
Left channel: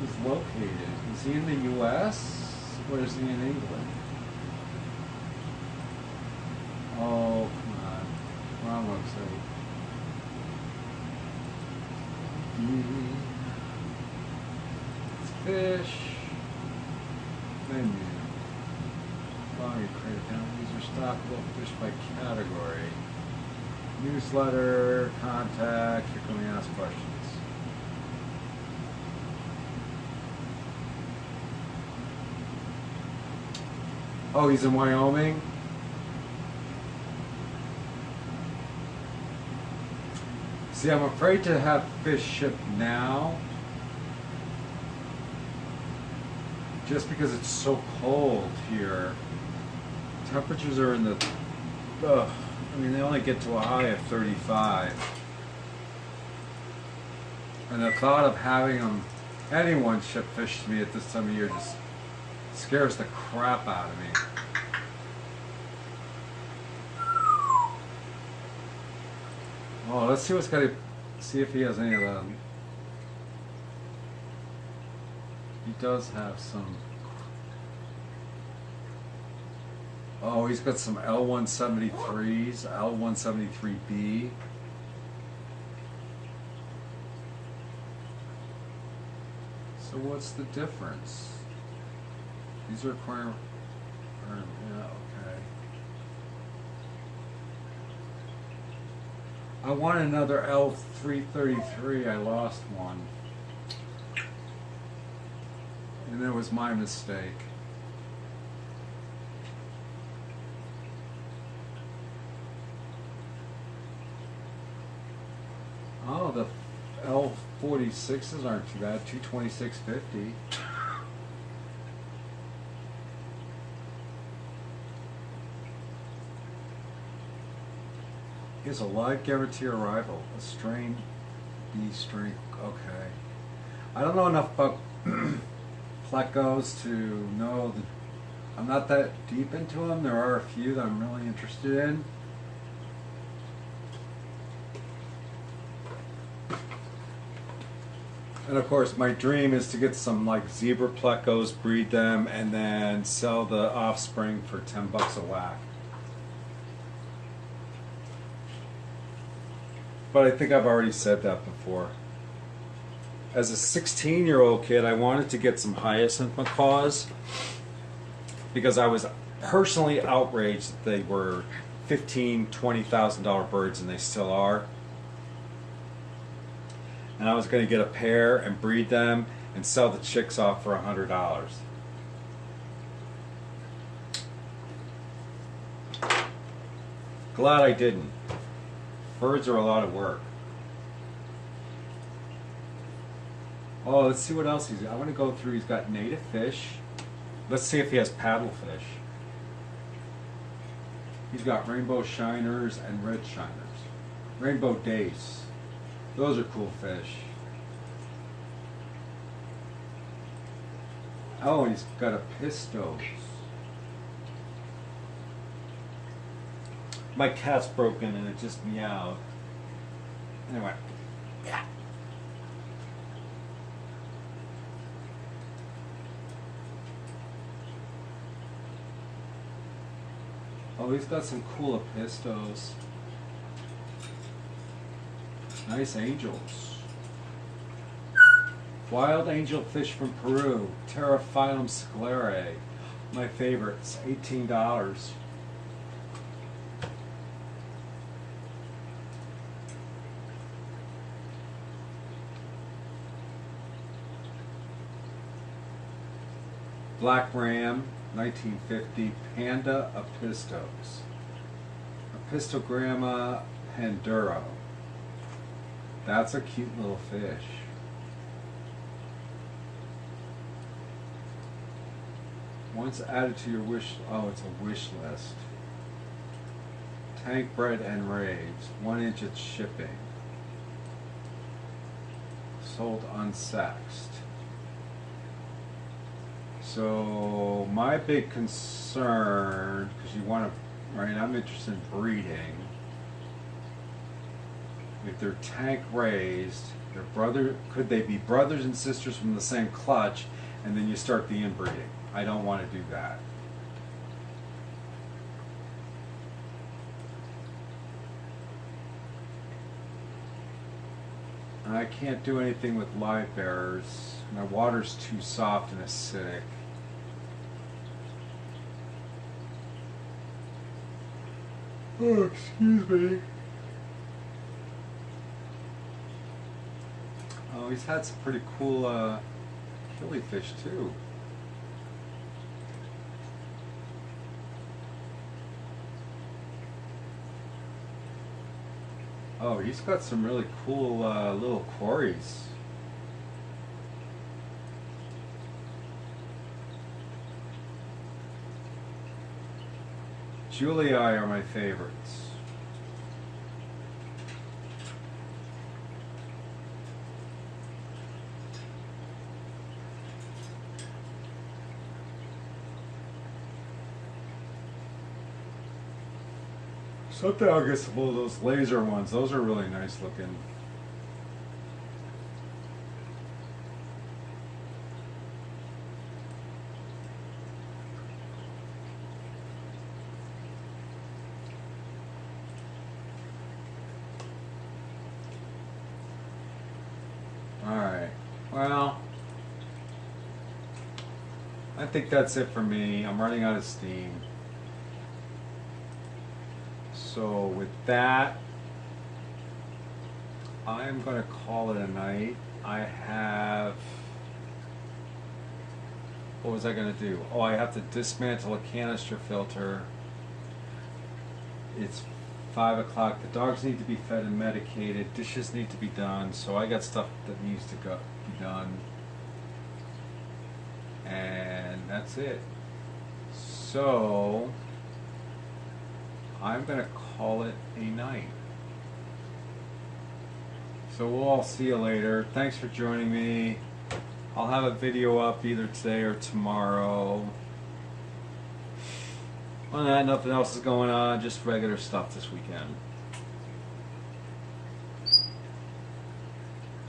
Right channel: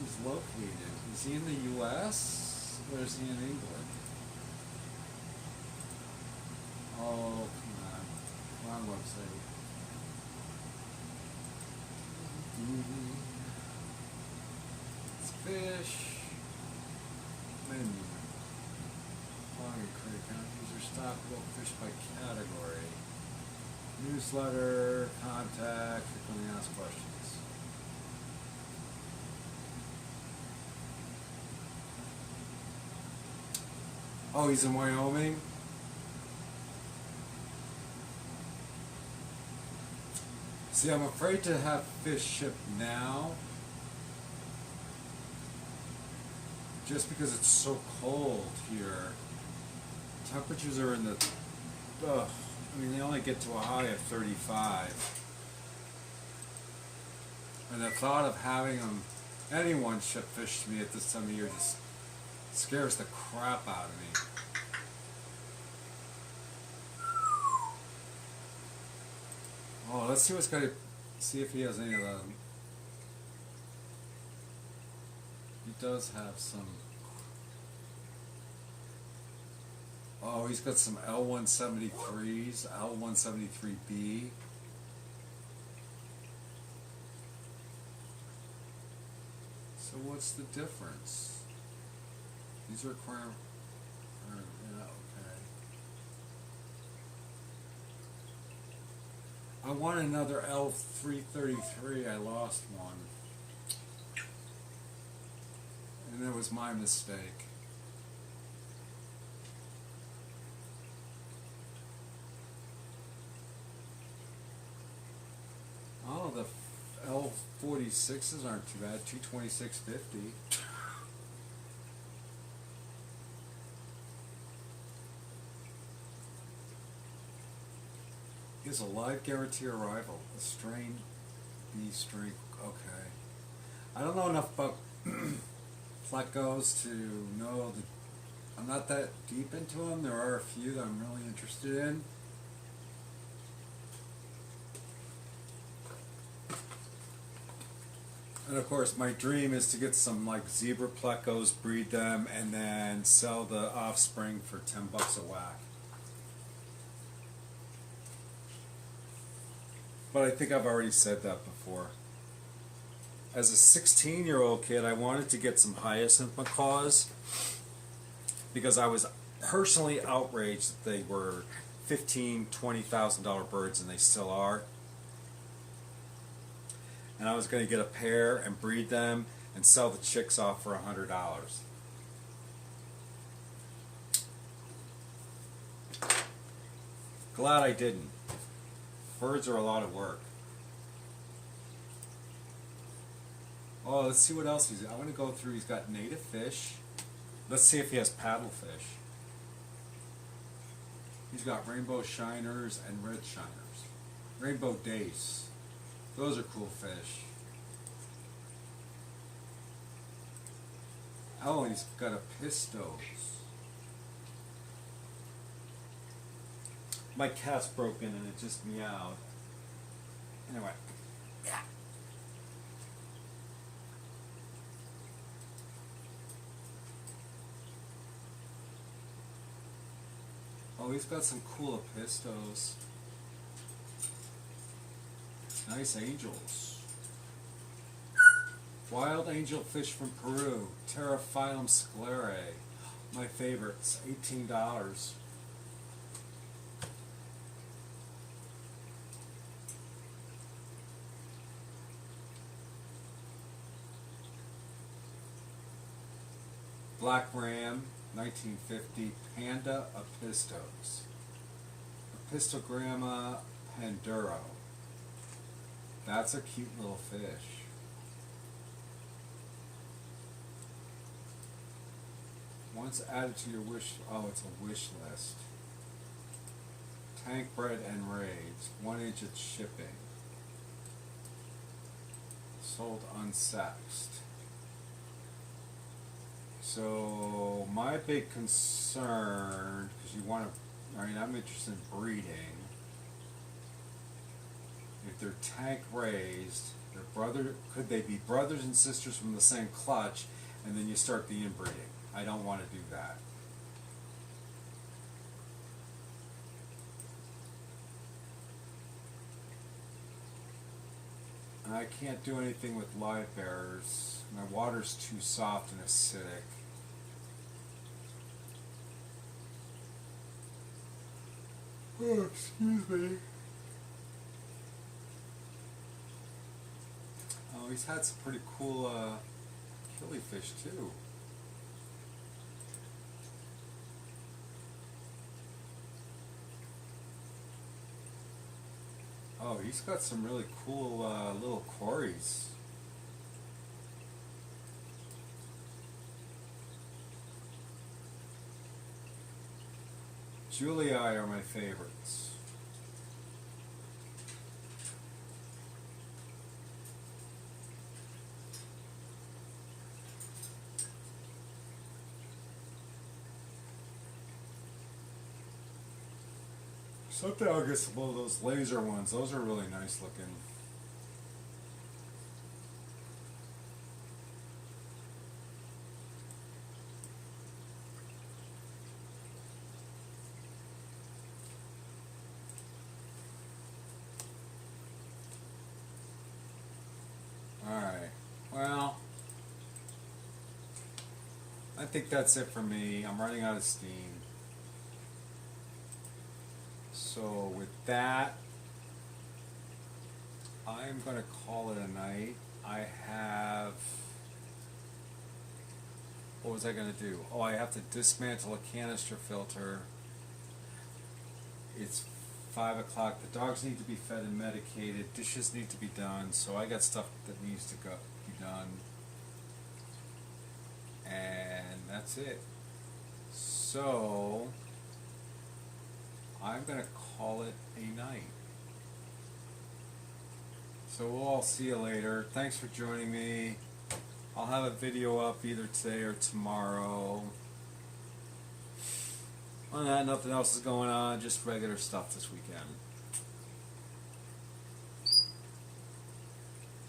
he's located. Is he in the U.S. or is he in England? Oh, come on. Wrong website. It's fish. Menu. Following credit count. These are stockable fish by category. Newsletter, contact, frequently asked questions. Oh, he's in Wyoming? See, I'm afraid to have fish shipped now. Just because it's so cold here. Temperatures are in the... I mean, they only get to a high of 35. And the thought of having anyone ship fish to me at this time of year just scares the crap out of me. Oh, let's see see if he has any of them. He does have some. Oh, he's got some L173s, L173B. So what's the difference? These are aquarium. Yeah, okay. I want another L333. I lost one. And that was my mistake. Oh, the L46s aren't too bad. 226.50. Here's a live guarantee arrival. A strain B string. Okay. I don't know enough about plecos to know that I'm not that deep into them. There are a few that I'm really interested in. And of course, my dream is to get some like zebra plecos, breed them, and then sell the offspring for $10 a whack. But I think I've already said that before. As a 16-year-old kid, I wanted to get some hyacinth macaws because I was personally outraged that they were $15,000, $20,000 birds, and they still are. And I was going to get a pair and breed them and sell the chicks off for $100. Glad I didn't. Birds are a lot of work. Oh, let's see what else he's got. I want to go through. He's got native fish. Let's see if he has paddlefish. He's got rainbow shiners and red shiners. Rainbow dace. Those are cool fish. Oh, he's got a pistos. My cat's broken and it just meowed. Anyway. Yeah. Oh, he's got some cool pistos. Nice angels. Wild angel fish from Peru. Pterophyllum sclerae. My favorites. $18. Black Ram, 1950, Panda Apistos. Apistogramma panduro. That's a cute little fish. Once added to your wish, oh, it's a wish list. Tank bred and raised, 1 inch at shipping. Sold unsexed. So my big concern, because you want to, right? I'm interested in breeding. If they're tank raised, could they be brothers and sisters from the same clutch, and then you start the inbreeding? I don't want to do that. I can't do anything with live bearers. My water's too soft and acidic. Oh, excuse me. Oh, he's had some pretty cool killifish too. Oh, he's got some really cool little quarries. Julii are my favorites. Someday I'll get some of those laser ones. Those are really nice looking. Alright, well, I think that's it for me. I'm running out of steam. So with that, I'm going to call it a night. I have. What was I going to do? Oh, I have to dismantle a canister filter. It's 5 o'clock. The dogs need to be fed and medicated. Dishes need to be done. So I got stuff that needs to be done. And that's it. So I'm going to call it a night. So we'll all see you later. Thanks for joining me. I'll have a video up either today or tomorrow. Other than that, nothing else is going on. Just regular stuff this weekend.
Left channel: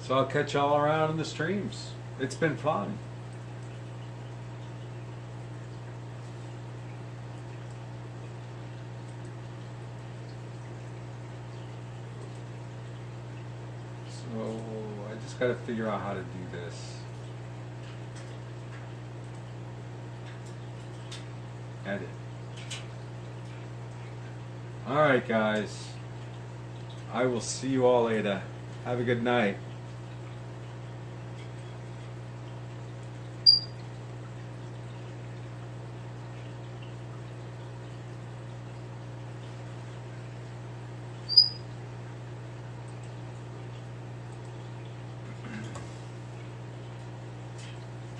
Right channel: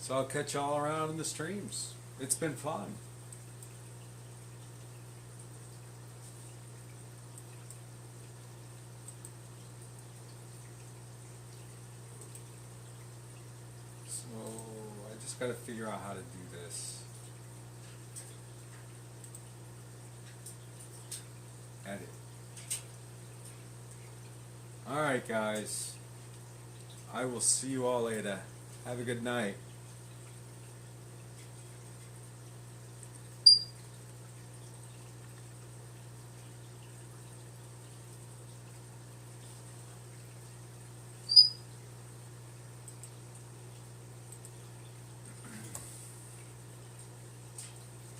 So I'll catch y'all around in the streams. It's been fun. So I just gotta figure out how to do this. Edit. Alright guys. I will see you all later. Have a good night.